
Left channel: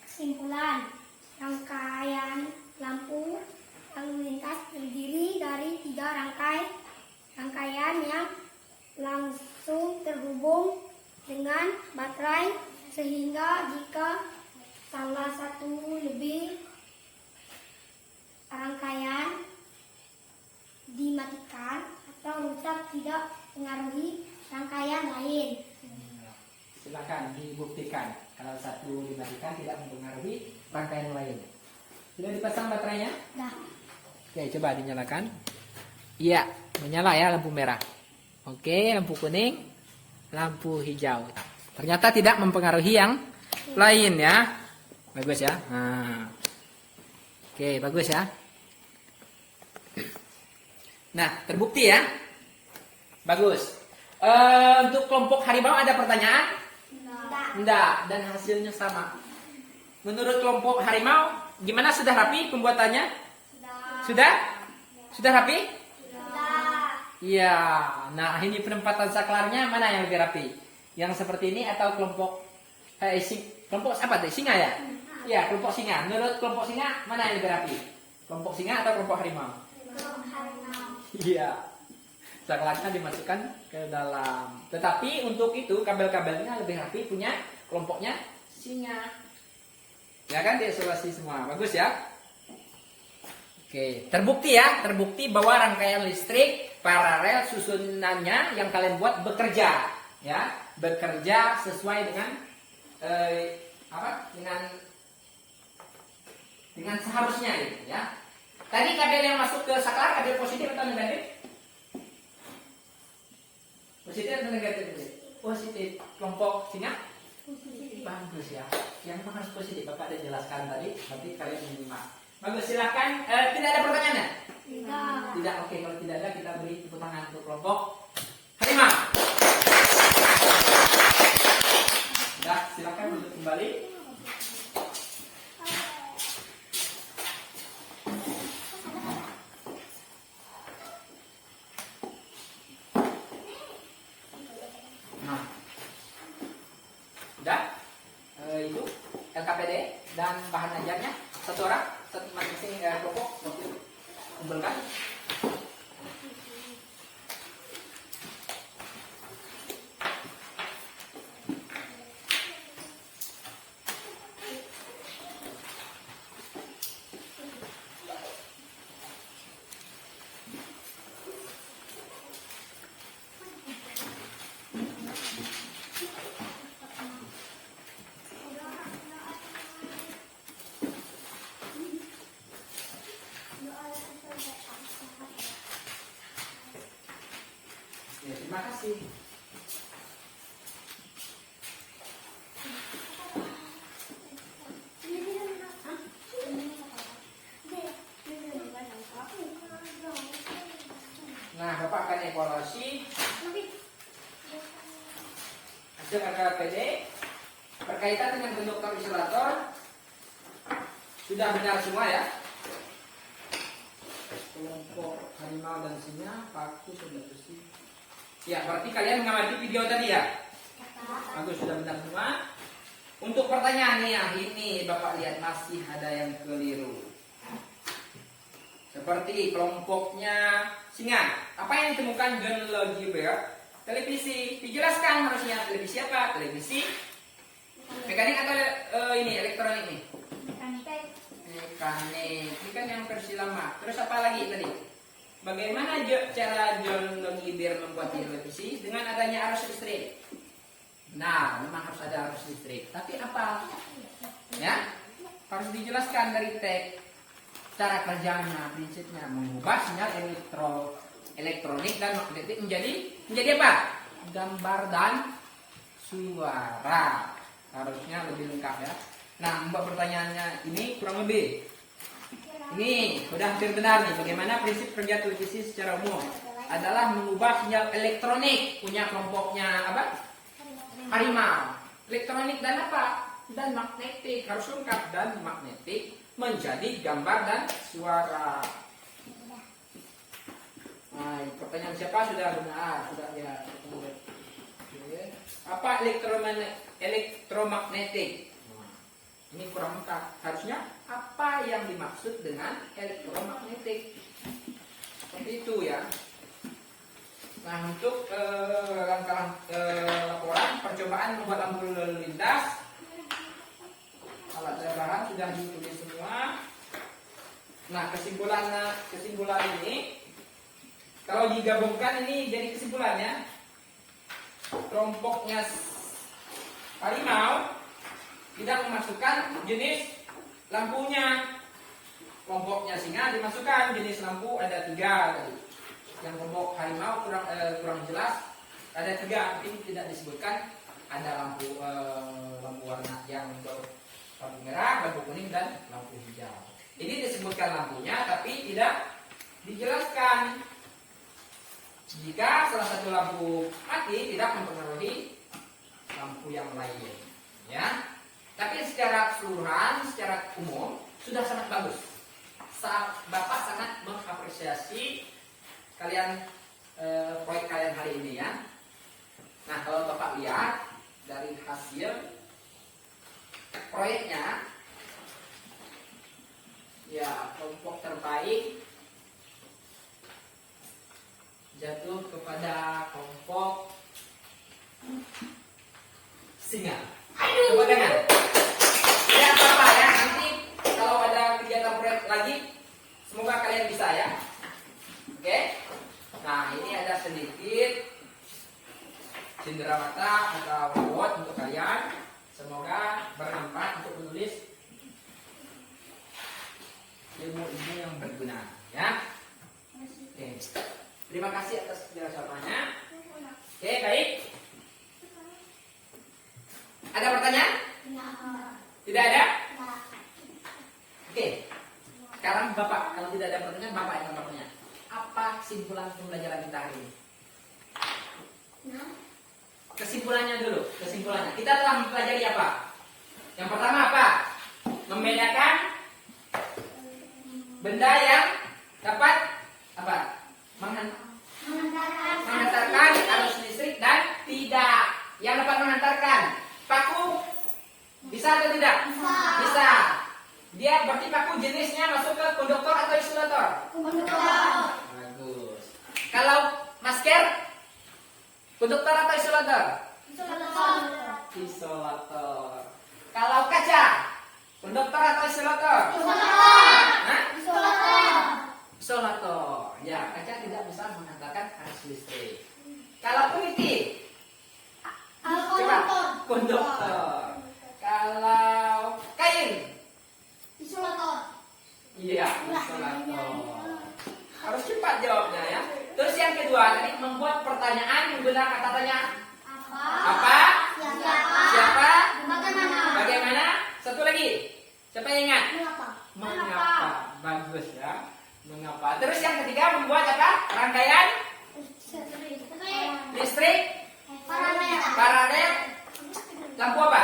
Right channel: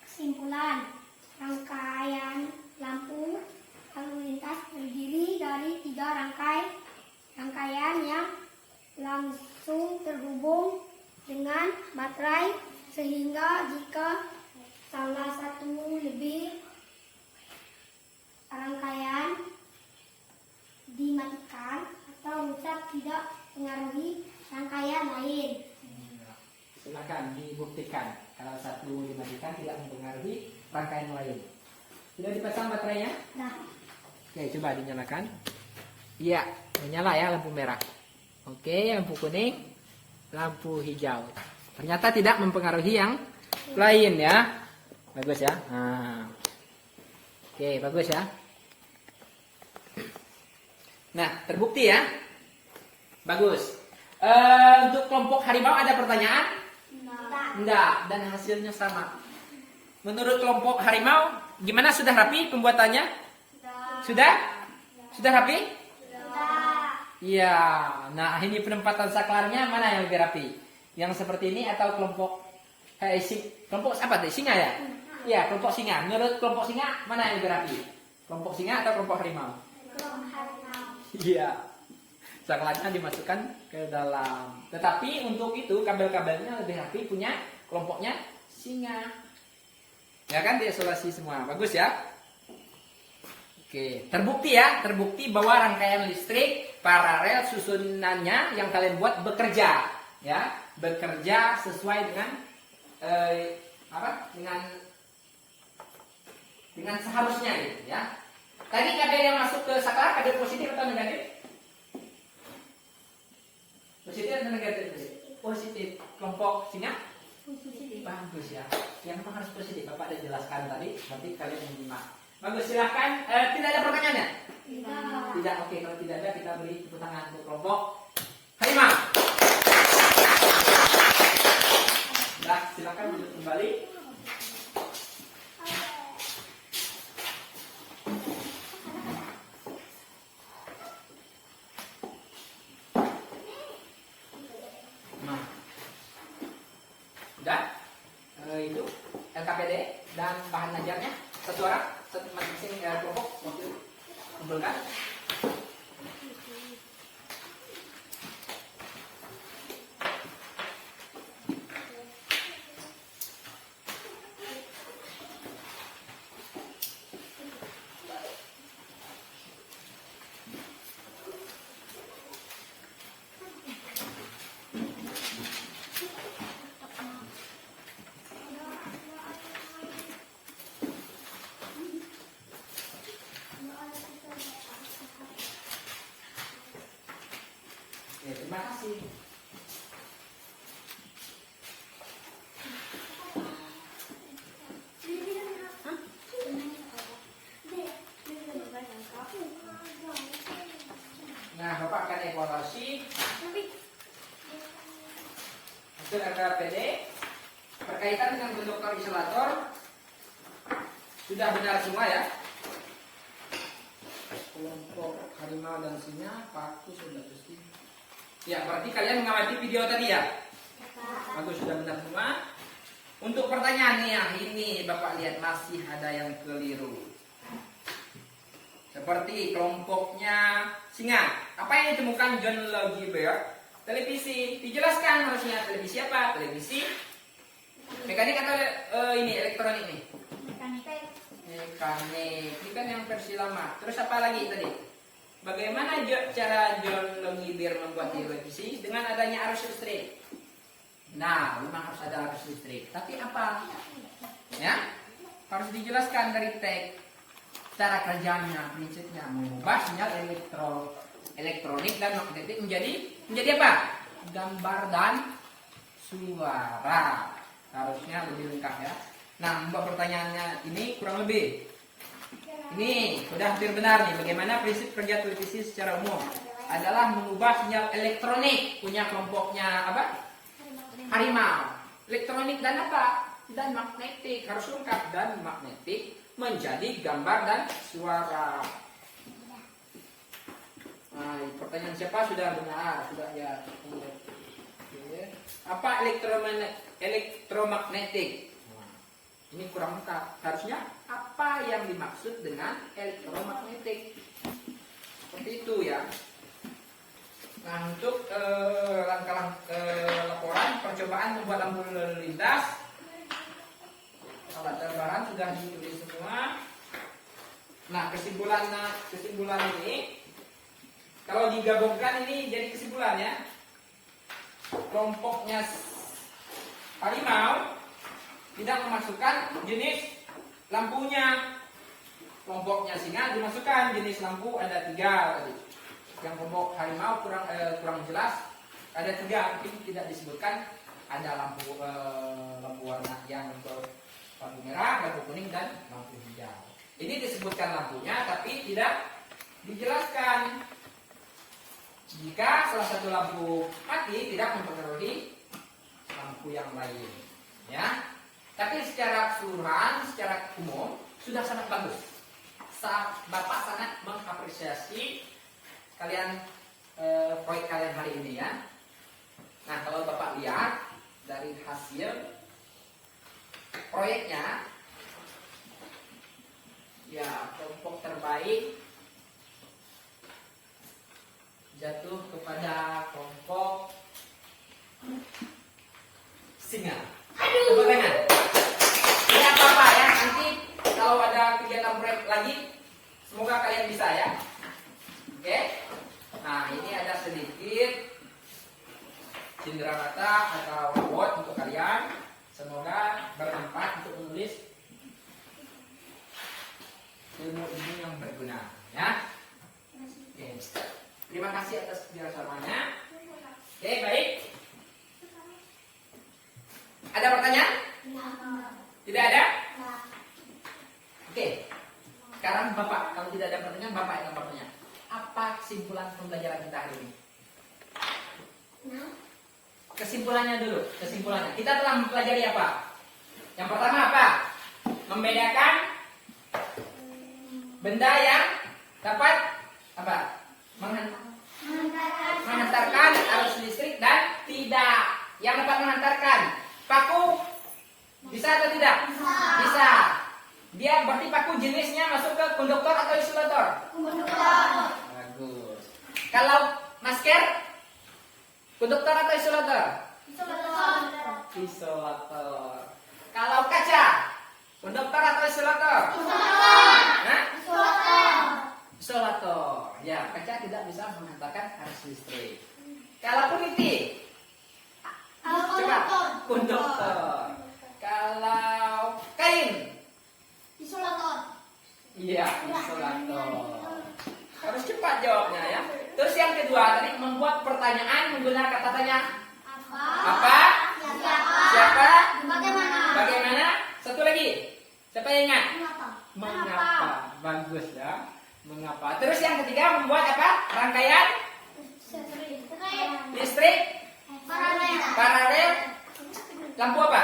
Kesimpulan, rangkaian lampu lalu lintas terdiri dari 3 rangkaian yang langsung terhubung dengan baterai, sehingga jika salah satu lebih rangkaian dimatikan atau rusak tidak mengaruhi rangkaian lain. Silakan dibuktikan. Kalau satu dimatikan tidak mempengaruhi rangkaian lain. Sudah dipasang baterainya? Nah, Oke, coba dinyalakan. Iya, menyala ya lampu merah. Oke, lampu kuning, lampu hijau. Ternyata tidak mempengaruhi yang lain ya. Bagus ya. Nah. Oke, bagus ya. Nah, terbukti ya. Bagus. Untuk kelompok harimau ada pertanyaan? Enggak, dan hasilnya sama. Menurut kelompok harimau, gimana, sudah rapi pembuatannya? Sudah? Sudah rapi? Iya. Nah, ini penempatan saklarnya mana yang lebih rapi? Yang seperti ini atau kelompok kelompok apa tuh? Singa ya? Iya, kelompok singa. Menurut kelompok singa mana yang lebih rapi? Kelompok singa atau kelompok harimau? Iya. Saklarnya dimasukkan ke dalam. Tetapi untuk itu kabel-kabelnya lebih rapi punya kelompoknya singa. Ya kan, diisolasi semua. Bagus ya. Oke, terbukti ya, terbukti bahwa rangkaian listrik paralel susunannya yang kalian buat bekerja, ya, bekerja sesuai dengan dengan seharusnya gitu, ya. Tadi kabel yang masuk ke saklar kabel positif atau negatif? Positif atau negatif? Positif. Kelompok singa? Positif. Bagus ya. Yang harus positif. Bapak sudah jelaskan tadi. Berarti kalian menyimak. Bagus, silahkan. Tidak ada pertanyaannya? Tidak. Oke, kalau tidak ada kita beri tepuk tangan untuk kelompok harimau. Sudah, silakan duduk kembali. Nah, sudah. Itu LKPD dan bahan ajarnya satu orang, satu masing-masing kelompok kumpulkan. Terima kasih. Nah, Bapak akan evaluasi hasil RKPD berkaitan dengan konduktor isolator. Sudah benar semua ya. Kelompok harimau dan singa, paku sudah pasti. Ya, berarti kalian mengamati video tadi ya. Bagus, sudah benar semua. Untuk pertanyaannya yang ini Bapak lihat masih ada yang keliru. Seperti kelompoknya singa. Apa yang ditemukan John Logie Baird? Televisi. Dijelaskan harusnya televisi apa? Televisi mekanik atau ini elektronik nih? Mekanik. Ini kan yang versi lama. Terus apa lagi tadi? Bagaimana cara John Logie Baird membuat televisi dengan adanya arus listrik? Nah, memang harus ada arus listrik. Tapi apa? Ya, harus dijelaskan dari teks. Cara kerjanya, prinsipnya mengubah sinyal elektronik dan magnetik menjadi apa? Gambar dan suara. Harusnya lebih lengkap ya. Nah, Mbak pertanyaannya ini kurang lebih. Ini sudah hampir benar nih. Bagaimana prinsip kerja televisi secara umum? Adalah mengubah sinyal elektronik. Punya kelompoknya apa? Harimau. Elektronik dan apa? Dan magnetik. Harus lengkap dan magnetik menjadi gambar dan suara. Nah, pertanyaan siapa sudah benar, sudah ya. Oke. Apa elektromagnetik? Nah, ini kurang lengkap. Harusnya apa yang dimaksud dengan elektromagnetik? Seperti itu ya. Nah, untuk laporan percobaan membuat lampu lalu lintas, alat tambahan sudah ditulis semua. Nah, kesimpulan ini kalau digabungkan ini jadi kesimpulannya, kelompoknya harimau tidak memasukkan jenis lampunya. Kelompoknya singa dimasukkan jenis lampu ada 3 tadi. Yang kelompok harimau kurang jelas ada 3, mungkin tidak disebutkan. Ada lampu warna yang lampu merah, lampu kuning, dan lampu hijau. Ini disebutkan lampunya, tapi tidak dijelaskan. Jika salah satu lampu mati, tidak mempengaruhi lampu yang lain. Ya, tapi secara keseluruhan, secara umum sudah sangat bagus. Bapak sangat mengapresiasi kalian proyek kalian hari ini ya. Nah, kalau Bapak lihat dari hasil proyeknya, ya kelompok terbaik jatuh kepada kelompok singa. Coba dengar. Ini apa ya? Nanti kalau ada kegiatan proyek lagi, semoga kalian bisa ya. Oke. Nah, ini ada sedikit cenderamata atau quote untuk kalian. Semoga bermanfaat untuk menulis ilmu-ilmu yang berguna ya. Oke. Terima kasih atas kerjasamanya. Oke, baik. Ada pertanyaan? Tidak ada? Oke. Sekarang Bapak, kalau tidak ada pertanyaan, Bapak yang bertanya. Apa kesimpulan pembelajaran kita hari ini? Kesimpulannya dulu, kesimpulannya. Kita telah mempelajari apa? Yang pertama apa? Membedakan benda yang dapat apa? Menghantarkan arus listrik dan tidak. Yang dapat menghantarkan paku bisa atau tidak? Bisa. Dia berarti paku jenisnya masuk ke konduktor atau isolator? Konduktor. Bagus. Kalau masker, konduktor atau isolator? Isolator. Kalau kaca, konduktor atau isolator? Isolator. Ya, kaca tidak bisa menghantarkan arus listrik. Kalau peniti, coba konduktor. Kalau kain, isolator. Iya, isolator. Harus cepat jawabnya ya. Terus yang kedua tadi membuat pertanyaan menggunakan kata tanya. Apa? Siapa? Bagaimana? Satu lagi. Siapa yang ingat? Mengapa? Bagus ya. Mengapa? Terus yang ketiga membuat apa? Rangkaian listrik, paralel, lampu apa?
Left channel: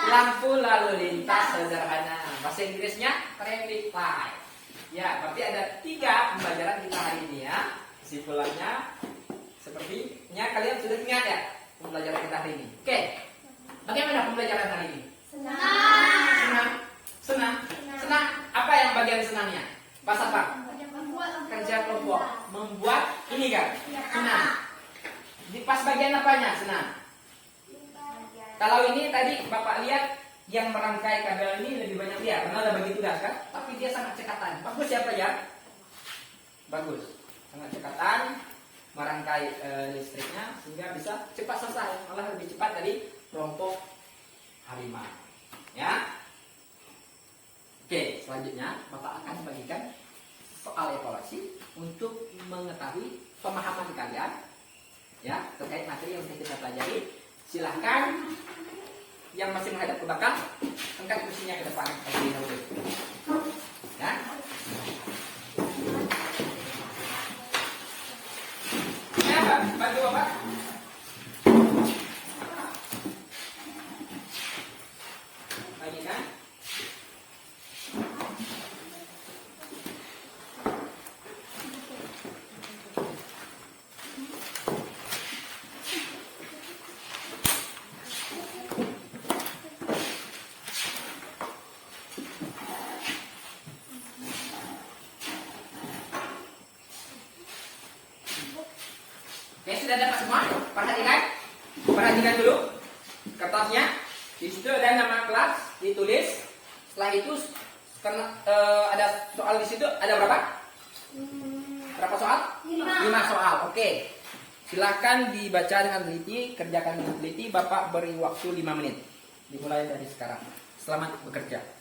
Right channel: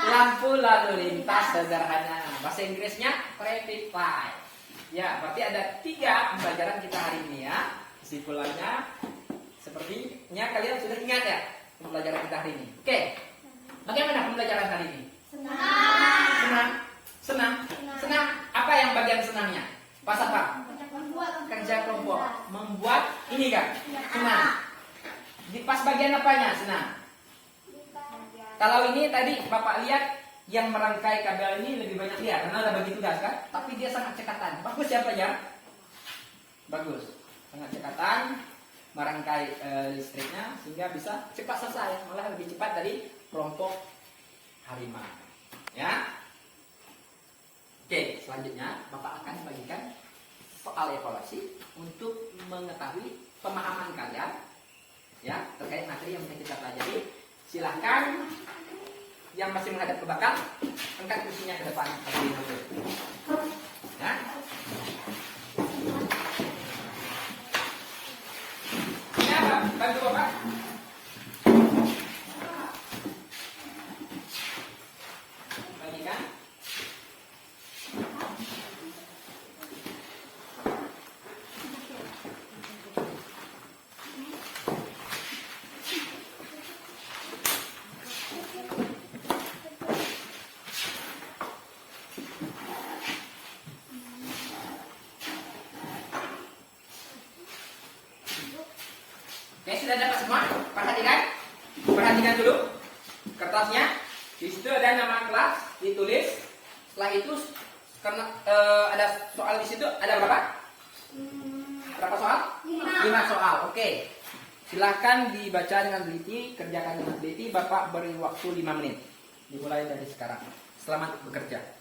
Lampu lalu lintas sederhana. Bahasa Inggrisnya traffic light. Ya, berarti ada 3 pembelajaran kita hari ini ya. Kesimpulannya sepertinya kalian sudah ingat ya pembelajaran kita hari ini. Oke. Bagaimana pembelajaran hari ini? Senang. Apa yang bagian senangnya? Pas apa? Kerja kelompok. Membuat ini kan? Senang. Di pas bagian apanya? Senang. Kalau ini tadi Bapak lihat yang merangkai kabel ini lebih banyak dia karena ada bagi tugas kan? Tapi dia sangat cekatan. Bagus siapa ya? Bagus. Sangat cekatan merangkai listriknya sehingga bisa cepat selesai. Malah lebih cepat dari kelompok harimau. Ya. Oke, selanjutnya Bapak akan bagikan soal evaluasi untuk mengetahui pemahaman kalian ya terkait materi yang kita pelajari. Silahkan yang masih menghadap ke belakang angkat kursinya ke depan terlebih dahulu. Ya. Ya, Pak, bantu Bapak. Bagikan. Yang sudah dapat semua, perhatikan dulu kertasnya. Di situ ada nama kelas ditulis. Setelah itu karena ada soal di situ ada berapa? Berapa soal? 5 soal. Oke. Silakan dibaca dengan teliti, kerjakan dengan teliti. Bapak beri waktu 5 menit. Dimulai dari sekarang. Selamat bekerja.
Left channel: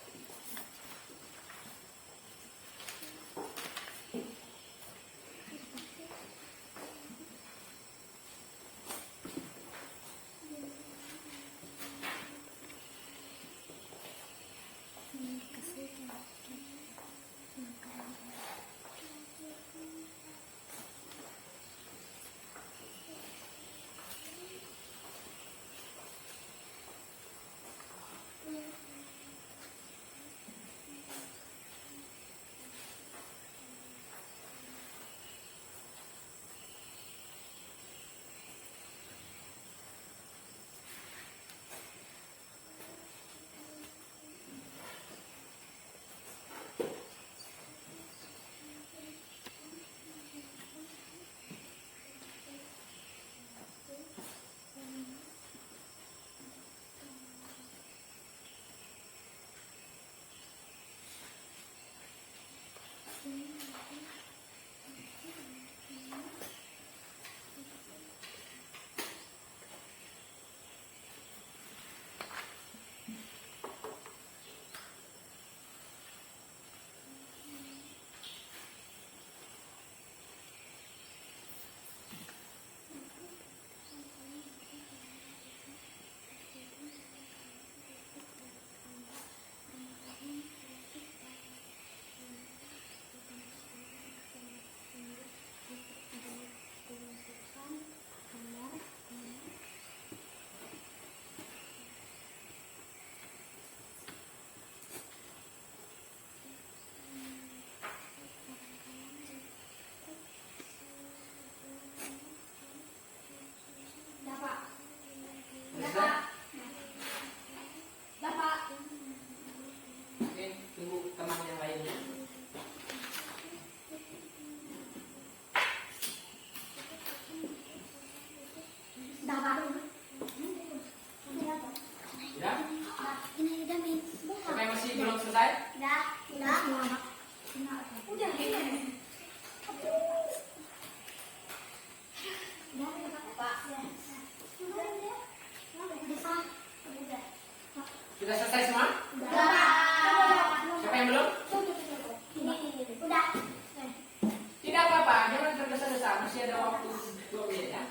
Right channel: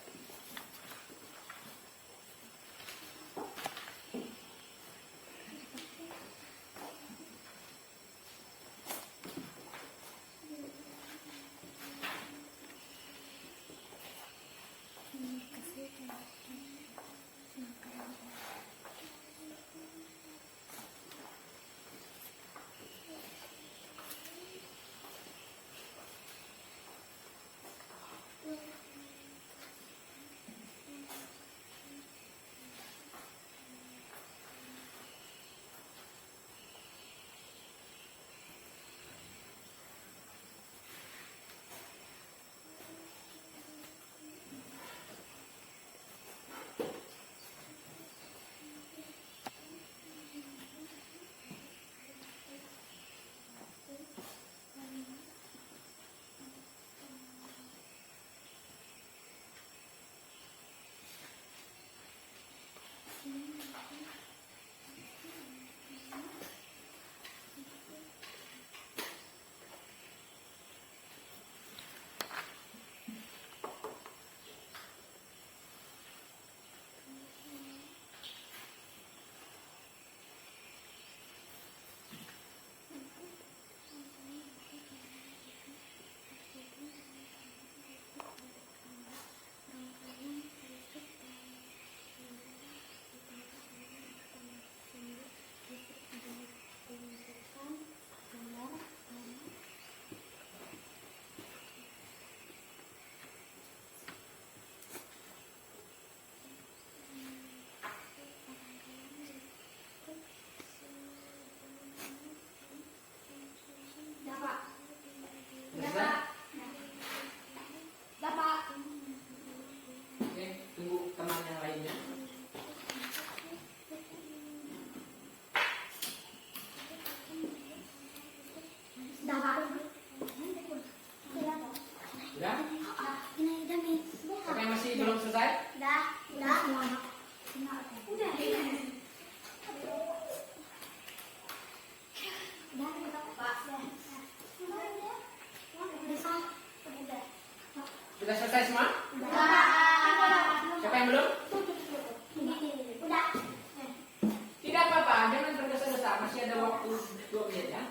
masih ada waktu 2 menit ya.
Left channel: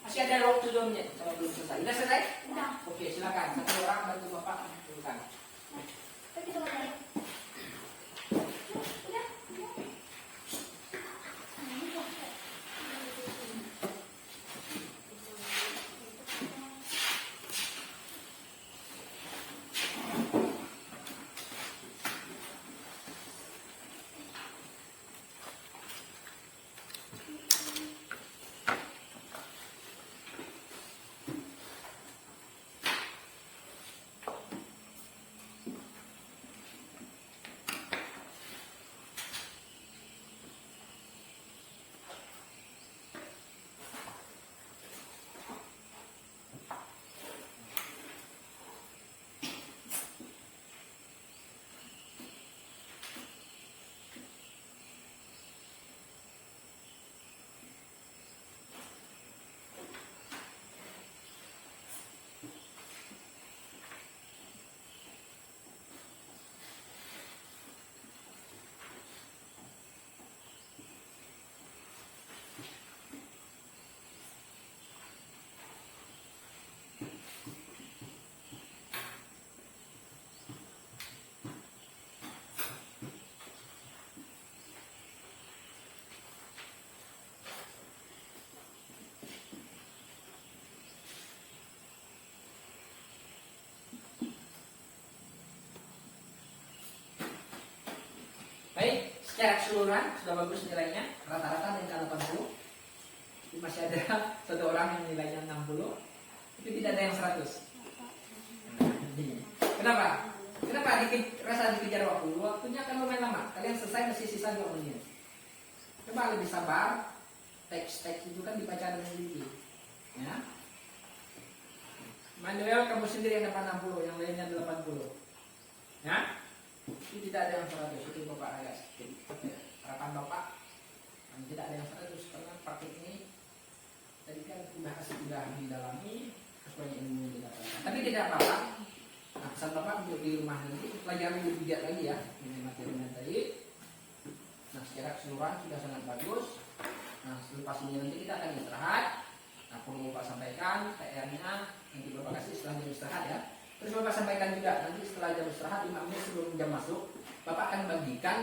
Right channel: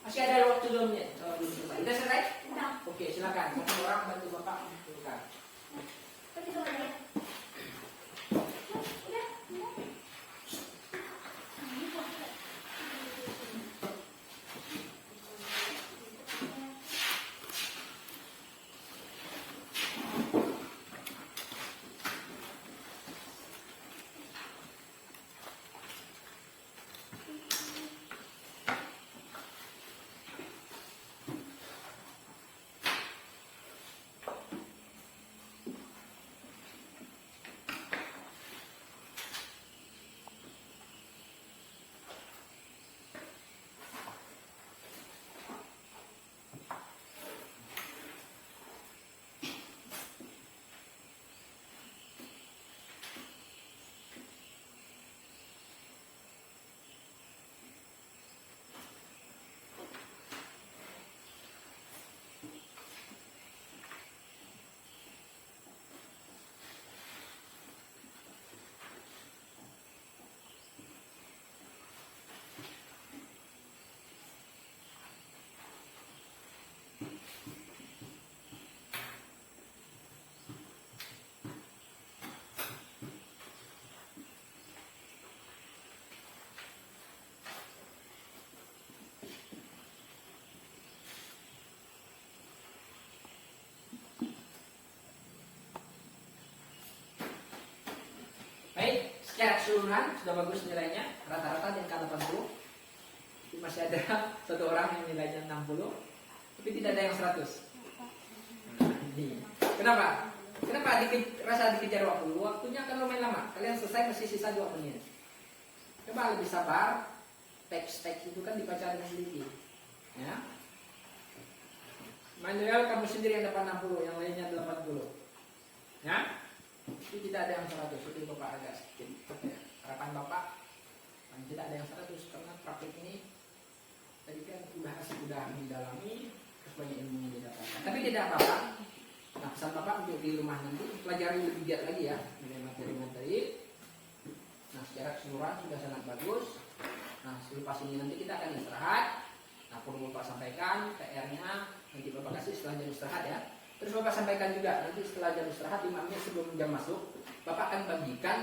Masih ada waktu 2 menit kalau belum selesai. Sudah selesai? Udah. Oke, silakan. Satu orang bantu Bapak menentukan. Baik, secara keseluruhan sudah bagus nilainya, rata-rata di angka 80. Tapi masih ada satu orang yang nilainya 60, tapi tidak ada yang 100. Kenapa? Kenapa rasa dikejar waktu? Waktunya akan lumayan lama. Kalian selesai masih sisa 2 menit. Coba lebih sabar. Teks-teks itu kan dibaca dengan teliti. Ya. Manuel kamu sendiri yang dapat 60, yang lainnya 80. Ya. Itu tidak ada yang 100. Itu Bapak agak sedikit harapan Bapak. Tidak ada yang 100 karena praktik ini tadi kan sudah didalami, banyak ilmu yang didapatkan. Tapi tidak apa-apa. Nah, pesan Bapak untuk di rumah nanti pelajari lebih giat lagi ya dengan materi-materi. Nah, secara keseluruhan sudah sangat bagus. Nah, selepas ini nanti kita akan istirahat. Nah, perlu Bapak sampaikan PR-nya nanti Bapak kasih setelah jam istirahat ya. Terus Bapak sampaikan juga nanti setelah jam istirahat 5 menit sebelum jam masuk, Bapak akan bagikan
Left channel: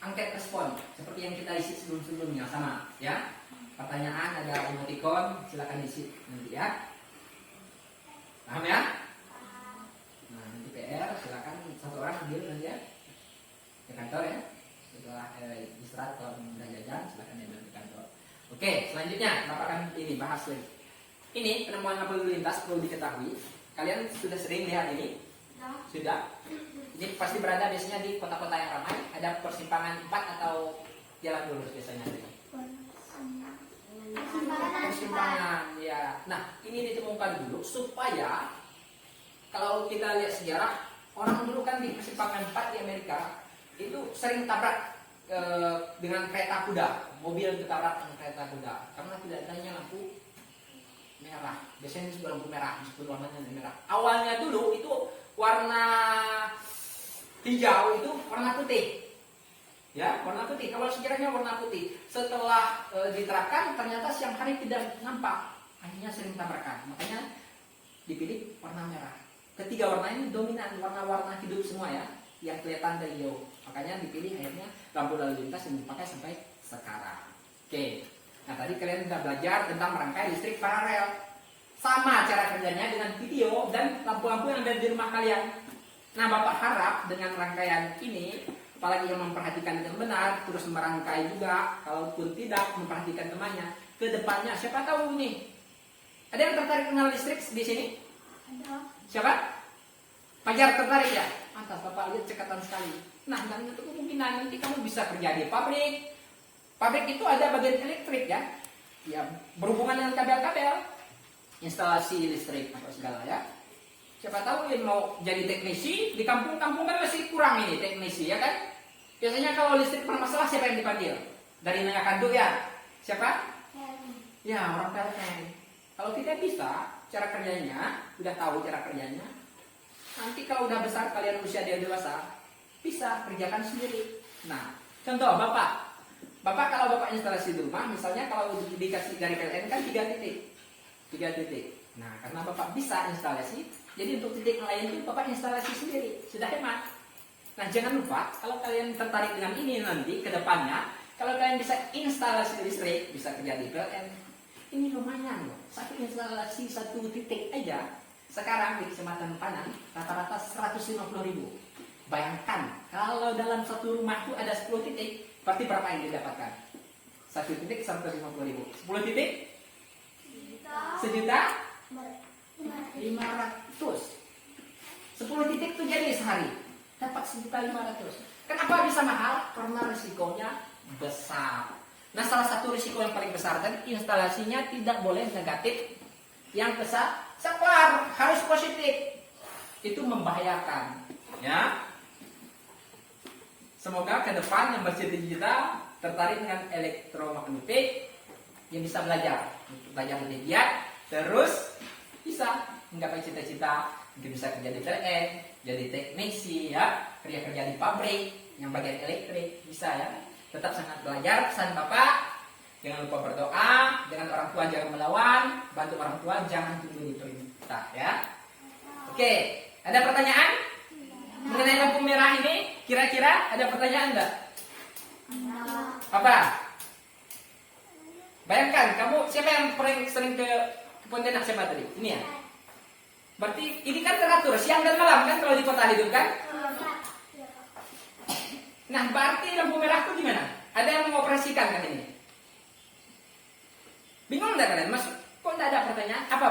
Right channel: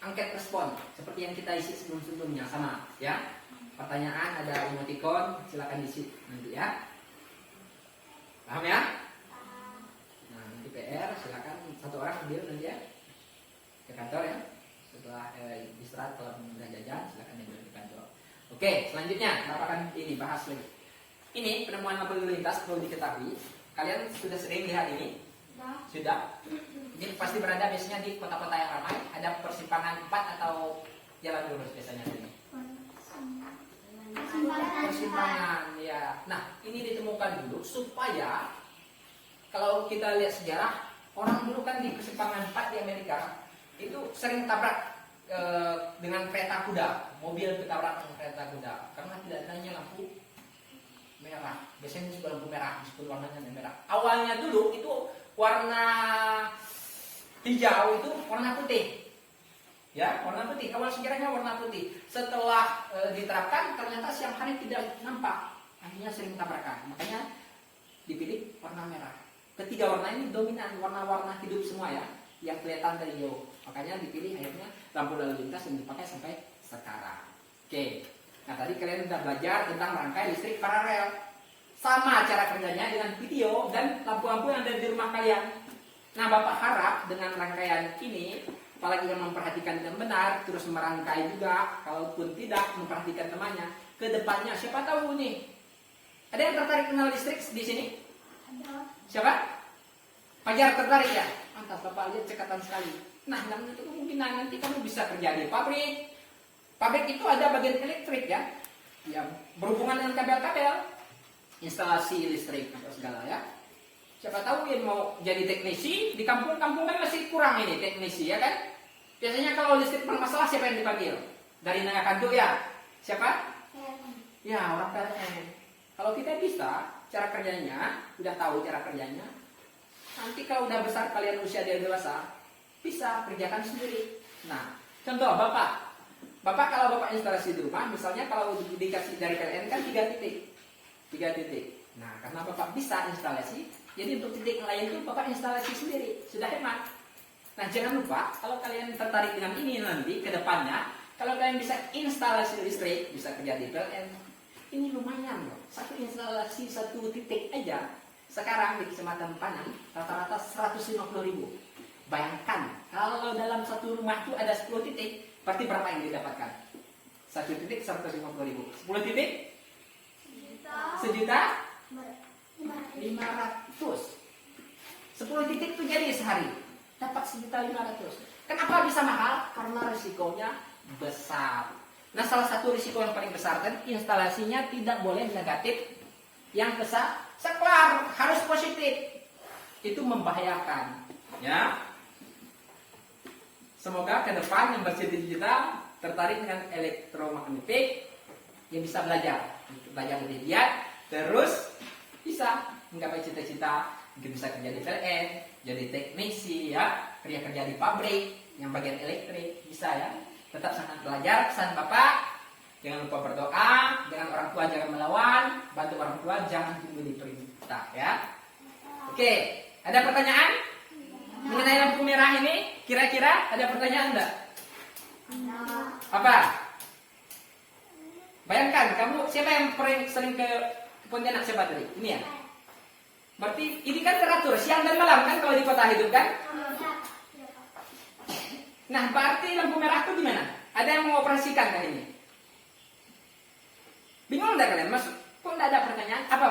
angket respon seperti yang kita isi sebelum-sebelumnya sama ya. Pertanyaan ada emoticon, silakan isi nanti ya. Paham ya? Nah, nanti PR silakan satu orang ambil nanti ya ke kantor ya. Setelah istirahat kalau sudah jajan silakan ambil ke kantor. Oke, selanjutnya Bapak akan ini bahas lagi. Ini penemuan lampu lalu lintas perlu diketahui. Kalian sudah sering lihat ini? Sudah. Ini pasti berada biasanya di kota-kota yang ramai. Ada persimpangan 4 atau jalan lurus biasanya ini. Persimpangan ya. Nah, ini ditemukan dulu supaya kalau kita lihat sejarah, orang dulu kan di persimpangan 4 di Amerika itu sering tabrak dengan kereta kuda, mobil ditabrak dengan kereta kuda karena tidak adanya lampu merah. Biasanya juga lampu merah, disebut warnanya merah. Awalnya dulu itu warna hijau itu warna putih. Ya, warna putih. Awal sejarahnya warna putih. Setelah diterapkan ternyata siang hari tidak nampak. Akhirnya sering tabrakan. Makanya dipilih warna merah. Ketiga warna ini dominan, warna-warna hidup semua ya, yang kelihatan dari jauh. Makanya dipilih akhirnya lampu lalu lintas yang dipakai sampai sekarang. Oke. Nah, tadi kalian sudah belajar tentang merangkai listrik paralel. Sama cara kerjanya dengan video dan lampu-lampu yang ada di rumah kalian. Nah, Bapak harap dengan rangkaian ini, apalagi yang memperhatikan dengan benar, terus merangkai juga, kalaupun tidak memperhatikan temannya, ke depannya siapa tahu nih. Ada yang tertarik kenal listrik di sini? Siapa? Fajar tertarik ya? Mantap, Bapak lihat cekatan sekali. Nah, itu kemungkinan nanti kamu bisa kerja di pabrik. Pabrik itu ada bagian elektrik ya, ya berhubungan dengan kabel-kabel, instalasi listrik atau segala ya. Siapa tahu yang mau jadi teknisi di kampung-kampung kan masih kurang ini teknisi ya kan? Biasanya kalau listrik bermasalah siapa yang dipanggil? Dari Nanya Kanduk ya? Siapa? Ya orang PLN. Kalau kita bisa cara kerjanya, udah tahu cara kerjanya, nanti kalau udah besar kalian usia dewasa bisa kerjakan sendiri. Nah, contoh Bapak Bapak kalau Bapak instalasi di rumah, misalnya kalau dikasih dari PLN kan 3 titik. 3 titik. Nah, karena Bapak bisa instalasi, jadi untuk titik lain itu Bapak instalasi sendiri. Sudah hemat. Nah, jangan lupa kalau kalian tertarik dengan ini nanti ke depannya, kalau kalian bisa instalasi listrik, bisa kerja di PLN, ini lumayan loh. Satu instalasi 1 titik aja, sekarang di Kecamatan Panang, rata-rata 150.000. Bayangkan, kalau dalam satu rumah itu ada 10 titik, berarti berapa yang didapatkan? 1 titik 150.000. 10 titik? 1.500.000. 10 titik itu jadi sehari dapat 1.500.000. Kenapa bisa mahal? Karena risikonya besar. Nah, salah satu risiko yang paling besar tadi instalasinya tidak boleh negatif. Yang besar saklar harus positif. Itu membahayakan, ya. Semoga ke depan yang bercita-cita tertarik dengan elektromagnetik yang bisa belajar lebih giat, terus bisa menggapai cita-cita, mungkin bisa kerja di PLN, jadi teknisi, ya, kerja di pabrik yang bagian elektrik, bisa ya. Tetap sangat belajar. Pesan Bapak, jangan lupa berdoa, dengan orang tua jangan melawan, bantu orang tua jangan tunggu diperintah, ya. Oke, ada pertanyaan mengenai lampu merah ini? Kira-kira ada pertanyaan enggak? Apa? Bayangkan, kamu siapa yang sering ke Pontianak siapa tadi? Ini ya? Berarti ini kan teratur siang dan malam kan kalau di kota hidup kan? Nah, berarti lampu merah itu di mana? Ada yang mengoperasikan kan ini? Bingung enggak kalian? Mas, kok enggak ada pertanyaan? Apa?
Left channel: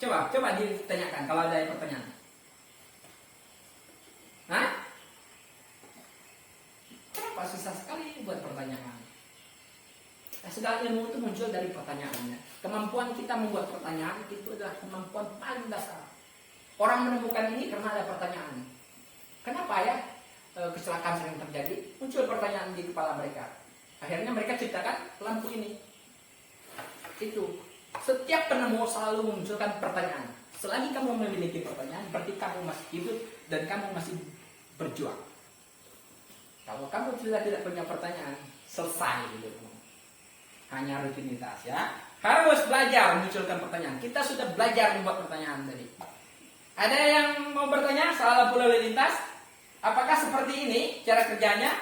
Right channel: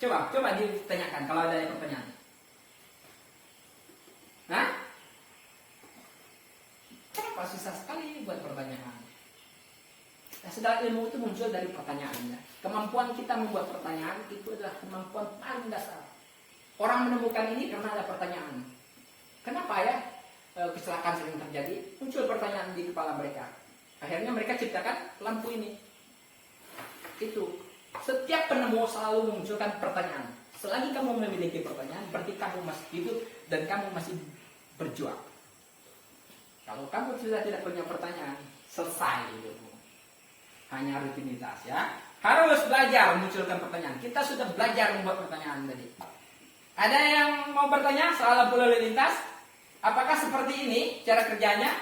Coba ditanyakan kalau ada pertanyaan. Hah? Kenapa susah sekali buat pertanyaan? Nah, segala ilmu itu muncul dari pertanyaannya. Kemampuan kita membuat pertanyaan itu adalah kemampuan paling dasar. Orang menemukan ini karena ada pertanyaan. Kenapa ya kecelakaan sering terjadi? Muncul pertanyaan di kepala mereka. Akhirnya mereka ciptakan lampu ini. Itu. Setiap penemu selalu memunculkan pertanyaan. Selagi kamu memiliki pertanyaan, berarti kamu masih hidup dan kamu masih berjuang. Kalau kamu sudah tidak punya pertanyaan, selesai hidupmu. Hanya rutinitas, ya. Harus belajar memunculkan pertanyaan. Kita sudah belajar membuat pertanyaan tadi. Ada yang mau bertanya soal lampu lalu lintas? Apakah seperti ini cara kerjanya?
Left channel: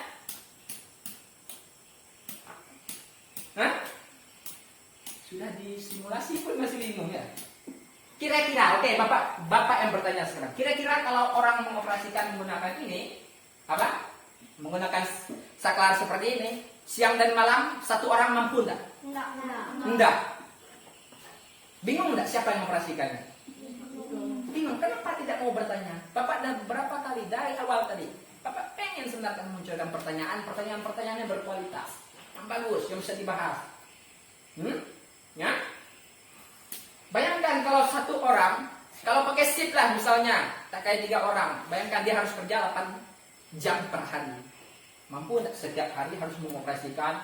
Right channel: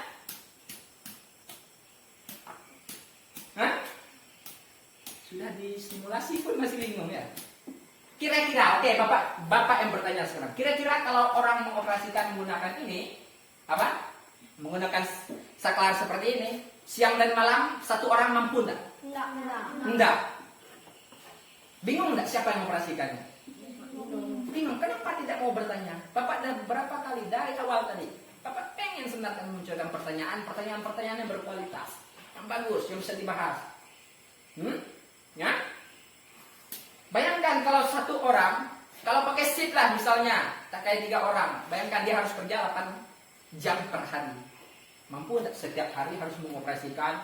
Hah? Sudah disimulasi pun masih bingung ya? Kira-kira, oke, Bapak yang bertanya sekarang. Kira-kira kalau orang mengoperasikan menggunakan ini, apa? Menggunakan saklar seperti ini, siang dan malam satu orang mampu enggak? Enggak. Bingung enggak siapa yang mengoperasikannya? Bingung. Kenapa tidak mau bertanya? Bapak dah berapa kali dari awal tadi? Bapak pengen sebenarnya memunculkan pertanyaan-pertanyaan yang berkualitas, yang bagus, yang bisa dibahas. Ya? Bayangkan kalau satu orang, kalau pakai shift lah misalnya, tak kayak 3 orang, bayangkan dia harus kerja 8 jam per hari. Mampu tidak setiap hari harus mengoperasikan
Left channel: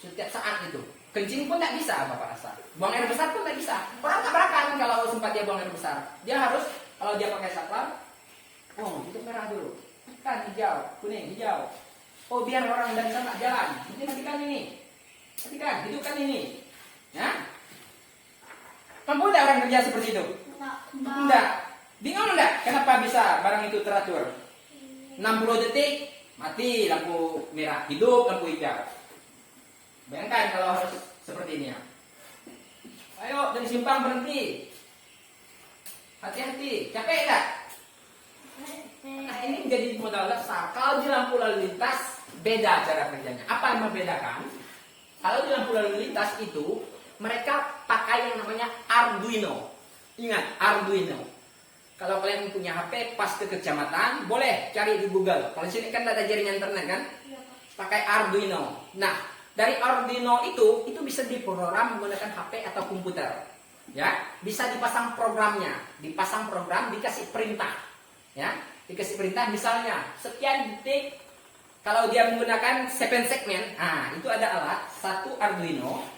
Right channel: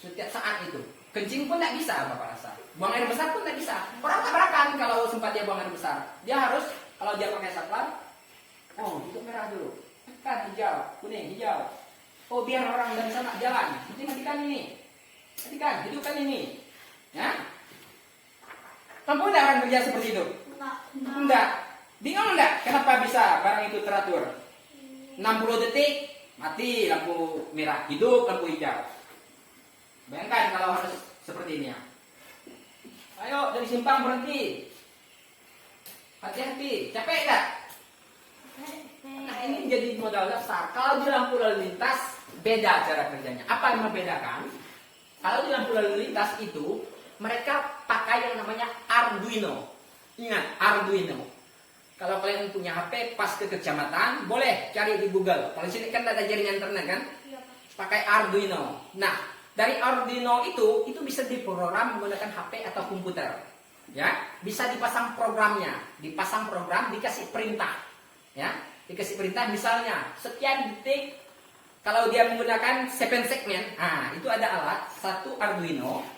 setiap saat itu? Kencing pun tidak bisa Bapak rasa. Buang air besar pun tidak bisa. Orang tabrakan kalau sempat dia buang air besar. Dia harus, kalau dia pakai saklar, itu merah dulu. Kan hijau, kuning, hijau. Oh, biar orang dari sana jalan. Matikan ini. Matikan, hidupkan ini. Ya? Mampu tidak orang kerja seperti itu? Enggak. Bingung enggak kenapa bisa barang itu teratur? 60 detik mati lampu merah, hidup lampu hijau. Bayangkan kalau harus seperti ini ya. Ayo dari simpang berhenti. Hati-hati, capek enggak? Nah, ini jadi modal dasar. Kalau di lampu lalu lintas beda cara kerjanya. Apa yang membedakan? Kalau di lampu lalu lintas itu mereka pakai yang namanya Arduino. Ingat, Arduino. Kalau kalian punya HP pas ke kecamatan, boleh cari di Google. Kalau sini kan ada jaringan internet kan? Pakai Arduino. Nah, dari Arduino itu bisa diprogram menggunakan HP atau komputer. Ya, bisa dipasang programnya. Dipasang program, dikasih perintah. Ya, dikasih perintah misalnya sekian detik. Kalau dia menggunakan 7 segmen, itu ada alat satu Arduino.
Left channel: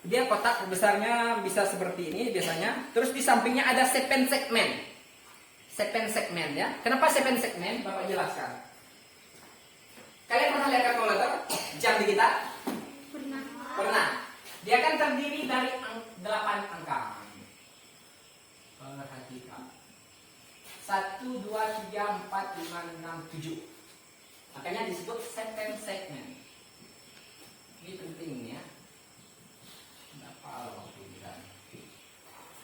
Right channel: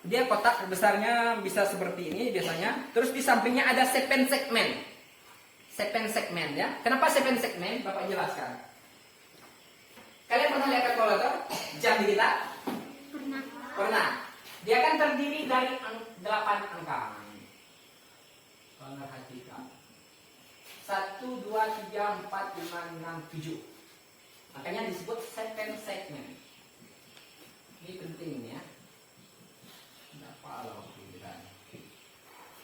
Dia kotak besarnya bisa seperti ini biasanya. Terus di sampingnya ada 7 segmen. 7 segmen ya. Kenapa 7 segmen? Bapak jelaskan. Kalian pernah lihat kalkulator jam digital? Pernah. Dia kan terdiri dari 8 angka. Perhatikan. 1, 2, 3, 4, 5, 6, 7. Makanya disebut second segment. Ini penting ya.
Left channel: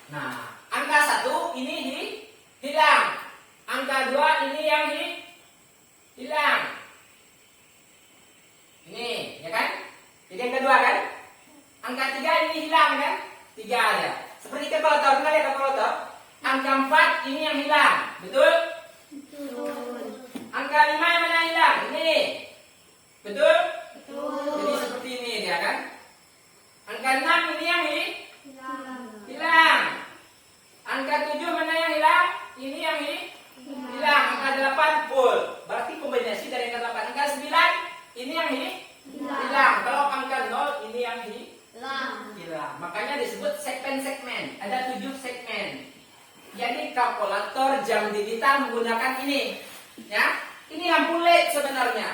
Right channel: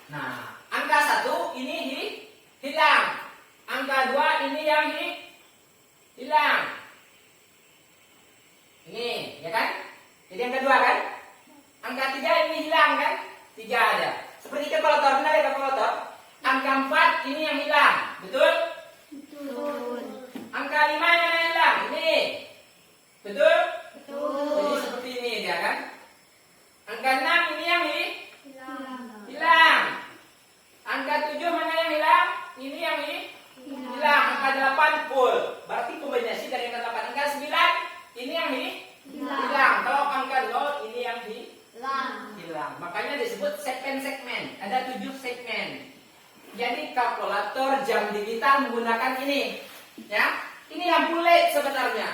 Nah, angka 1 ini hilang. Angka 2 ini yang hilang. Ini, ya kan? Jadi angka 2 kan? Angka 3 ini hilang kan? 3 ada. Seperti kalkulator, benar ya kalkulator? Angka 4 ini yang hilang. Betul? Betul. Angka 5 yang mana hilang? Ini. Betul? Betul. Jadi seperti ini dia kan? Angka 6 ini yang Hilang. hilang. Angka 7 mana yang hilang? Ini yang hilang. Angka 8 full. Berarti kombinasi dari angka 8. Angka 9 ini yang hilang. Kalau angka 0 ini yang hilang. Makanya disebut segmen. Ada 7 segmen. Jadi kalkulator jam digital menggunakan ini. Ya, ini lampu LED sebenarnya.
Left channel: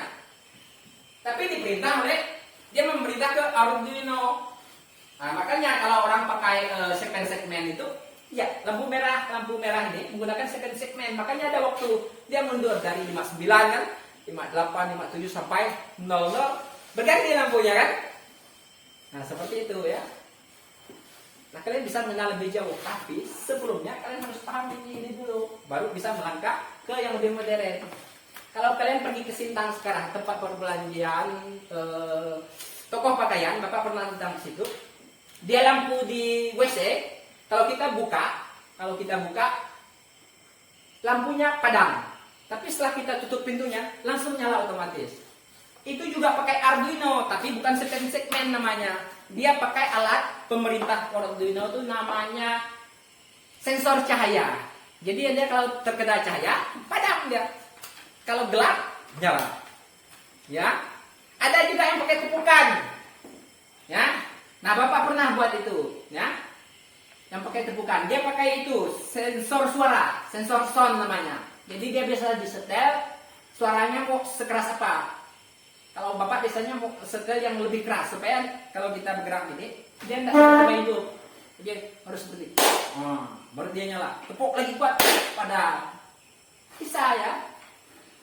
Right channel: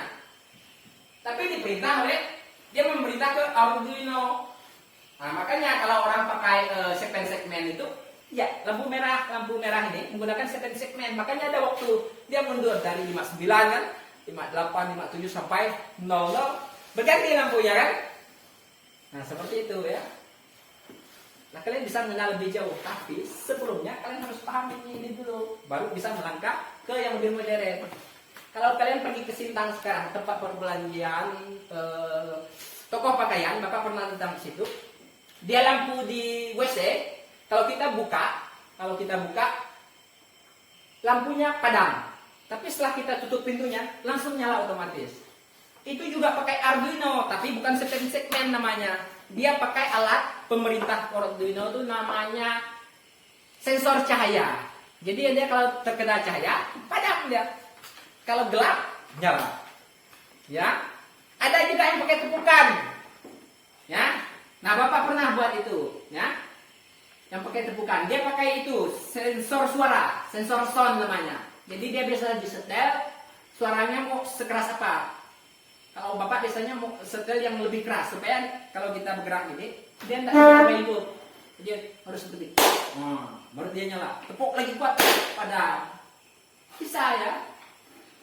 Tapi diperintah oleh dia memerintah ke Arduino. Nah, makanya kalau orang pakai segmen itu, ya lampu merah ini menggunakan segmen. Makanya ada waktu dia mundur dari 59 kan, 58, 57 sampai 00 berganti lampunya kan. Nah seperti itu ya. Nah kalian bisa mengenal lebih jauh, tapi sebelumnya kalian harus paham ini dulu, baru bisa melangkah ke yang lebih modern. Kalau kalian pergi ke Sintang sekarang, tempat perbelanjaan, toko pakaian, Bapak pernah datang ke situ. Dia lampu di WC, kalau kita buka, lampunya padam. Tapi setelah kita tutup pintunya, langsung nyala otomatis. Itu juga pakai Arduino, tapi bukan segmen namanya. Dia pakai alat pemerintah Arduino itu namanya sensor cahaya. Jadi dia kalau terkena cahaya, padam dia. Kalau gelap, nyala. Ya. Ada juga yang pakai tepukan. Ya. Nah, Bapak pernah buat itu, ya. Yang pakai tepukan, dia pakai itu sensor suara, sensor sound namanya. Jadi dia bisa disetel suaranya mau sekeras apa. Kalau Bapak biasanya mau setel yang lebih keras supaya kalau kita bergerak ini dia tidak sampai itu. Dia harus seperti baru dia nyala. Tepuk lagi kuat pada bisa ya.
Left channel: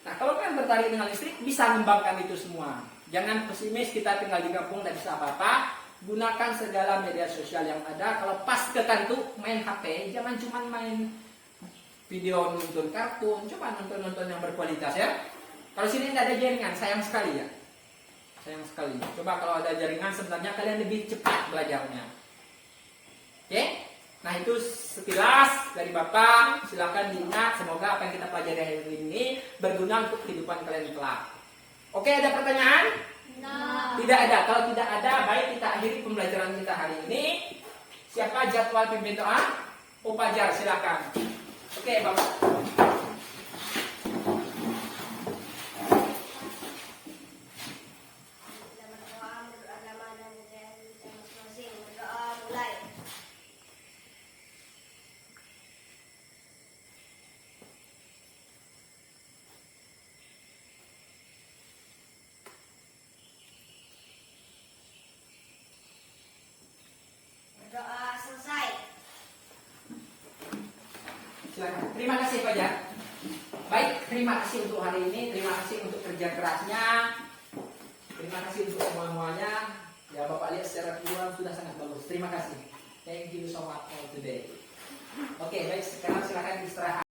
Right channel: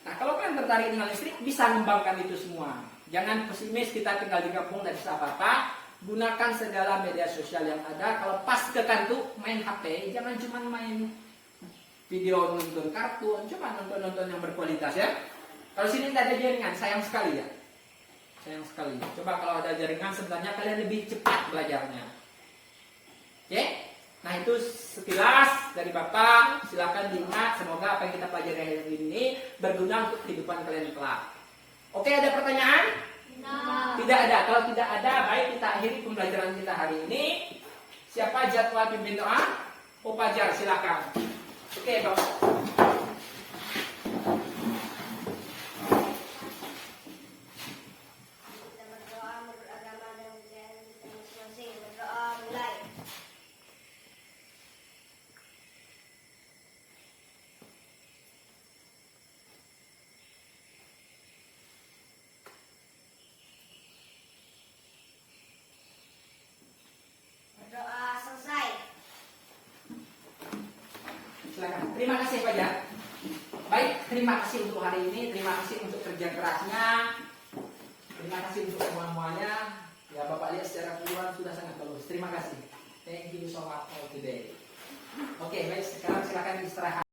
Nah, kalau kalian tertarik dengan listrik bisa mengembangkan itu semua. Jangan pesimis kita tinggal di kampung tidak bisa apa-apa. Gunakan segala media sosial yang ada. Kalau pas ke kantuk main HP, jangan cuma main video nonton kartun, coba nonton yang berkualitas ya. Kalau sini nggak ada jaringan, sayang sekali ya. Sayang sekali. Coba kalau ada jaringan sebenarnya kalian lebih cepat belajarnya. Oke? Nah itu sekilas dari Bapak. Silakan diingat. Semoga apa yang kita pelajari hari ini berguna untuk kehidupan kalian kelak. Oke, ada pertanyaan? Tidak ada. Kalau tidak ada, baik kita akhiri pembelajaran kita hari ini. Siapa jadwal pimpin doa? Upajar, silakan. Oke, Bapak. Doa selesai. Silakan. Terima kasih Pak Jan. Baik, terima kasih untuk hari ini. Terima kasih untuk kerja kerasnya. Terima kasih untuk semuanya. Ya Bapak lihat secara keseluruhan sudah sangat bagus. Terima kasih. Thank you so much for today. Oke, baik sekarang silakan istirahat.